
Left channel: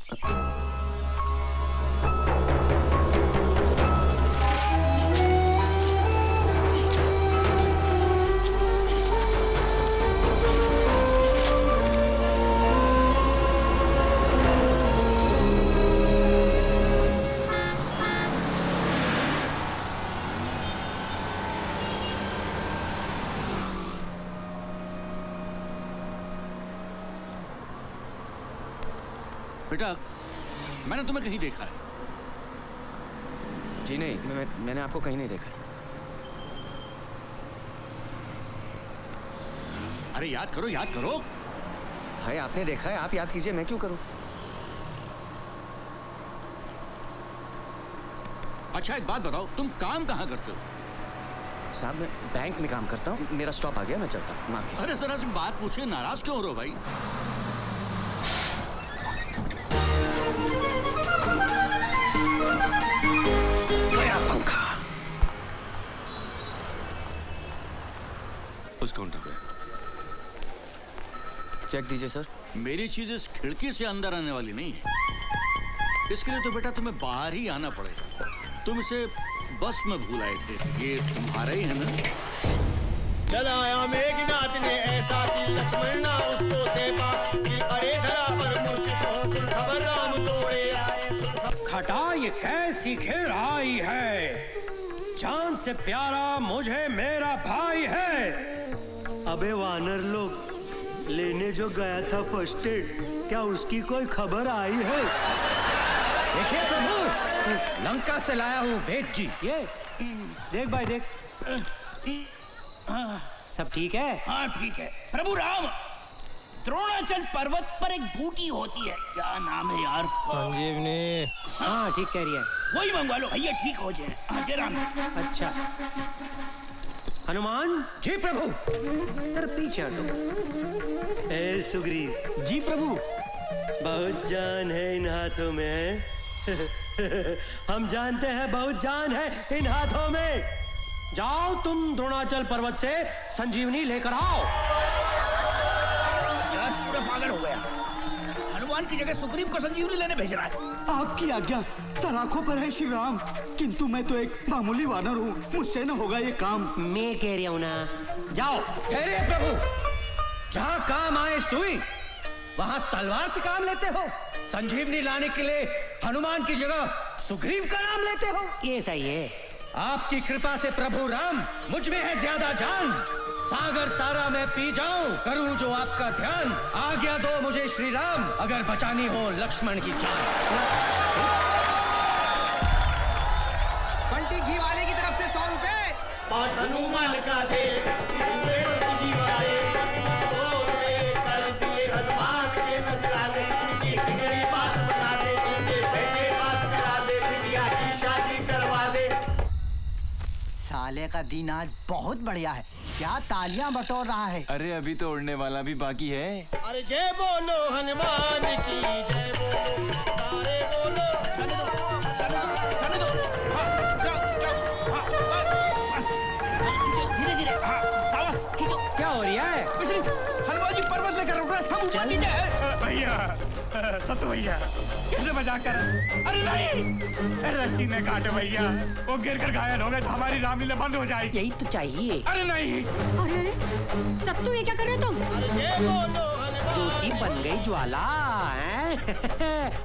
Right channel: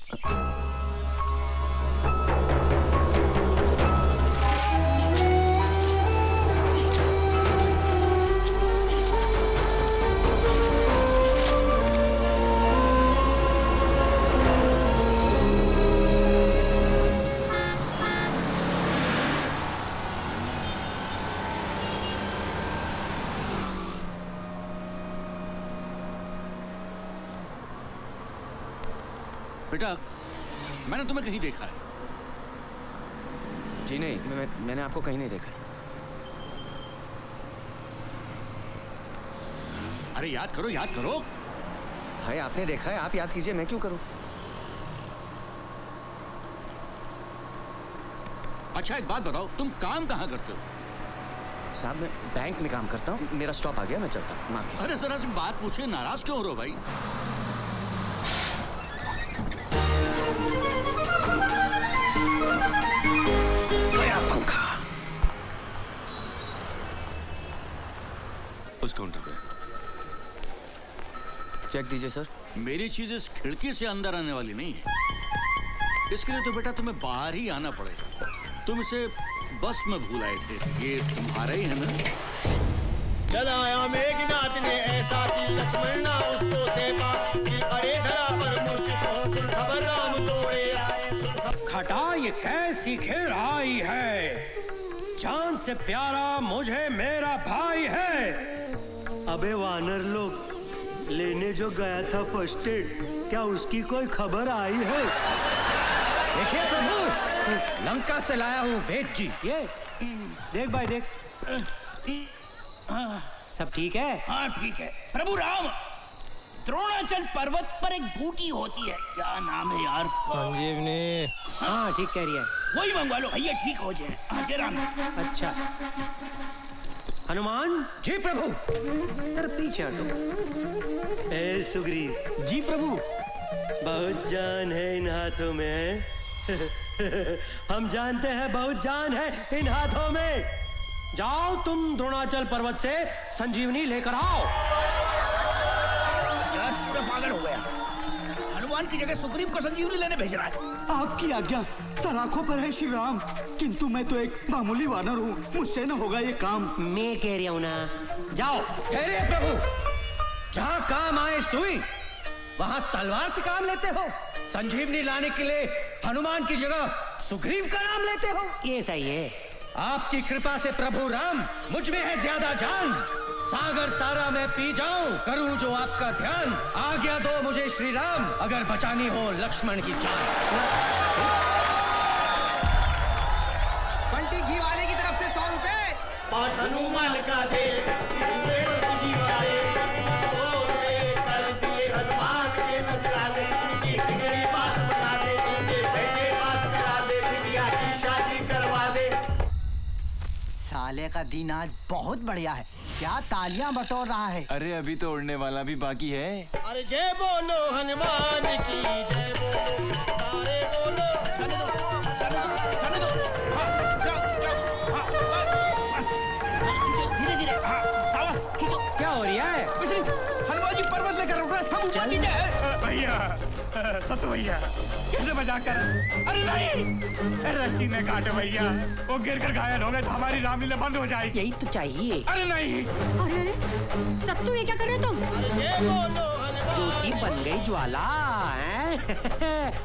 बेटा, मैंने तुम्हें कहीं देखा है। जी नहीं, मैंने आपको कहीं नहीं देखा। अरे याद करो, याद करो। भाई आपने देखा है, आप याद कीजिए, मैं क्यों करूं? अच्छा एक बात बताओ, तुम काम कहाँ करते हो? साहब मैं बैंक में काम करता हूँ, मेरा स्टॉप आ गया, मैं चलता हूँ, माफ कीजिए। अरे जरा तुम बात पूछिए, नाराज क्यों हो रहे हो भाई? गया पंखा। उस काउंटर पे चेक दीजिए सर। मेरी चीज इस खिड़की से अंदर आने वाली नहीं है, इसके लिए तो बेटा तुम्हें बाहर ही आना पड़ेगा। तुम इसे बस में भूल आए थे, ये तुम्हारा ही है ना? चलाया मेघनाथ ने ऐसा कि लक्ष्मण ना उसको सेवा, कि अरे धरा पर मूर्छित होकर खबर राम दौड़े आए। खटा ये कैसी घेर आई है, जान से प्यारा मुझे मेरा भाई है। अबे वानर लोग, लेने जो गया था फर्स्ट एड, क्या उसकी कोई खबर आई है? देखिए प्रभु, लंका से लाया हूँ वेद जी। ये देख भाई देख, सब ठीक है? हाँ ठीक है। प्रभु राम, द्रोणाचल पर्वत पर एक बूटी होती है, क्या नाम है यार? संजीवनी। हाँ ठीक कह रही है, वही मंगवा लो भैया, ठीक हो जाए। हाँ जरा। अच्छा हनुमान जी प्रभु। तेरे पीछे हटो। ए सुग्रीव जी प्रभु। बहुत जान है इन हाथों में। हम जानते हैं बहुत जान है इन हाथों में। जाओ तुम द्रोणाचल पर्वत से संजीवनी लेकर आओ। पूरा पागल हो गया, हनुमान की जगह सुग्रीव को संजीवनी लेने भेज रहा है। आपकी आज्ञा, सलाखों पर है श्री राम, किंतु मैं तो एक मामूली वानर हूँ, मुझसे न होगा ये काम। मैं कह रहा हूँ ना, जाओ। कह रहे प्रभु, जहाँ काम आए सुई, वहाँ तलवार से काम लेते हो। संजीवनी लाने के लिए हनुमान की जगह सुग्रीव का नाम लेते हो। ऐसा ही है। आपकी कृपा से प्रभु राम, मुझ में है ज्यादा जान। सागर सारा मैं पी जाऊं, करूं जो आपका ध्यान। आज्ञा दो मुझे श्री राम, अगर बचानी हो लक्ष्मण की जान। बंटी घी वाले की तरफ से 100 रुपए। और हनुमान का दे हनुमान के नजराने की मेरी बात बता दे, पैसे पास करा दे, बिटिया की शादी करवा दे। साले का दिन आज बहुत बढ़िया है, क्या तालियां बटोर रहा है। अरे अभी तो उड़ने वाला भी बाकी है। अरे जय बोलो हनुमान की जय बोलो, सारे बोलो। जाने दो, जाने दो, जाने दो। हाँ, जाओ, जाओ, हाँ, बस, धीरे-धीरे, हाँ, सावस, खींचो। क्या हो रहा है? हनुमान जी पर्वत लेकर रुक रहे, हम ऊपर नीचे हैं। भैया, सत्तू भैया, कैसे बचाकर? अरे नहीं, रस्सी में काटो भैया, वो गिर कर घायल हो गए तो हमारी रामलीला बंद हो जाएगी। यही तो चाहिए। अरे नहीं। अरे अरे सत्तू, ये क्या कर रहे हो तुम? अरे जय बोलो हनुमान। ज्योति बन गई ज्वाला हैं?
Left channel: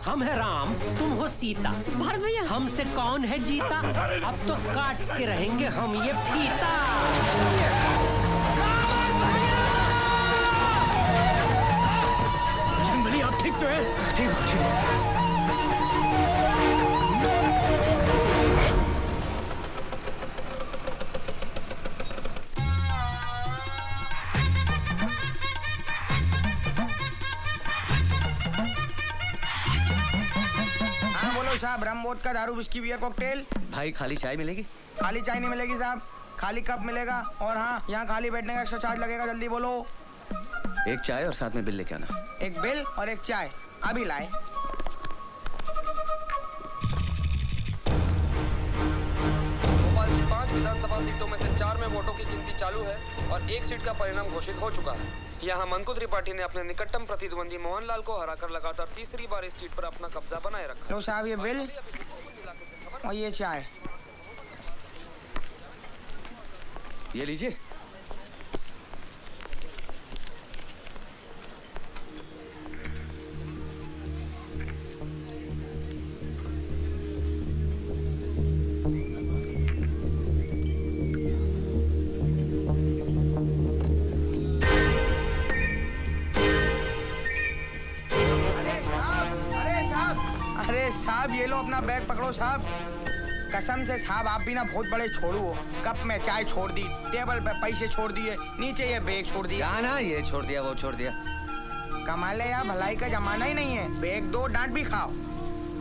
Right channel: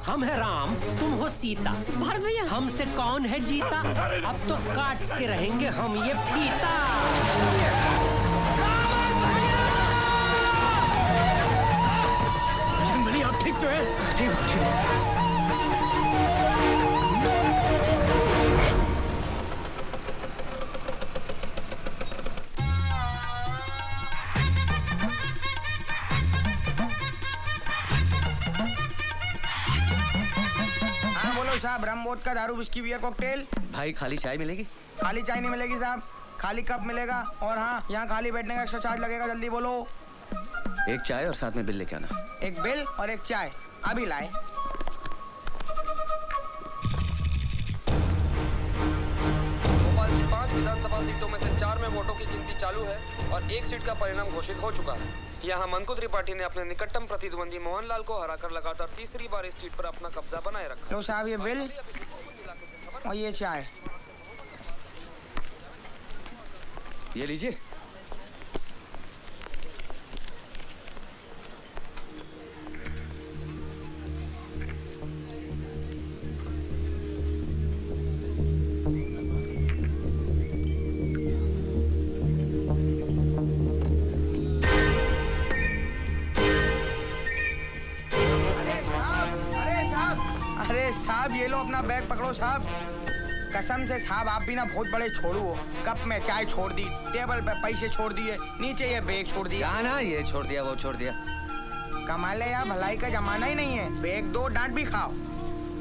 हम है राम, तुम हो सीता। भारत भैया, हमसे कौन है जीता? अब तो काटते रहेंगे हम ये फीता। मेरी आँख ठीक तो है? ठीक है, ठीक है। हाँ बोलो साहब, रम वोडका दारू विस्की बियर कॉकटेल। भाई खाली चाय मिलेगी? खाली चाय नहीं मिलेगी साहब, खाली कप मिलेगा। और हाँ, यहाँ खाली बैठने का एक्स्ट्रा चार्ज लगेगा, जल्दी बोलो। एक चाय और साथ में बिल लेके आना। एक बिल और एक चाय, अभी लाए। वोटों की गिनती चालू है और एक सीट का परिणाम घोषित हो चुका है। यहाँ मनकु त्रिपाठी ने अपने निकटतम प्रतिद्वंदी मोहनलाल को हराकर लगातार तीसरी बार इस सीट पर अपना कब्जा बनाए रखा। लो साहब ये बिल और ये चाय। ये लीजिए। साहब ये लो अपना बैग पकड़ो साहब। कसम से साहब आप भी ना बहुत बड़े छोड़ू हो। कप में चाय छोड़ दी, टेबल पे पैसे छोड़ दिए, नीचे ये बैग छोड़ दिया। ना ये छोड़ दिया वो छोड़ दिया। कमाल है यार, भलाई का जमाना ही नहीं है। बैग दो डांट भी खाओ,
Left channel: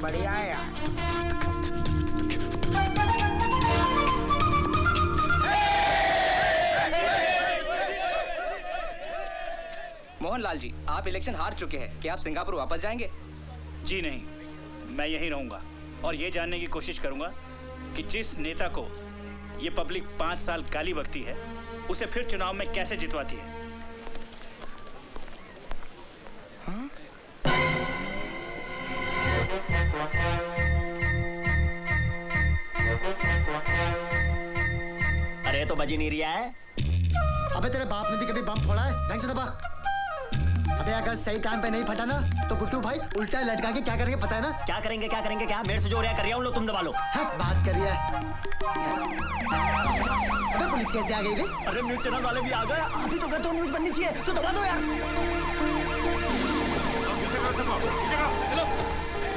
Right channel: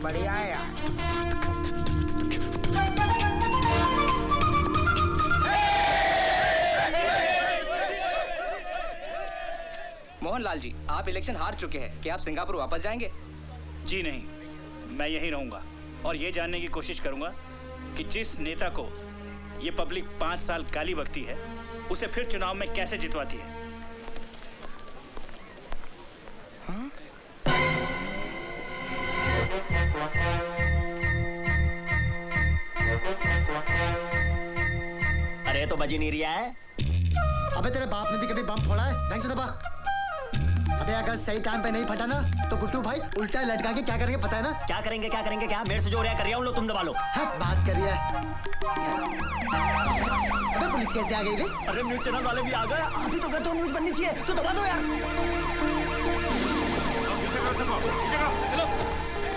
बढ़िया है यार। मोहनलाल जी, आप इलेक्शन हार चुके हैं, क्या आप सिंगापुर वापस जाएंगे? जी नहीं, मैं यहीं रहूंगा और ये जानने की कोशिश करूंगा कि जिस नेता को ये पब्लिक 5 साल गाली बकती है उसे फिर चुनाव में कैसे जितवाती है। अरे तो बजी नहीं रहा है। अबे तेरे बाप ने भी कभी बम फोड़ा है? नहीं से दबा। अबे अगर सही टाइम पे नहीं फटा ना तो गुड्डू भाई उल्टा लटका के क्या करेंगे पता है ना? क्या करेंगे क्या बेड से जो रहा कर रहा हूँ, लो तुम दबा लो। हाँ, बात करिए। अबे पुलिस कैसे आ गई बे? अरे न्यूज चैनल वाले भी आ गए। अभी तो कहते हो न्यूज बननी चाहिए तो दबा दो यार।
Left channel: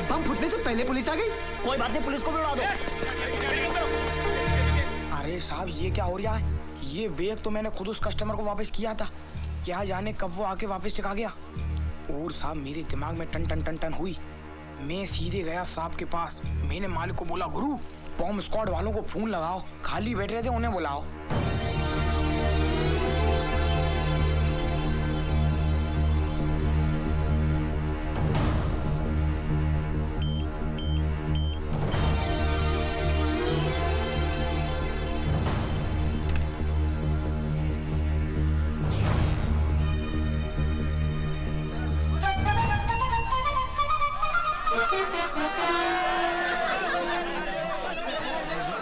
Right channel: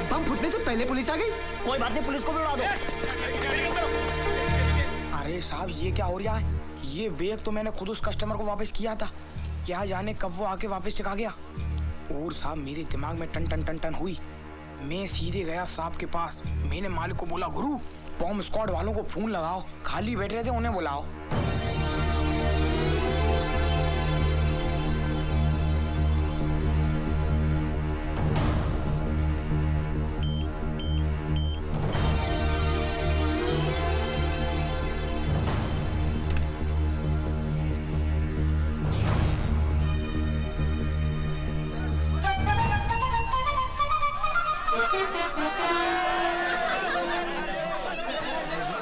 बम फूटने से पहले पुलिस आ गई। कोई बात नहीं, पुलिस को बुलवा दो। अरे साहब ये क्या हो रहा है? ये बैग तो मैंने खुद उस कस्टमर को वापस किया था, क्या जाने कब वो आके वापस चका गया। और साहब मेरे दिमाग में टन टन टन टन हुई। मैं सीधे गया साहब के पास। मैंने मालिक को बोला, गुरु बॉम्ब स्क्वाड वालों को फोन लगाओ, खाली बैठे थे उन्हें बुलाओ।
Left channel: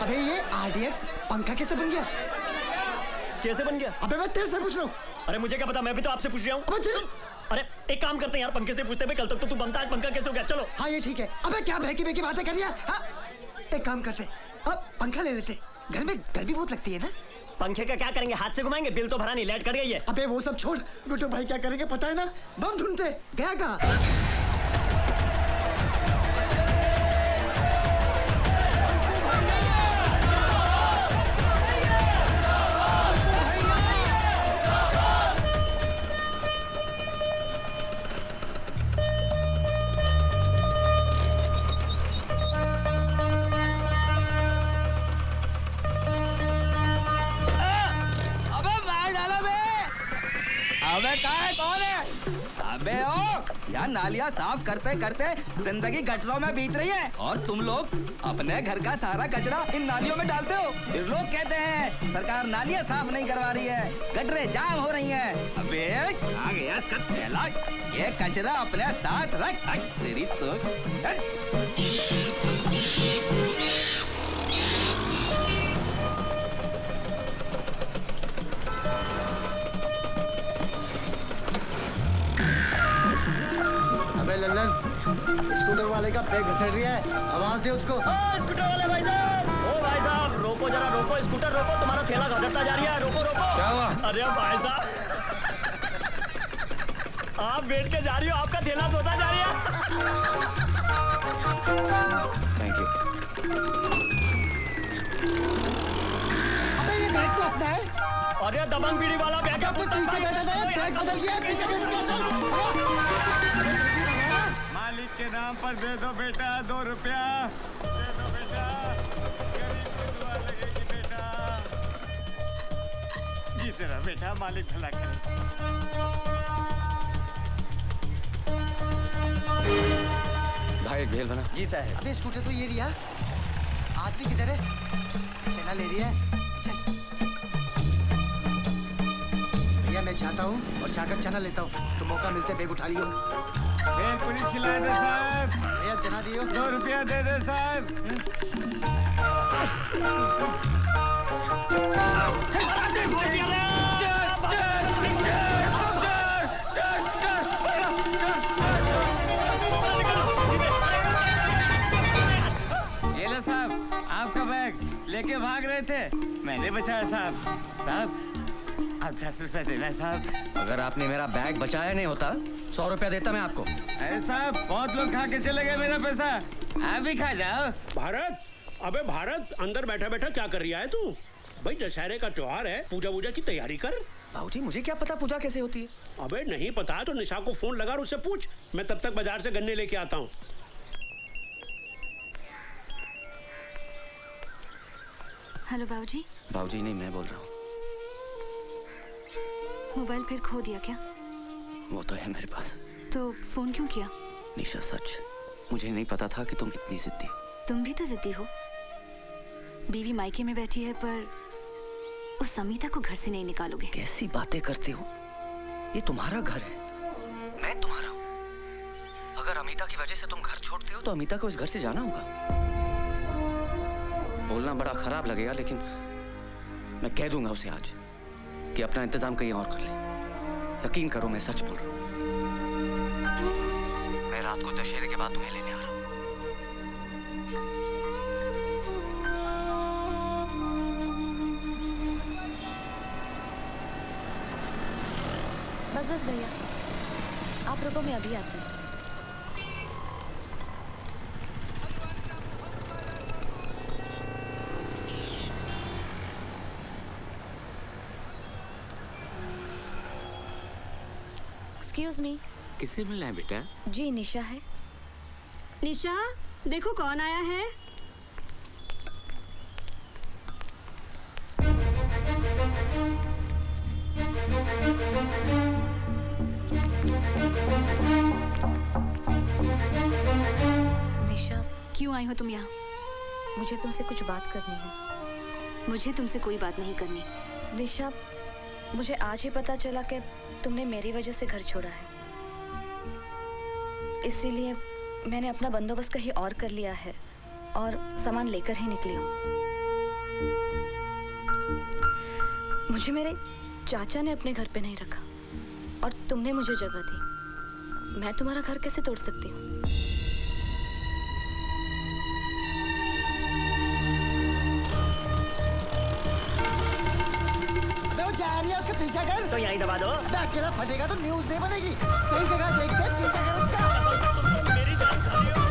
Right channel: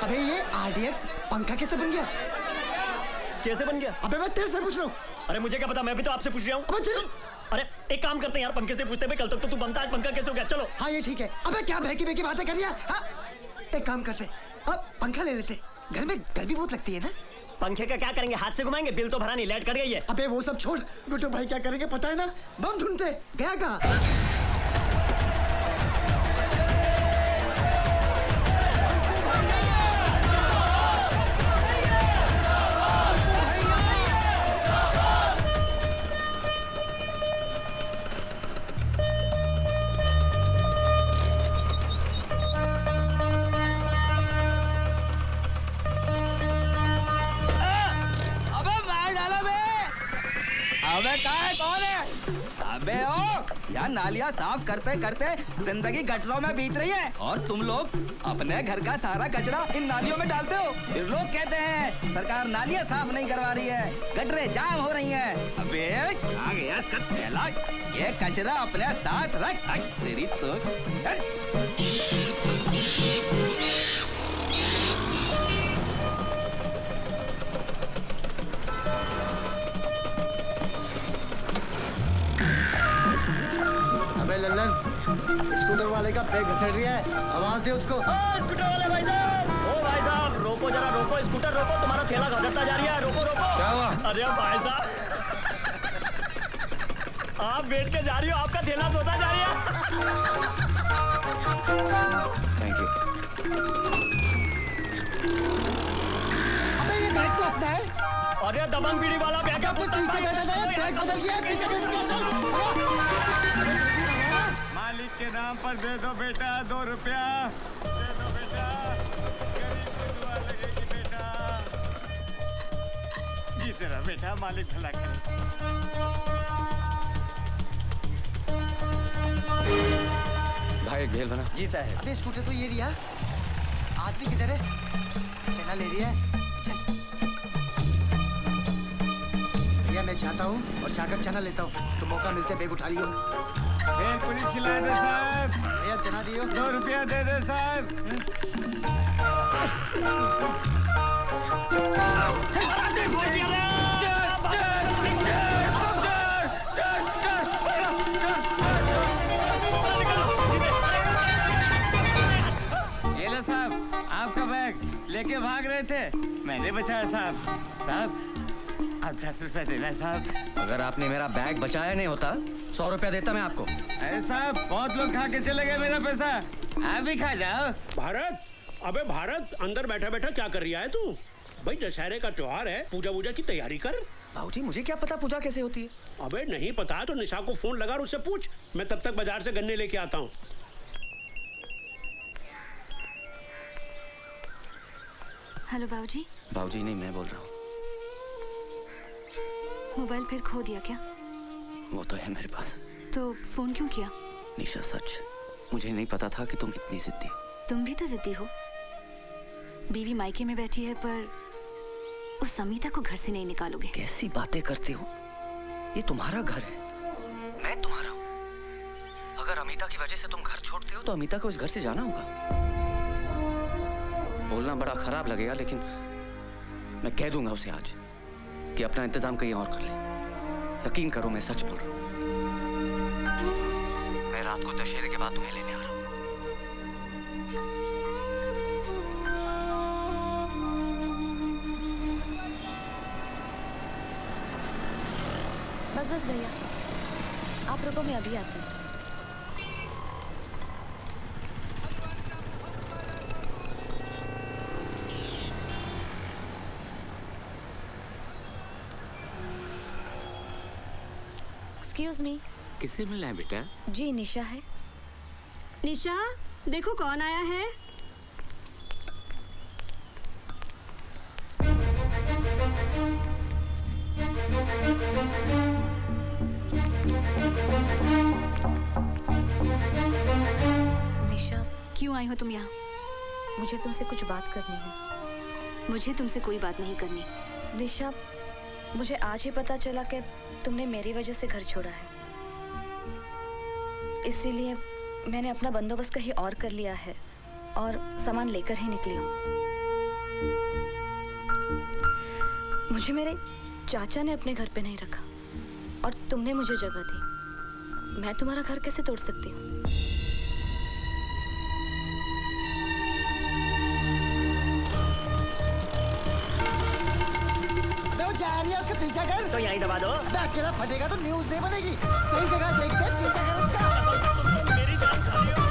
अबे ये आरडीएक्स पंखा कैसे बन गया? कैसे बन गया? अबे मैं तेरे से पूछ रहा हूँ। अरे मुझे क्या पता, मैं भी तो आपसे पूछ रहा हूँ। अबे चल। अरे एक काम करते हैं यार, पंखे से पूछते पे कल तक तो तू बनता है, पंखा कैसे हो गया? चलो। हाँ ये ठीक है। अबे क्या बहकी बहकी बातें कर रही है? हाँ? एक काम करते, अब पंखा ले लेते। घर में गर्मी बहुत लगती है ना? पंखे का क्या करेंगे, हाथ से घुमाएंगे? बिल तो भरा नहीं, लाइट कट गई है। अबे वो सब छोड़, गुड्डू भाई क्या करेंगे पता है ना? बम ढूंढते गया का। यार नालियाँ साफ करते करते जिंदगी गटरों में बीत रही है और तुम लोग अपने घर का सारा कचरा इन नालियों में डालते हो। फिर लोग कहते हैं सरकार नालियाँ साफ नहीं करवा रही है, गटरें जाम हो रही हैं। अबे आ गया इसका थैला, ये कचरा अपने साथ रख। तेरी तो स्कूटर वाले का ब्रेक घसड़ रही है, आवाज दे उसको। स्कूटर वाले भाई साहब, ओ भाई साहब रोको जरा, रोको, स्कूटर रोको, तुम्हारा ठेला घसरता जा रही है, रोको रोको। क्या हुआ? अरे भाई साहब आप बैठ के जा रही हो, आपका ठेला धोता जा रही है। Thank you. ये बैग तो अपना है। अरे दबंग बीड़ी वाला बैग है, पीछे बैठा था, बैग बदल गया, पीछे बैठ गया, चल। मालिक के नाम पर दे दो बेटा 2 रुपया, दे दो बेटा, बेटा जीते रहो बेटा, मालिक भला करे। भाई भेल भरा। जी साहब। अबे स्कूटर तो ये लिया, आदमी किधर है? चला ले लिया, चल। हूँ और जाकर चना लेता हूँ, तो मौका मिलते बैग उठा लियो। एक पूरी खिला दे साहब। एक चना दियो। 2 रुपया दे दे साहब। ये लो साहब, आपका बैग लेके भाग रहे थे, मैंने बचाया साहब। साहब आप 10 रुपए देना साहब। अगर आपने मेरा बैग बचाया नहीं होता 100 रुपया देता मैं आपको। अरे साहब बहुत लोग खा के चले गए मेरा पैसा, आप भी खा जाओ। भारत, अबे भारत, अंदर बैठा बैठा क्या कर रहा है तू? भाई दशहरे का त्योहार है, पूजा वूजा की तैयारी कर। बाबूजी मुझे क्या पता पूजा कैसे होती है? अबे नहीं पता तो निशा को फोन लगा और उससे पूछ। मैं तब तक बाजार से गन्ने लेके आता हूँ। हेलो बाबूजी। बाबूजी नहीं, मैं बोल रहा हूँ। मोबाइल फिर खो दिया क्या? वो तो है मेरे पास। तो फोन क्यों किया? निशा सच, मुझे नहीं पता था कि तुम इतनी जिद्दी हो। तुम भी तो जिद्दी हो। बीवी मायके में बैठी है पर उस समीता को घर से नहीं निकालोगे। कैसी बातें करती हो? ये तुम्हारा घर है, मैं तुम्हारा हूँ। अगर अमिता की वजह से तुम घर छोड़ते हो तो अमिता को इस घर से जाना होगा। बोलना बड़ा खराब लगेगा लेकिन मैं कह दूंगा उसे आज कि अपना इंतजाम कहीं और कर ले। यकीन करो मैं सच बोल रहा हूँ। मैं रात को दशहरे के बाद तुम्हें लेने आ रहा हूँ। बस बस भैया, आप रुको, मैं अभी आती हूँ। Excuse me. किससे मिलना है बेटा? जी निशा है। निशा देखो कौन आया है। निशा क्यों आई हो तुम यहाँ? मुझे तुमसे कुछ बात करनी है। मुझे तुमसे कोई बात नहीं करनी। निशा मुझे आज ही पता चला कि तुमने मेरी वजह से घर छोड़ा है, इसीलिए मैंने अपना बंदोबस्त कहीं और कर लिया है और सामान लेकर ही निकली हूँ। मुझे मेरे चाचा ने अपने घर पे नहीं रखा और तुमने मुझे जगह दी। मैं तुम्हारा घर कैसे तोड़ सकती हूँ? उसके पीछे कर तो यहीं दबा दो। अकेला फटेगा तो न्यूज़ नहीं बनेगी। सही जगह देख के पीछे कर उसका। मेरी जान खा रही हो।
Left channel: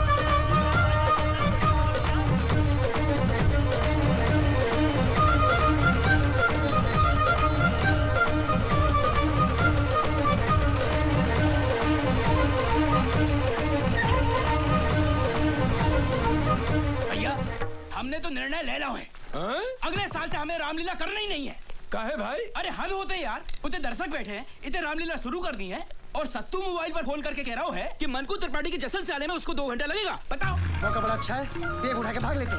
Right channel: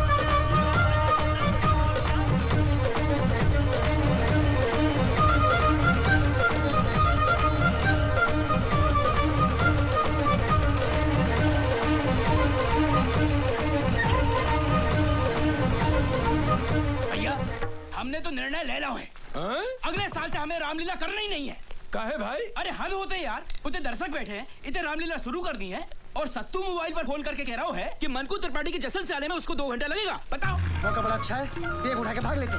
भैया हमने तो निर्णय ले लो है। अगले साल से हमें रामलीला करना ही नहीं है। काहे भाई? अरे हद होते यार, उतने दर्शक बैठे हैं, इतने रामलीला शुरू कर दी है और सत्तू मोबाइल पर फोन करके कह रहा है कि मनकू त्रिपाठी के जश्न से आने में उसको 2 घंटा लगेगा। बताओ। मौका बड़ा अच्छा है, देख उठा के भाग लेते।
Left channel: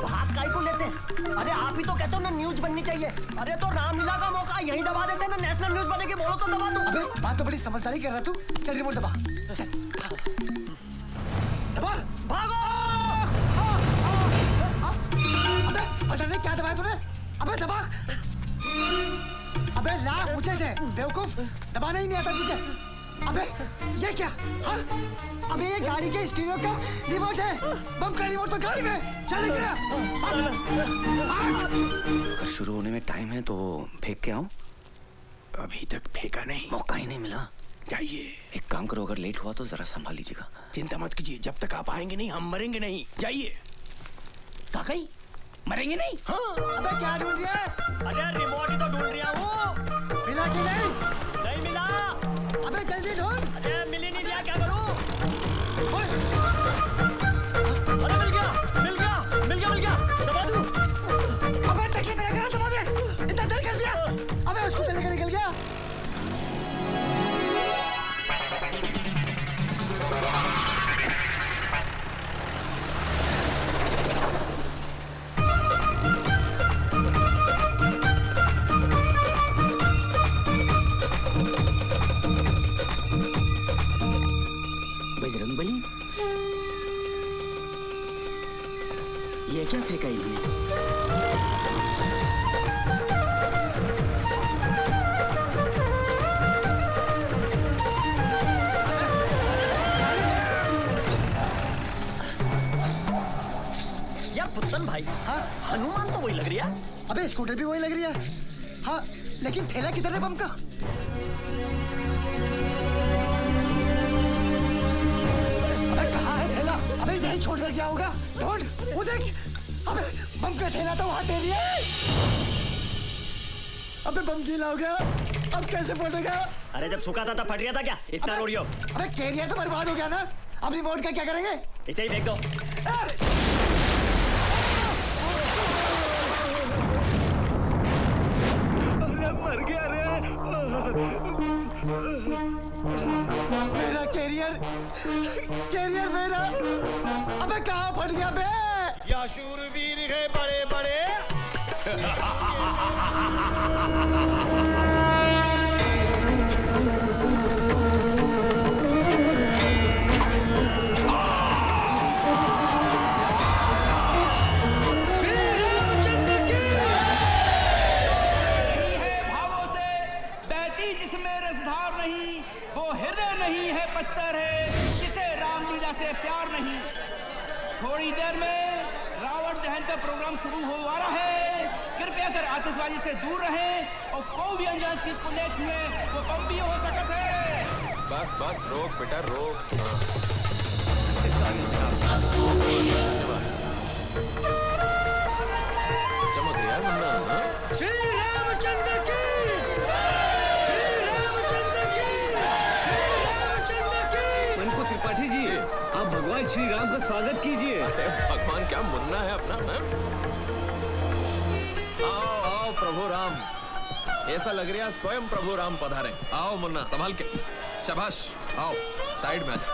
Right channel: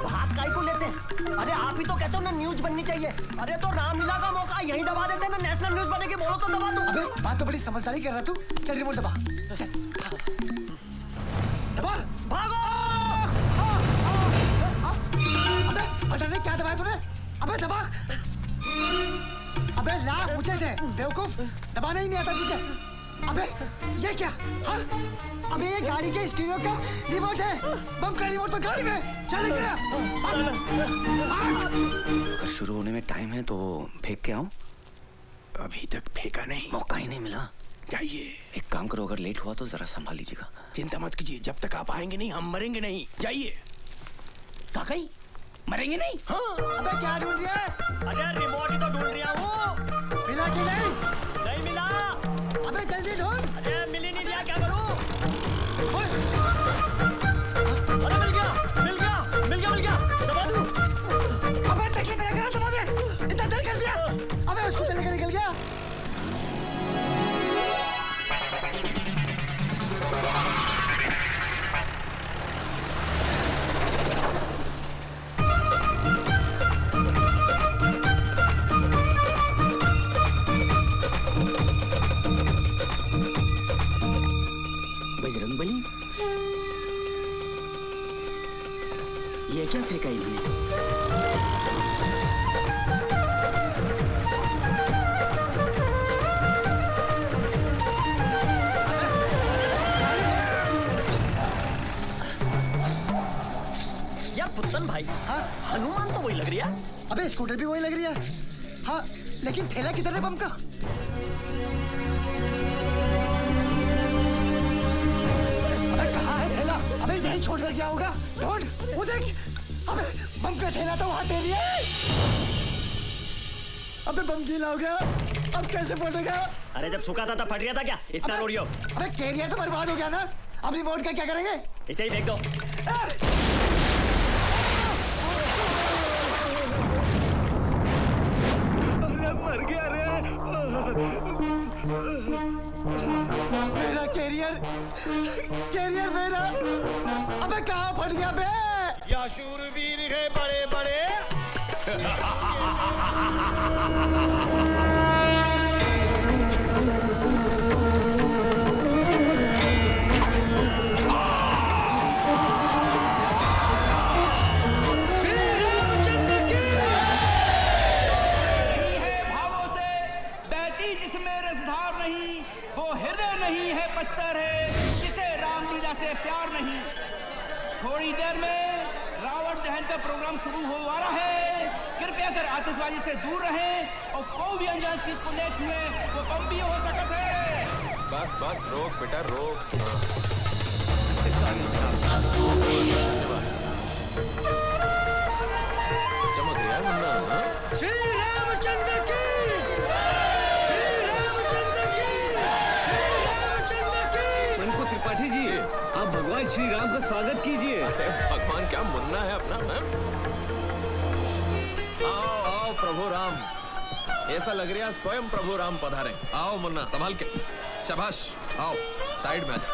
भाग काहे को लेते? अरे आप ही तो कहते हो ना न्यूज बननी चाहिए। अरे तो रामलीला का मौका यहीं दबा देते ना, नेशनल न्यूज बनेगी। बोलो तो दबा दो। अबे बात तो बड़ी समझदारी कर रहा तू। चल रिमोट दबा। चल दबा, भागो। अबे पता नहीं क्या दबाया तूने। अबे दबा। अबे ला पूछे थे बेवकूफ, दबाना ही नहीं आता तुझे। अबे ये क्या? हाँ? अबे ये गाड़ी के स्टीरियो का रिमोट है। बम का रिमोट तो गाड़ी में। चल गया। अगर शुरू होने में टाइम है तो फेंक के आऊं? अभी तक फेंका नहीं, मौका ही नहीं मिला। जाइए। एक काम करो, अगर लेट हुआ तो जरा संभाल लीजिएगा। चिंता मत कीजिए, जब तक आप आएंगे नहीं हम मरेंगे नहीं। जाइए। काकई मरेंगे नहीं? हाँ। अबे क्या ढूंढ रहा है? अरे रिमोट ही तो ढूंढ रहा हूँ। मिला के नहीं मिला। अबे जल्दी ढूंढ। अरे मिल ही नहीं रहा, क्या करूँ? अरे मिल गया, मिल गया, मिल गया, मिल गया। दबा दूँ। अबे टैक्सी मेरा घर दबा दे। इतना देर कर दिया। अबे उसको चलेगा निकल गया। रुकेगा ही नहीं। यार पुतन भाई, हाँ हनुमान तो वही लग रही है। अबे स्कूटर भी वही लग रही है। हाँ लेकिन थैला किधर है बम का? अबे कहाँ है थैला? अबे यहीं छोड़ कर क्या होगा? ढूंढ, वो देख। अबे बम का थैला तो वहाँ दे लिया। अबे बम गीला हो गया, अब कैसे फटेगा? अरे जब सूखा था तब फट गया था क्या? इतना रोड़ी हो। अबे केरिया तो बर्बाद हो गया ना। अब रिमोट का क्या करेंगे? इसे ही फेंक दो। अरे मर गया रे। मेरा कैरियर मेरा। अबे कहाँ फट गया बे? या शूरवीर है बड़े बड़े। जिसमें रसधार नहीं, वो हृदय नहीं है पत्थर है, जिसे रामलीला से प्यार नहीं। थोड़ी देर में रावण दहन का प्रोग्राम शुरू हो आ रहा है। कृपया कर आतिशबाजी से दूर रहें और कोई भी अनजान चीज को ले छुए, वो बम भी हो सकता है। बस बस रोक बेटा रोक। चमक गया मुन्ना। श्री रामचंद्र की। उनको त्रिपाठी जी, आप भगवान श्री राम का स्वागत कीजिए। भगवान क्या मुन्ना है अपना। आओ आओ प्रभु राम, ऐसा लग रहा है स्वयं प्रभु राम पधारे। आओ मुन्ना संभाल के। शाबाश, आओ साइड में आ जा।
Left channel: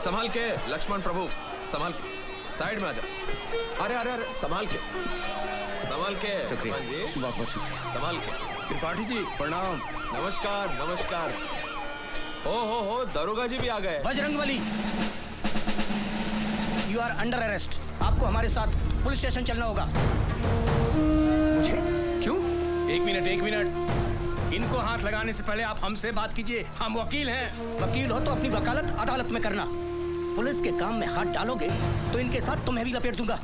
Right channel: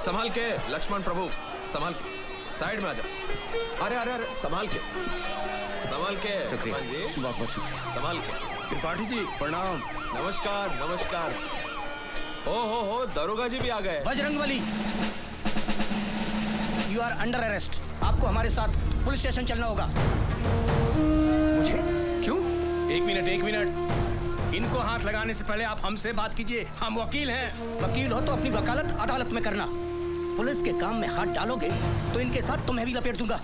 संभाल के लक्ष्मण प्रभु, संभाल के साइड में आ जा। अरे अरे अरे संभाल के, संभाल के हनुमान जी, संभाल के। त्रिपाठी जी प्रणाम। नमस्कार नमस्कार। हो दरोगा जी भी आ गए। Bajrangbali, you are under arrest. आपको हमारे साथ पुलिस स्टेशन चलना होगा। क्यों? एक मिनट। इनको हाथ लगाने से पहले आप हमसे बात कीजिए, हम वकील हैं। वकील हो तो अपनी वकालत अदालत में करना। पुलिस के काम में हाथ डालोगे तो इनके साथ तुम्हें भी लपेट दूंगा।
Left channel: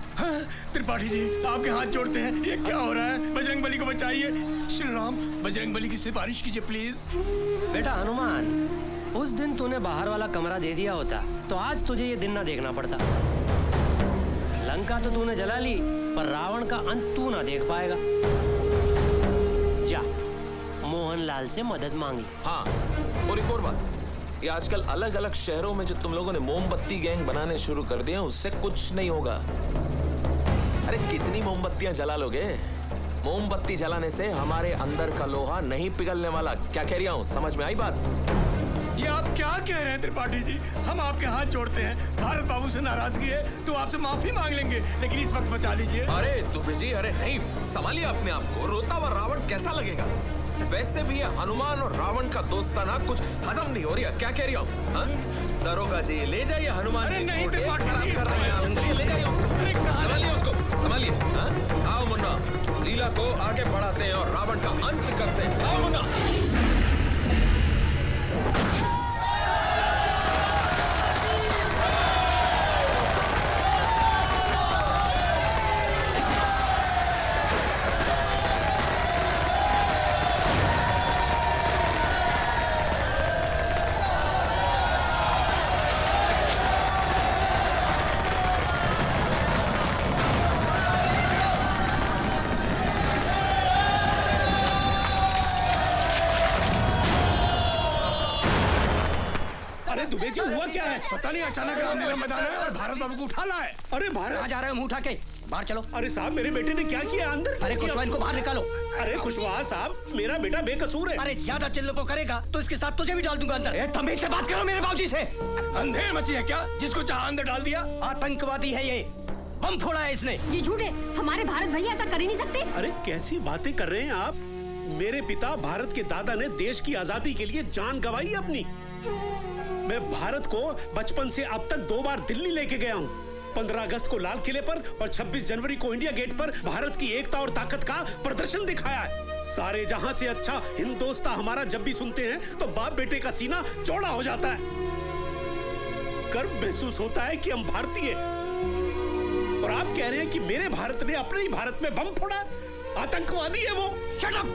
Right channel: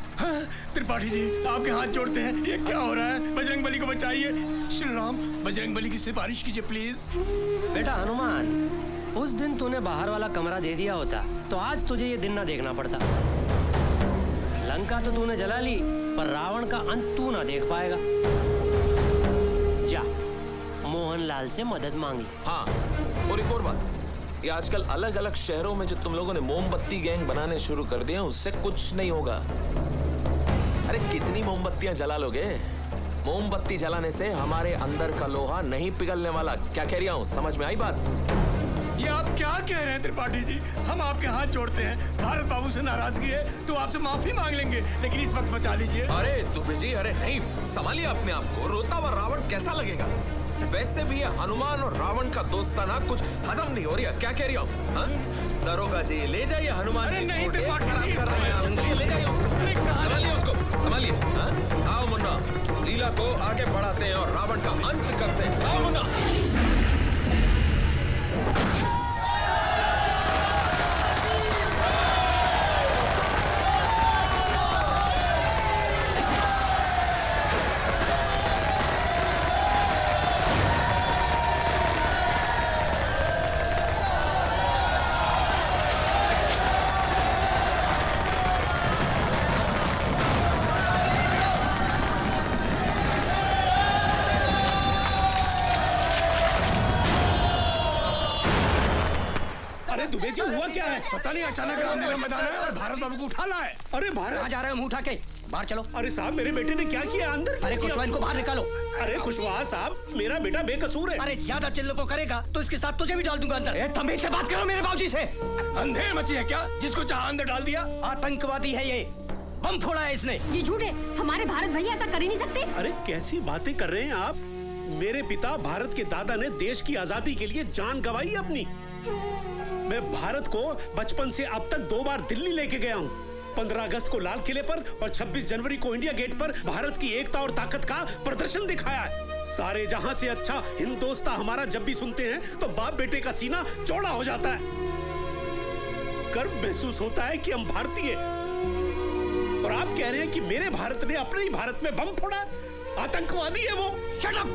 त्रिपाठी जी आपके हाथ जोड़ते हैं, ये क्या हो रहा है? बजरंगबली को बचाइए। श्री राम, बजरंगबली की सिफारिश कीजिए प्लीज। बेटा हनुमान, उस दिन तूने बाहर वाला कमरा दे दिया होता तो आज तुझे ये दिन ना देखना पड़ता। लंका तो तूने जला ली, पर रावण का अंत तू ना देख पाएगा। जा मोहनलाल से मदद मांगी। हाँ, और एक और बात, ये आजकल अलग अलग शहरों में जो तुम लोगों ने मोमबत्ती गैंग बनाने शुरू कर दिए, उससे कुछ नहीं होगा। अरे कितनी मोमबत्तियां जला लोगे? मोमबत्ती जलाने से हमारे अंदर का लोहा नहीं पिघलने वाला। क्या कह रहा हूँ, समझ में आई बात? ये आप क्या कह रहे हैं त्रिपाठी जी? हम आपके हाथ जोड़ते हैं। भारत बाबू से नाराजगी है तो आपसे माफी मांग लेंगे, लेकिन इस वक्त बचा लीजिए। अरे दुबे जी, अरे नहीं, संभालिए अपने आप को। रोता हुआ रावण कैसा लगेगा? वैसे भी ये हनुमान और रावण का दोस्ताना कुछ हजम नहीं हो रहा। क्या कह रहा हूँ? दरोगा जी ले जाइए हनुमान जी। नहीं, संभालिए उसको, संभालिए। आओ मुन्ना, लीला को आगे बढ़ाते हैं और रावण का अंत करते हैं। आओ मुन्ना। दुबे जी हुआ क्या है? पता नहीं, अचानक भारत बाबू को उठाना है। अरे बाहर कहाँ जा रहे हो? मुंह उठा के बाहर चलो। अरे साहब, मेरे बेटे ने क्या किया? अंदर अरे कुशवाहा, इनको बाहर निकालो। अरे कुशवाहा साहब, मेरा बेटा बेकसूर है। अरे ज्यादा चिल्लपो करेगा तो इसके साथ तुझे भी डाल दूंगा अंदर। तमीज से बात करो मेरे बाबूजी से। अंधेर मची है क्या, जिसको चाहा अंदर डाल दिया? आतंकवादी है ये, बम फोड़ा है इसने। ये झूठ है, हमारे भारत भैया ऐसा कर ही नहीं सकते। अरे कैसी बातें कर रहे हैं आप? मेरे पिता भारत के दादा ने देश की आजादी के लिए जान गंवाई अपनी। मैं भारत को बचपन से अब तक 2 बार दिल्ली लेके गया हूँ, 15 अगस्त को लाल किले पर और 26 जनवरी को इंडिया गेट पर भारत की एकता और ताकत का प्रदर्शन दिखाया है। सारे जहां से अच्छा हिंदोस्तां हमारा जब भी सुनते हैं तो बाप बेटे का सीना चौड़ा हो जाता है। गर्व महसूस होता है कि हम भारतीय। और आप कह रहे हैं कि मेरे भारत ने अपने ही भारत में बम फोड़ा? आतंकवादी है वो। Shut up!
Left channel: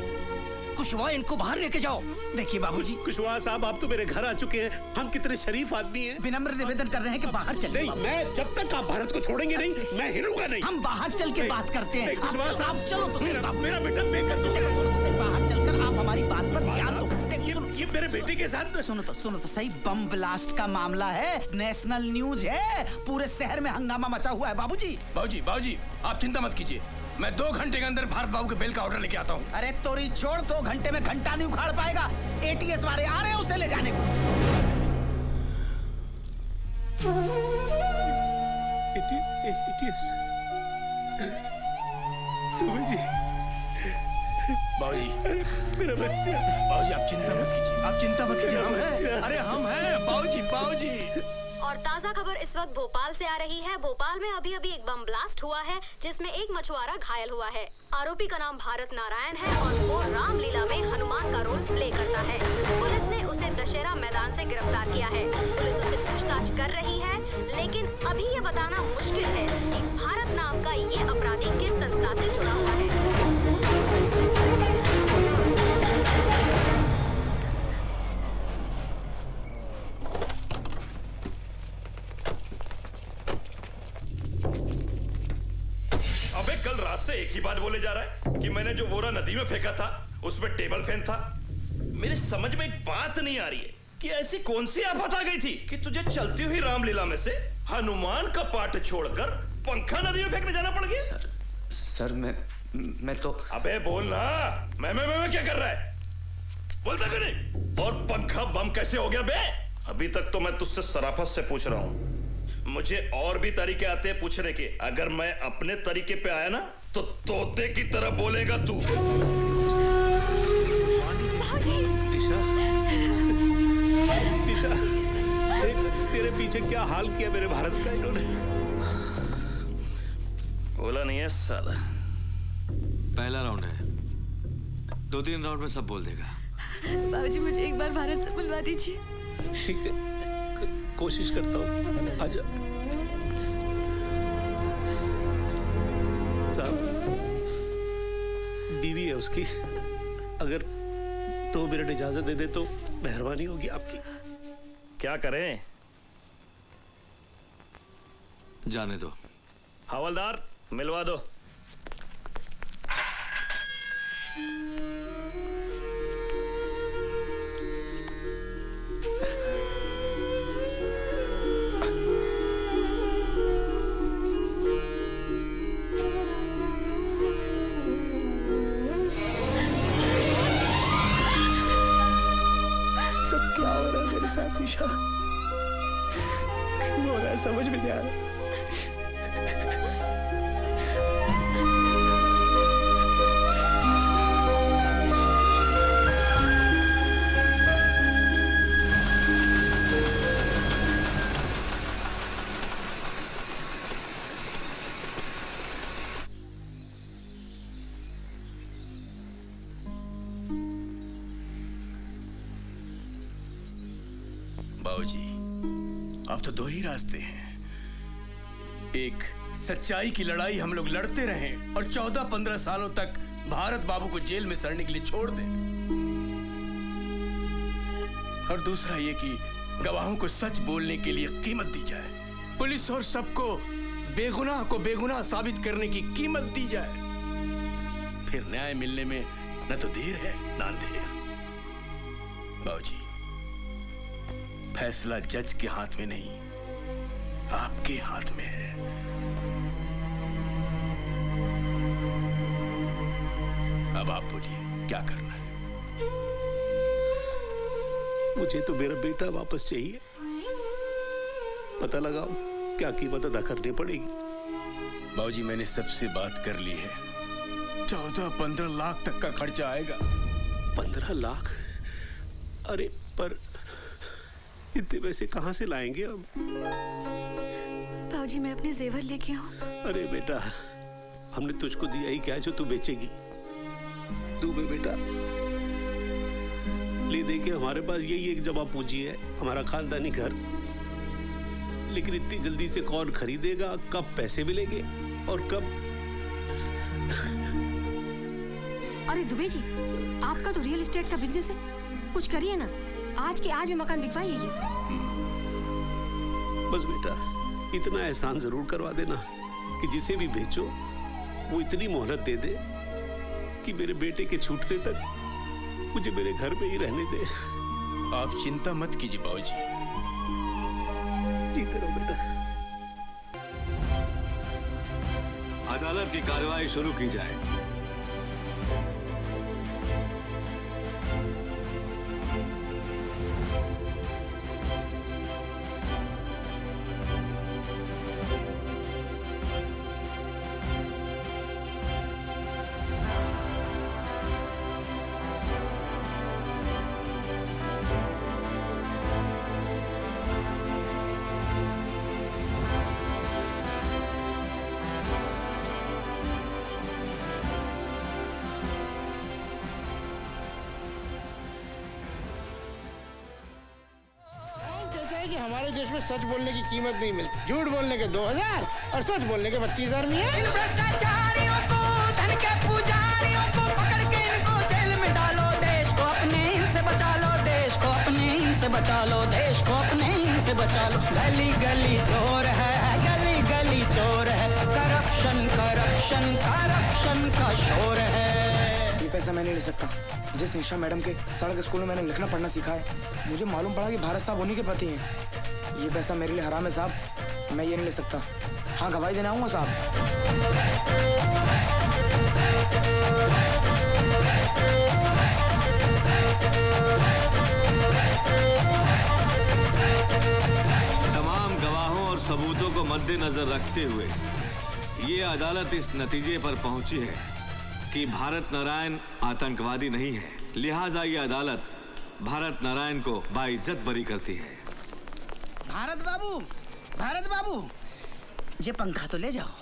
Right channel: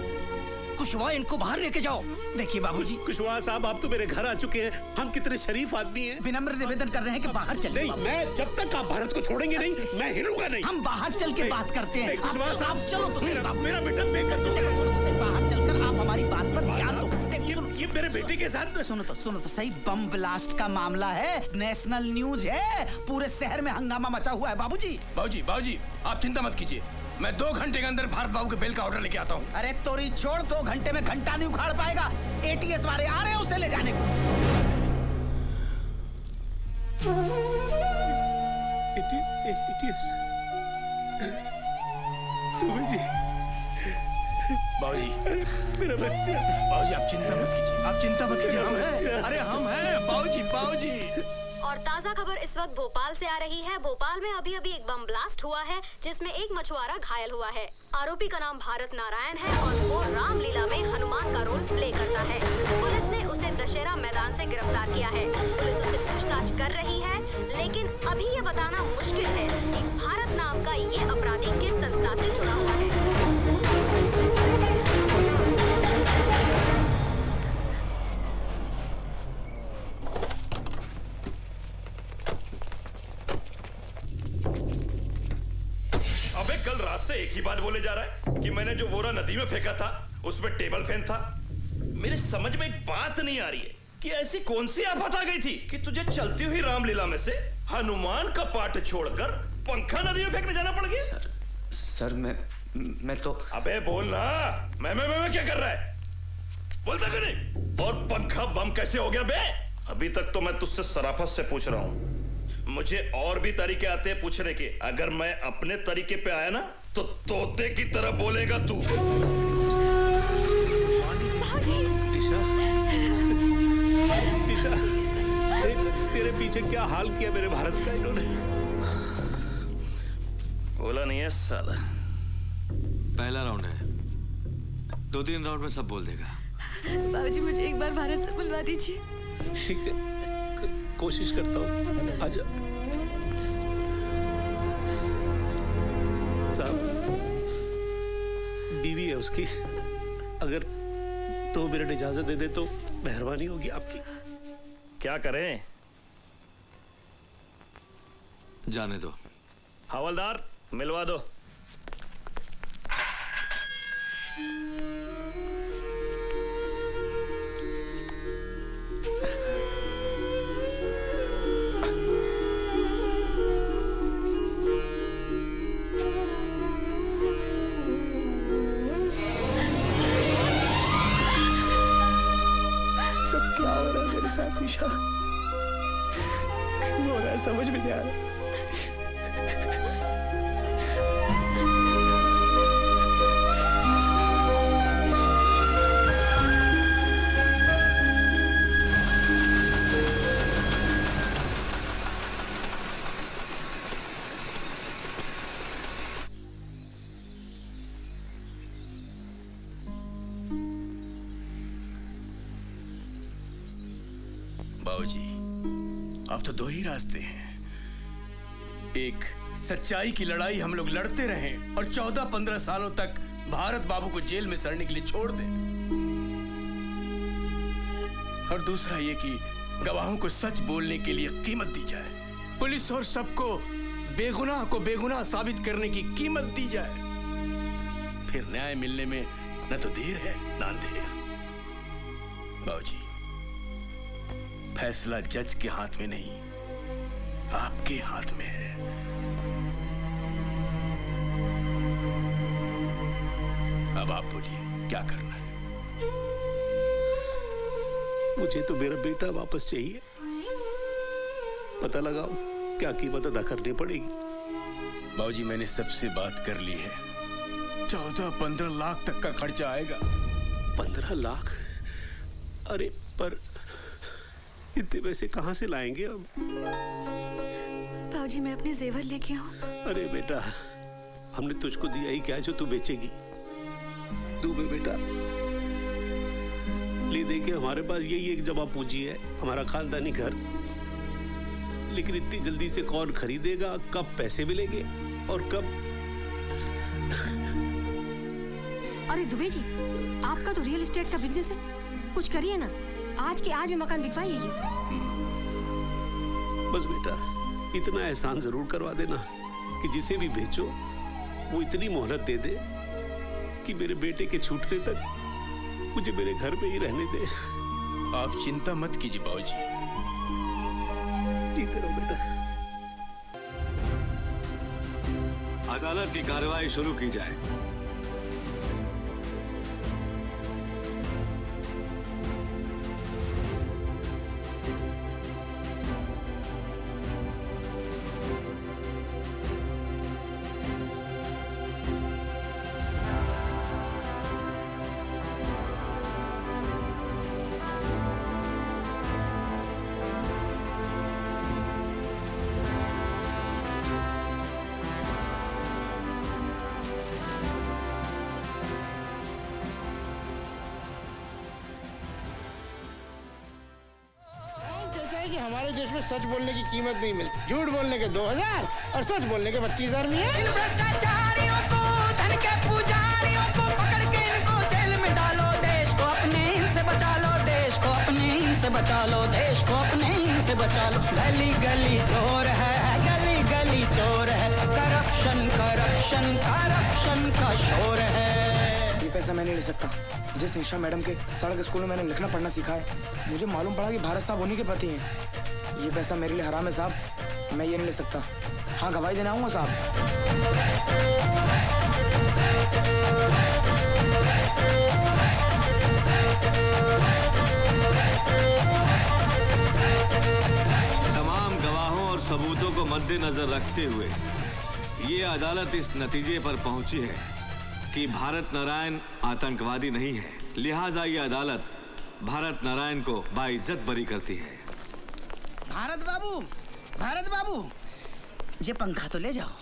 कुशवाहा, इनको बाहर लेके जाओ। देखिए बाबूजी, कुशवाहा साहब, आप तो मेरे घर आ चुके हैं। हम कितने शरीफ आदमी हैं। विनम्र निवेदन कर रहे हैं कि बाहर चले। नहीं, मैं जब तक आप भारत को छोड़ेंगे नहीं, मैं हिलूंगा नहीं। हम बाहर चल के बात करते हैं। कुशवाहा साहब, चलो तो मेरा बेटा बेकार बाहर चलकर आप हमारी बात पर ध्यान दो। ये मेरे बेटे के साथ सुनो तो सही, बम ब्लास्ट का मामला है, नेशनल न्यूज है, पूरे शहर में हंगामा मचा हुआ है। बाबूजी बाबूजी आप चिंता मत कीजिए, मैं 2 घंटे के अंदर भारत बाबू के बेल का ऑर्डर लेके आता हूँ। अरे तोरी छोड़, 2 घंटे में घंटा नहीं उखाड़ पाएगा। ATS वाले आ रहे हैं उसे ले जाने को। मेरा बच्चा। बाबूजी आप चिंता मत कीजिए, हम हैं। अरे हम हैं बाबूजी। और ताजा खबर इस वक्त भोपाल से आ रही है। भोपाल में अभी एक बम ब्लास्ट हुआ है जिसमें एक मछुआरा घायल हुआ है। आरोपी का नाम भारत नारायण है और वो रामलीला में हनुमान का रोल प्ले करता है। पुलिस ने उसे दशहरा मैदान से गिरफ्तार किया है। पुलिस उसे पूछताछ कर रही है, लेकिन अभी ये बताना मुश्किल है कि भारत नाम का ये अपराधी किस संस्था से जुड़ा हुआ है। कल रात से एक ही बात बोले जा रहा है कि मैंने जो बोरा नदी में फेंका था उसमें टेबल फैन था। मेरे समझ में एक बात नहीं आ रही है कि ऐसी कौन सी आफत आ गई थी कि तुझे चलती हुई रामलीला में से हनुमान का पाठ छोड़कर पंखा नदी में फेंकने जाना पड़ गया। सर मैं तो। अबे बोल ना, मैं क्या कर रहा है, बोलता क्यों नहीं? और पंखा बम कैसे हो गया बे? अभी तक तो मैं तुझसे सराफत से पूछ रहा हूँ, मुझे और भी तरीके आते हैं पूछने के। अगर मैं अपने तरीके पे आया ना तो तोते की तरह बोलेगा तू। निशा, तेरे पीछे क्या हाल किया मेरे भारत का इन्होंने? बोला नहीं है साला। पहला राउंड है, 2-3 राउंड में सब बोल देगा। बाबूजी मुझे एक बार भारत से मिलवा दीजिए। ठीक है, कोशिश करता हूँ। आजा साहब, बीवी है उसकी, अगर 2 मिनट इजाजत दे दे तो मेहरबानी होगी आपकी। क्या करें? जाने दो। हवलदार मिलवा दो। सब क्या हो रहा है मेरे साथ निशा? क्यों हो रहा है समझ में नहीं आ रहा। बाबूजी अब तो 2 ही रास्ते हैं। एक, सच्चाई की लड़ाई हम लोग लड़ते रहें और 14-15 सालों तक भारत बाबू को जेल में सड़ने के लिए छोड़ दें, और दूसरा ये कि गवाहों को सच बोलने के लिए कीमत दी जाए। पुलिस और सबको बेगुनाह को बेगुनाह साबित करने की कीमत दी जाए। फिर न्याय मिलने में न तो देर है न अंधेर। बाबूजी फैसला जज के हाथ में नहीं, आपके हाथ में है। अब आप बोलिए क्या करना है? मुझे तो मेरा बेटा वापस चाहिए। पता लगाओ क्या कीमत अदा करनी पड़ेगी। बाबूजी मैंने सबसे बात कर ली है, 14-15 लाख तक का खर्चा आएगा। 15 लाख? अरे पर इतने पैसे कहां से लाएंगे हम? भाऊजी मैं अपने जेवर लेके आऊं? अरे बेटा, हमने तुझको दिया ही क्या है जो तू बेचेगी? तू भी बेटा ले दे के हमारे पास यही एक जमा पूंजी है, हमारा खानदानी घर। लेकिन इतनी जल्दी से कौन खरीदेगा? कब पैसे मिलेंगे और कब? अरे दुबे जी, आपका तो रियल एस्टेट का बिजनेस है, कुछ करिए ना। आज के आज में मकान बिकवाइए। बस बेटा इतना एहसान जरूर करवा देना कि जिसे भी बेचो वो इतनी मोहलत दे दे कि मेरे बेटे के छूटने तक मुझे मेरे घर पे ही रहने दे। आप चिंता मत कीजिए बाबूजी। ठीक है बेटा। अदालत की कार्रवाई शुरू की जाए। कि हमारे देश में सच बोलने की कीमत नहीं मिलती, झूठ बोलने के 2000 और सच बोलने के 25,000 मिले। इन भ्रष्टाचारियों को, धन के पुजारियों को पकड़ के इनको जेल में डालो। देश को अपने इनसे बचा लो, देश को अपने इनसे बचा लो, देश को अपने इनसे बचा लो। गली गली चोर है, गली गली चोर है, करप्शन करप्शन करप्शन का शोर है। ये पैसा मैं नहीं ले सकता। जिस निशा मैडम के सड़क स्कूल में मैंने लिखना पढ़ना सीखा है, मुझे मालूम पड़ा कि भारत साहब उन्हीं के प्रति हैं। ये पैसा मेरे लिए हराम है साहब, मैं ये नहीं ले सकता। हाँ गवाही देना आऊँगा साहब। तमाम गवाहों और सबूतों को मद्देनजर रखते हुए ये अदालत इस नतीजे पर पहुंची है कि भारत नारायण आतंकवादी नहीं है। लिहाजा ये अदालत भारत नारायण को बाइज्जत बरी करती है। भारत बाबू, ये पंखा तो ले जाओ।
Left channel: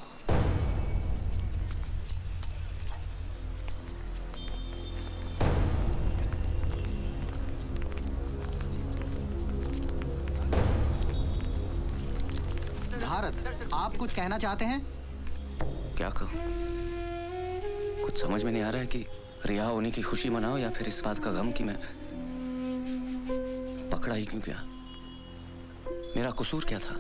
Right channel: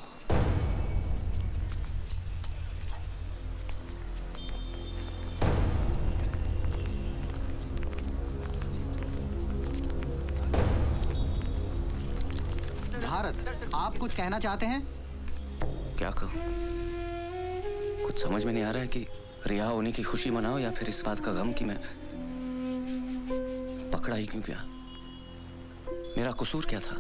भारत, आप कुछ कहना चाहते हैं? क्या कहूँ? कुछ समझ में नहीं आ रहा है कि रिहा होने की खुशी मनाओ या फिर इस बात का गम कि मैं पकड़ा ही क्यों गया। मेरा कसूर क्या था?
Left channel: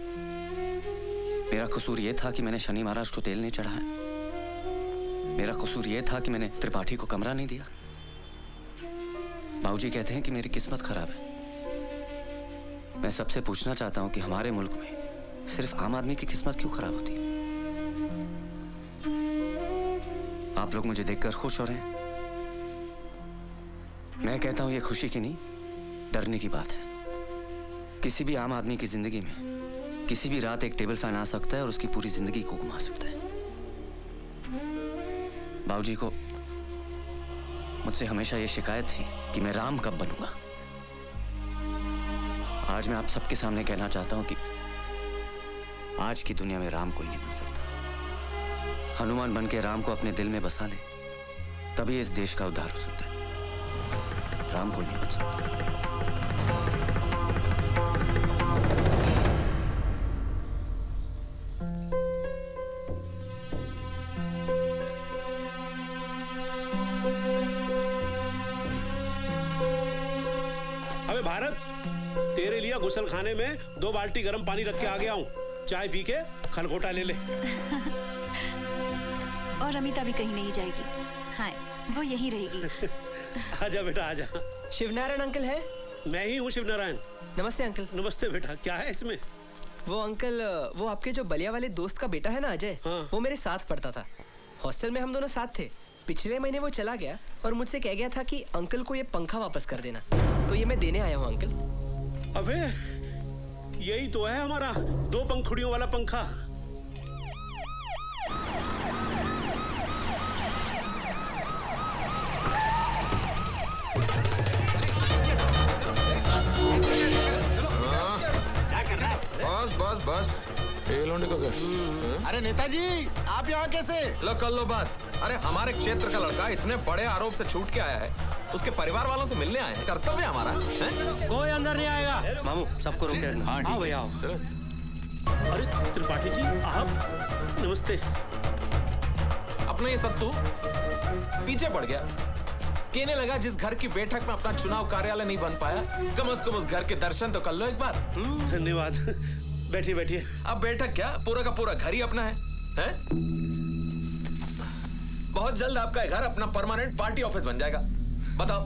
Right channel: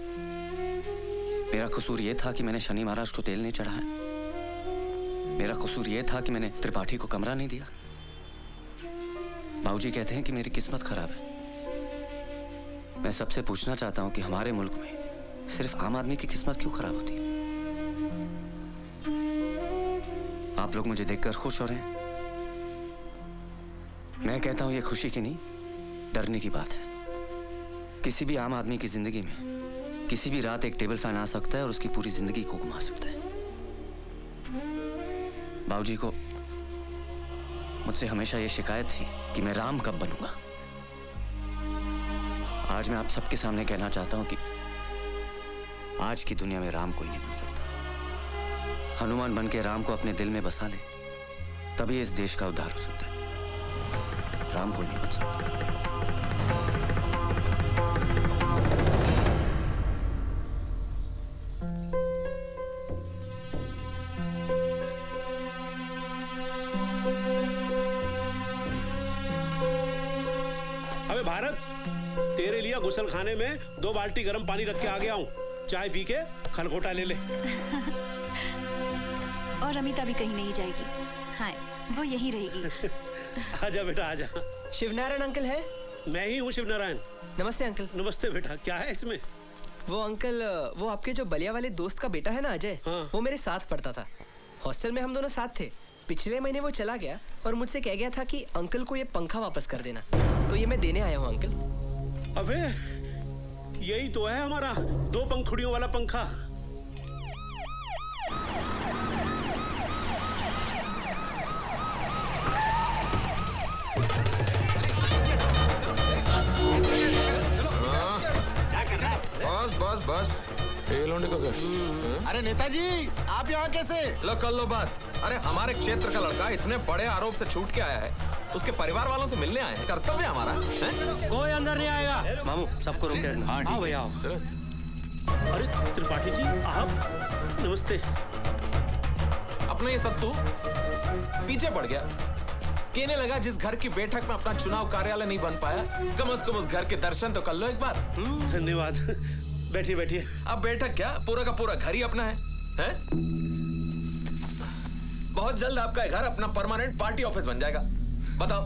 मेरा कसूर ये था कि मैंने शनि महाराज को तेल नहीं चढ़ाया। मेरा कसूर ये था कि मैंने त्रिपाठी को कमरा नहीं दिया। बाबूजी कहते हैं कि मेरी किस्मत खराब है। मैं सबसे पूछना चाहता हूं कि हमारे मुल्क में सिर्फ आम आदमी की किस्मत क्यों खराब होती है? आप लोग मुझे देखकर खुश हो रहे हैं। मैं कहता हूं ये खुशी की नहीं, डरने की बात है। किसी भी आम आदमी की जिंदगी में किसी भी रात एक टेबल फैन आ सकता है और उसकी पूरी जिंदगी को घुमा सकता है। बाबूजी को मुझसे हमेशा ये शिकायत थी कि मैं राम कब बनूंगा। आज मैं आप सबके सामने कहना चाहता हूं कि आज की दुनिया में राम कोई नहीं बन सकता। हनुमान बन के राम को अपने दिल में बसा ले, तभी इस देश का उद्धार हो सकता है। राम कोई नहीं बन सकता। अबे भारत, तेरे लिए गुसल खाने में 2 बाल्टी गर्म पानी रख के आ गया हूँ। चाय पी के खलगोटा ले ले। और अमिता भी कहीं नहीं जाएगी। हाँ, वो यहीं रहेगी। आजा बेटा आजा। शिवनारायण अंकल है? मैं ही हूँ शिवनारायण। नमस्ते अंकल। नमस्ते बेटा, क्या है इसमें? वो अंकल, वो आपके जो बलिया वाले दोस्त का बेटा है ना अजय, वो मेरे साथ पढ़ता था। हॉस्टल में हम दोनों साथ थे। पिछले महीने वो चला गया और मुझसे कह गया था कि अंकल को ये पंखा वापस कर देना, तो ये मैं देने आया हूँ अंकल। अबे यही तो है हमारा 2 पंखुड़ियों वाला पंखा। बस बस बस, एक लौंडे का घर। अरे नेताजी आप यहाँ कैसे? लो कर लो बात। अरे हमारे क्षेत्र का लड़का इतने बड़े आरोप से छूट के आया है, उसके परिवार वालों से मिलने आए हैं। कर्तव्य है हमारा। कोई अंदर नहीं आएगा। मामू सबको रोक के रखो। हाँ भैया। अरे त्रिपाठी जी आप, नमस्ते। अपना ये सब तू पीछे पड़ गया। कहने लगा जिस घर की बैठक में अपना चुनाव कार्यालय नहीं बन पाया, कम से कम उस घर के दर्शन तो कर लो एक बार। धन्यवाद। बैठिए बैठिए। अब बैठक क्या, पूरा का पूरा घर ही अपना है? बहुत जल्द आपका घर अपना परमानेंट पार्टी ऑफिस बन जाएगा। बताओ।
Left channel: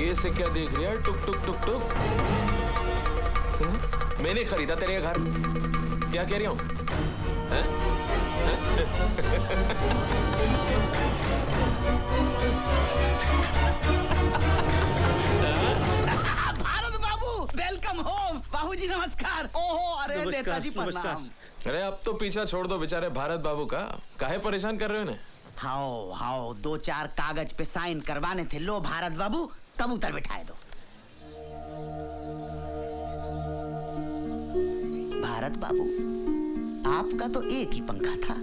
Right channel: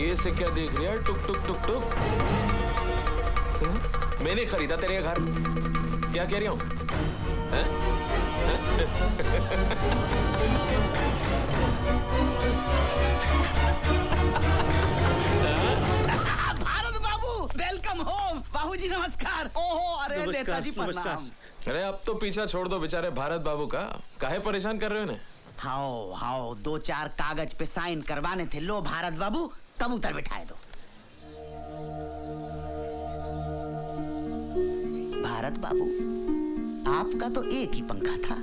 ये से क्या देख रही है? टुक टुक टुक टुक। मैंने खरीदा तेरे घर, क्या कह रही हूँ? भारत बाबू वेलकम होम। बाबूजी नमस्कार। ओहो अरे नेताजी प्रणाम। अरे अब तो पीछा छोड़ दो बेचारे भारत बाबू का, काहे परेशान कर रहे हो ना? हाओ हाओ 2-4 कागज पे साइन करवाने थे। लो भारत बाबू कबूतर बिठाए दो। भारत बाबू आपका तो एक ही पंखा था,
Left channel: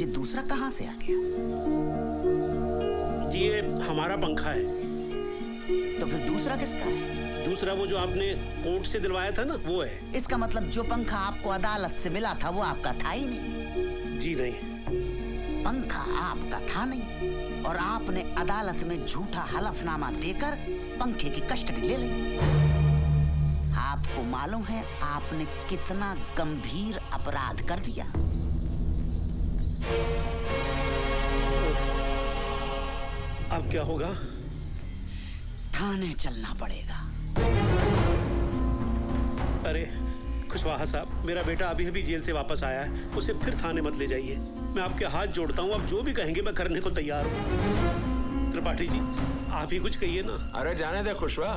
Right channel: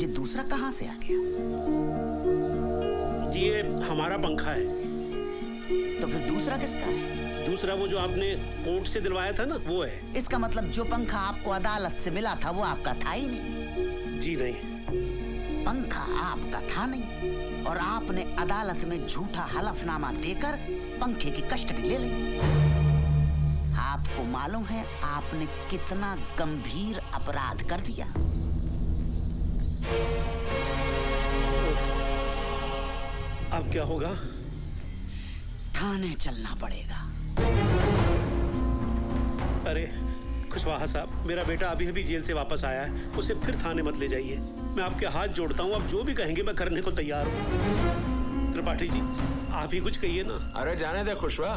ये दूसरा कहाँ से आ गया? ये हमारा पंखा है। तो फिर दूसरा किसका है? दूसरा वो जो आपने कोर्ट से दिलवाया था ना, वो है। इसका मतलब जो पंखा आपको अदालत से मिला था वो आपका था ही नहीं? जी नहीं। पंखा आपका था नहीं और आपने अदालत में झूठा हलफनामा देकर पंखे की कस्टडी ले ली। आपको मालूम है आपने कितना गंभीर अपराध कर दिया? अब क्या होगा? थाने चलना पड़ेगा। अरे कुशवाहा साहब, मेरा बेटा अभी अभी जेल से वापस आया है, उसे फिर थाने मत ले जाइए। मैं आपके हाथ जोड़ता हूँ, आप जो भी कहेंगे मैं करने को तैयार हूँ। त्रिपाठी जी आप ही कुछ कहिए ना। अरे जाने दे खुशवा,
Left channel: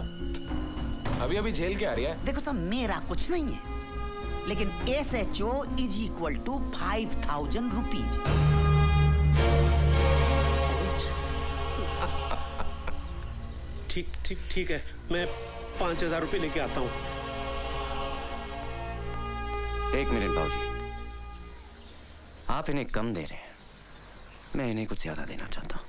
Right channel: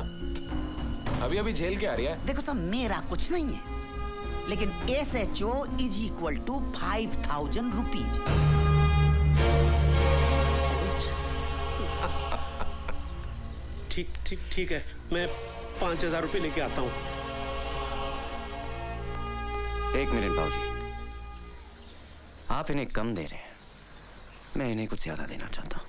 अभी अभी जेल के आ रही है। देखो साहब मेरा कुछ नहीं है, लेकिन SHO = 5,000 रुपीज। ठीक है, मैं 5,000 रुपए लेके आता हूँ। एक मिनट बाबूजी, आप इन्हें कम दे रहे हैं, मैं इन्हें कुछ ज्यादा देना चाहता हूँ।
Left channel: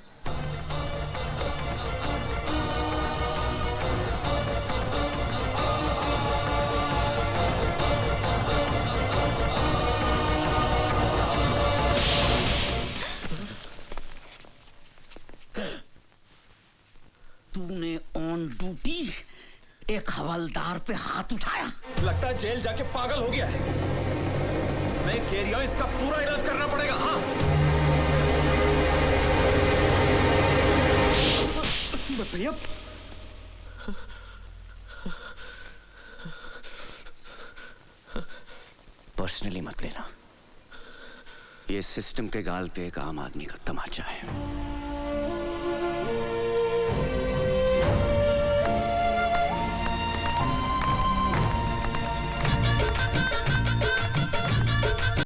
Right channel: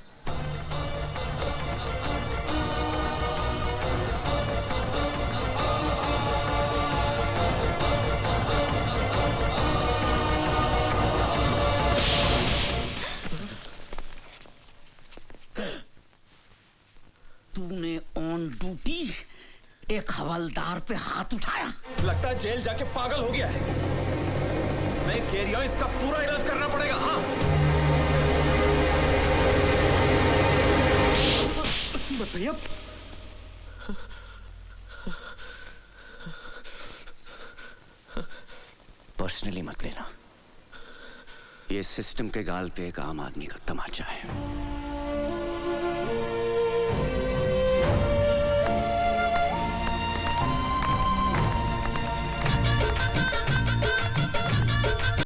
तूने ऑन ड्यूटी एक हवलदार पे हाथ उठाया? लगता है जेल जाके पागल हो गया है। मैं कह रही हूं इसका पूरा इलाज करना पड़ेगा। हाँ भैया पर्सनली मत लेना, ये सिस्टम के गाल पे एक आम आदमी का तमाचा है।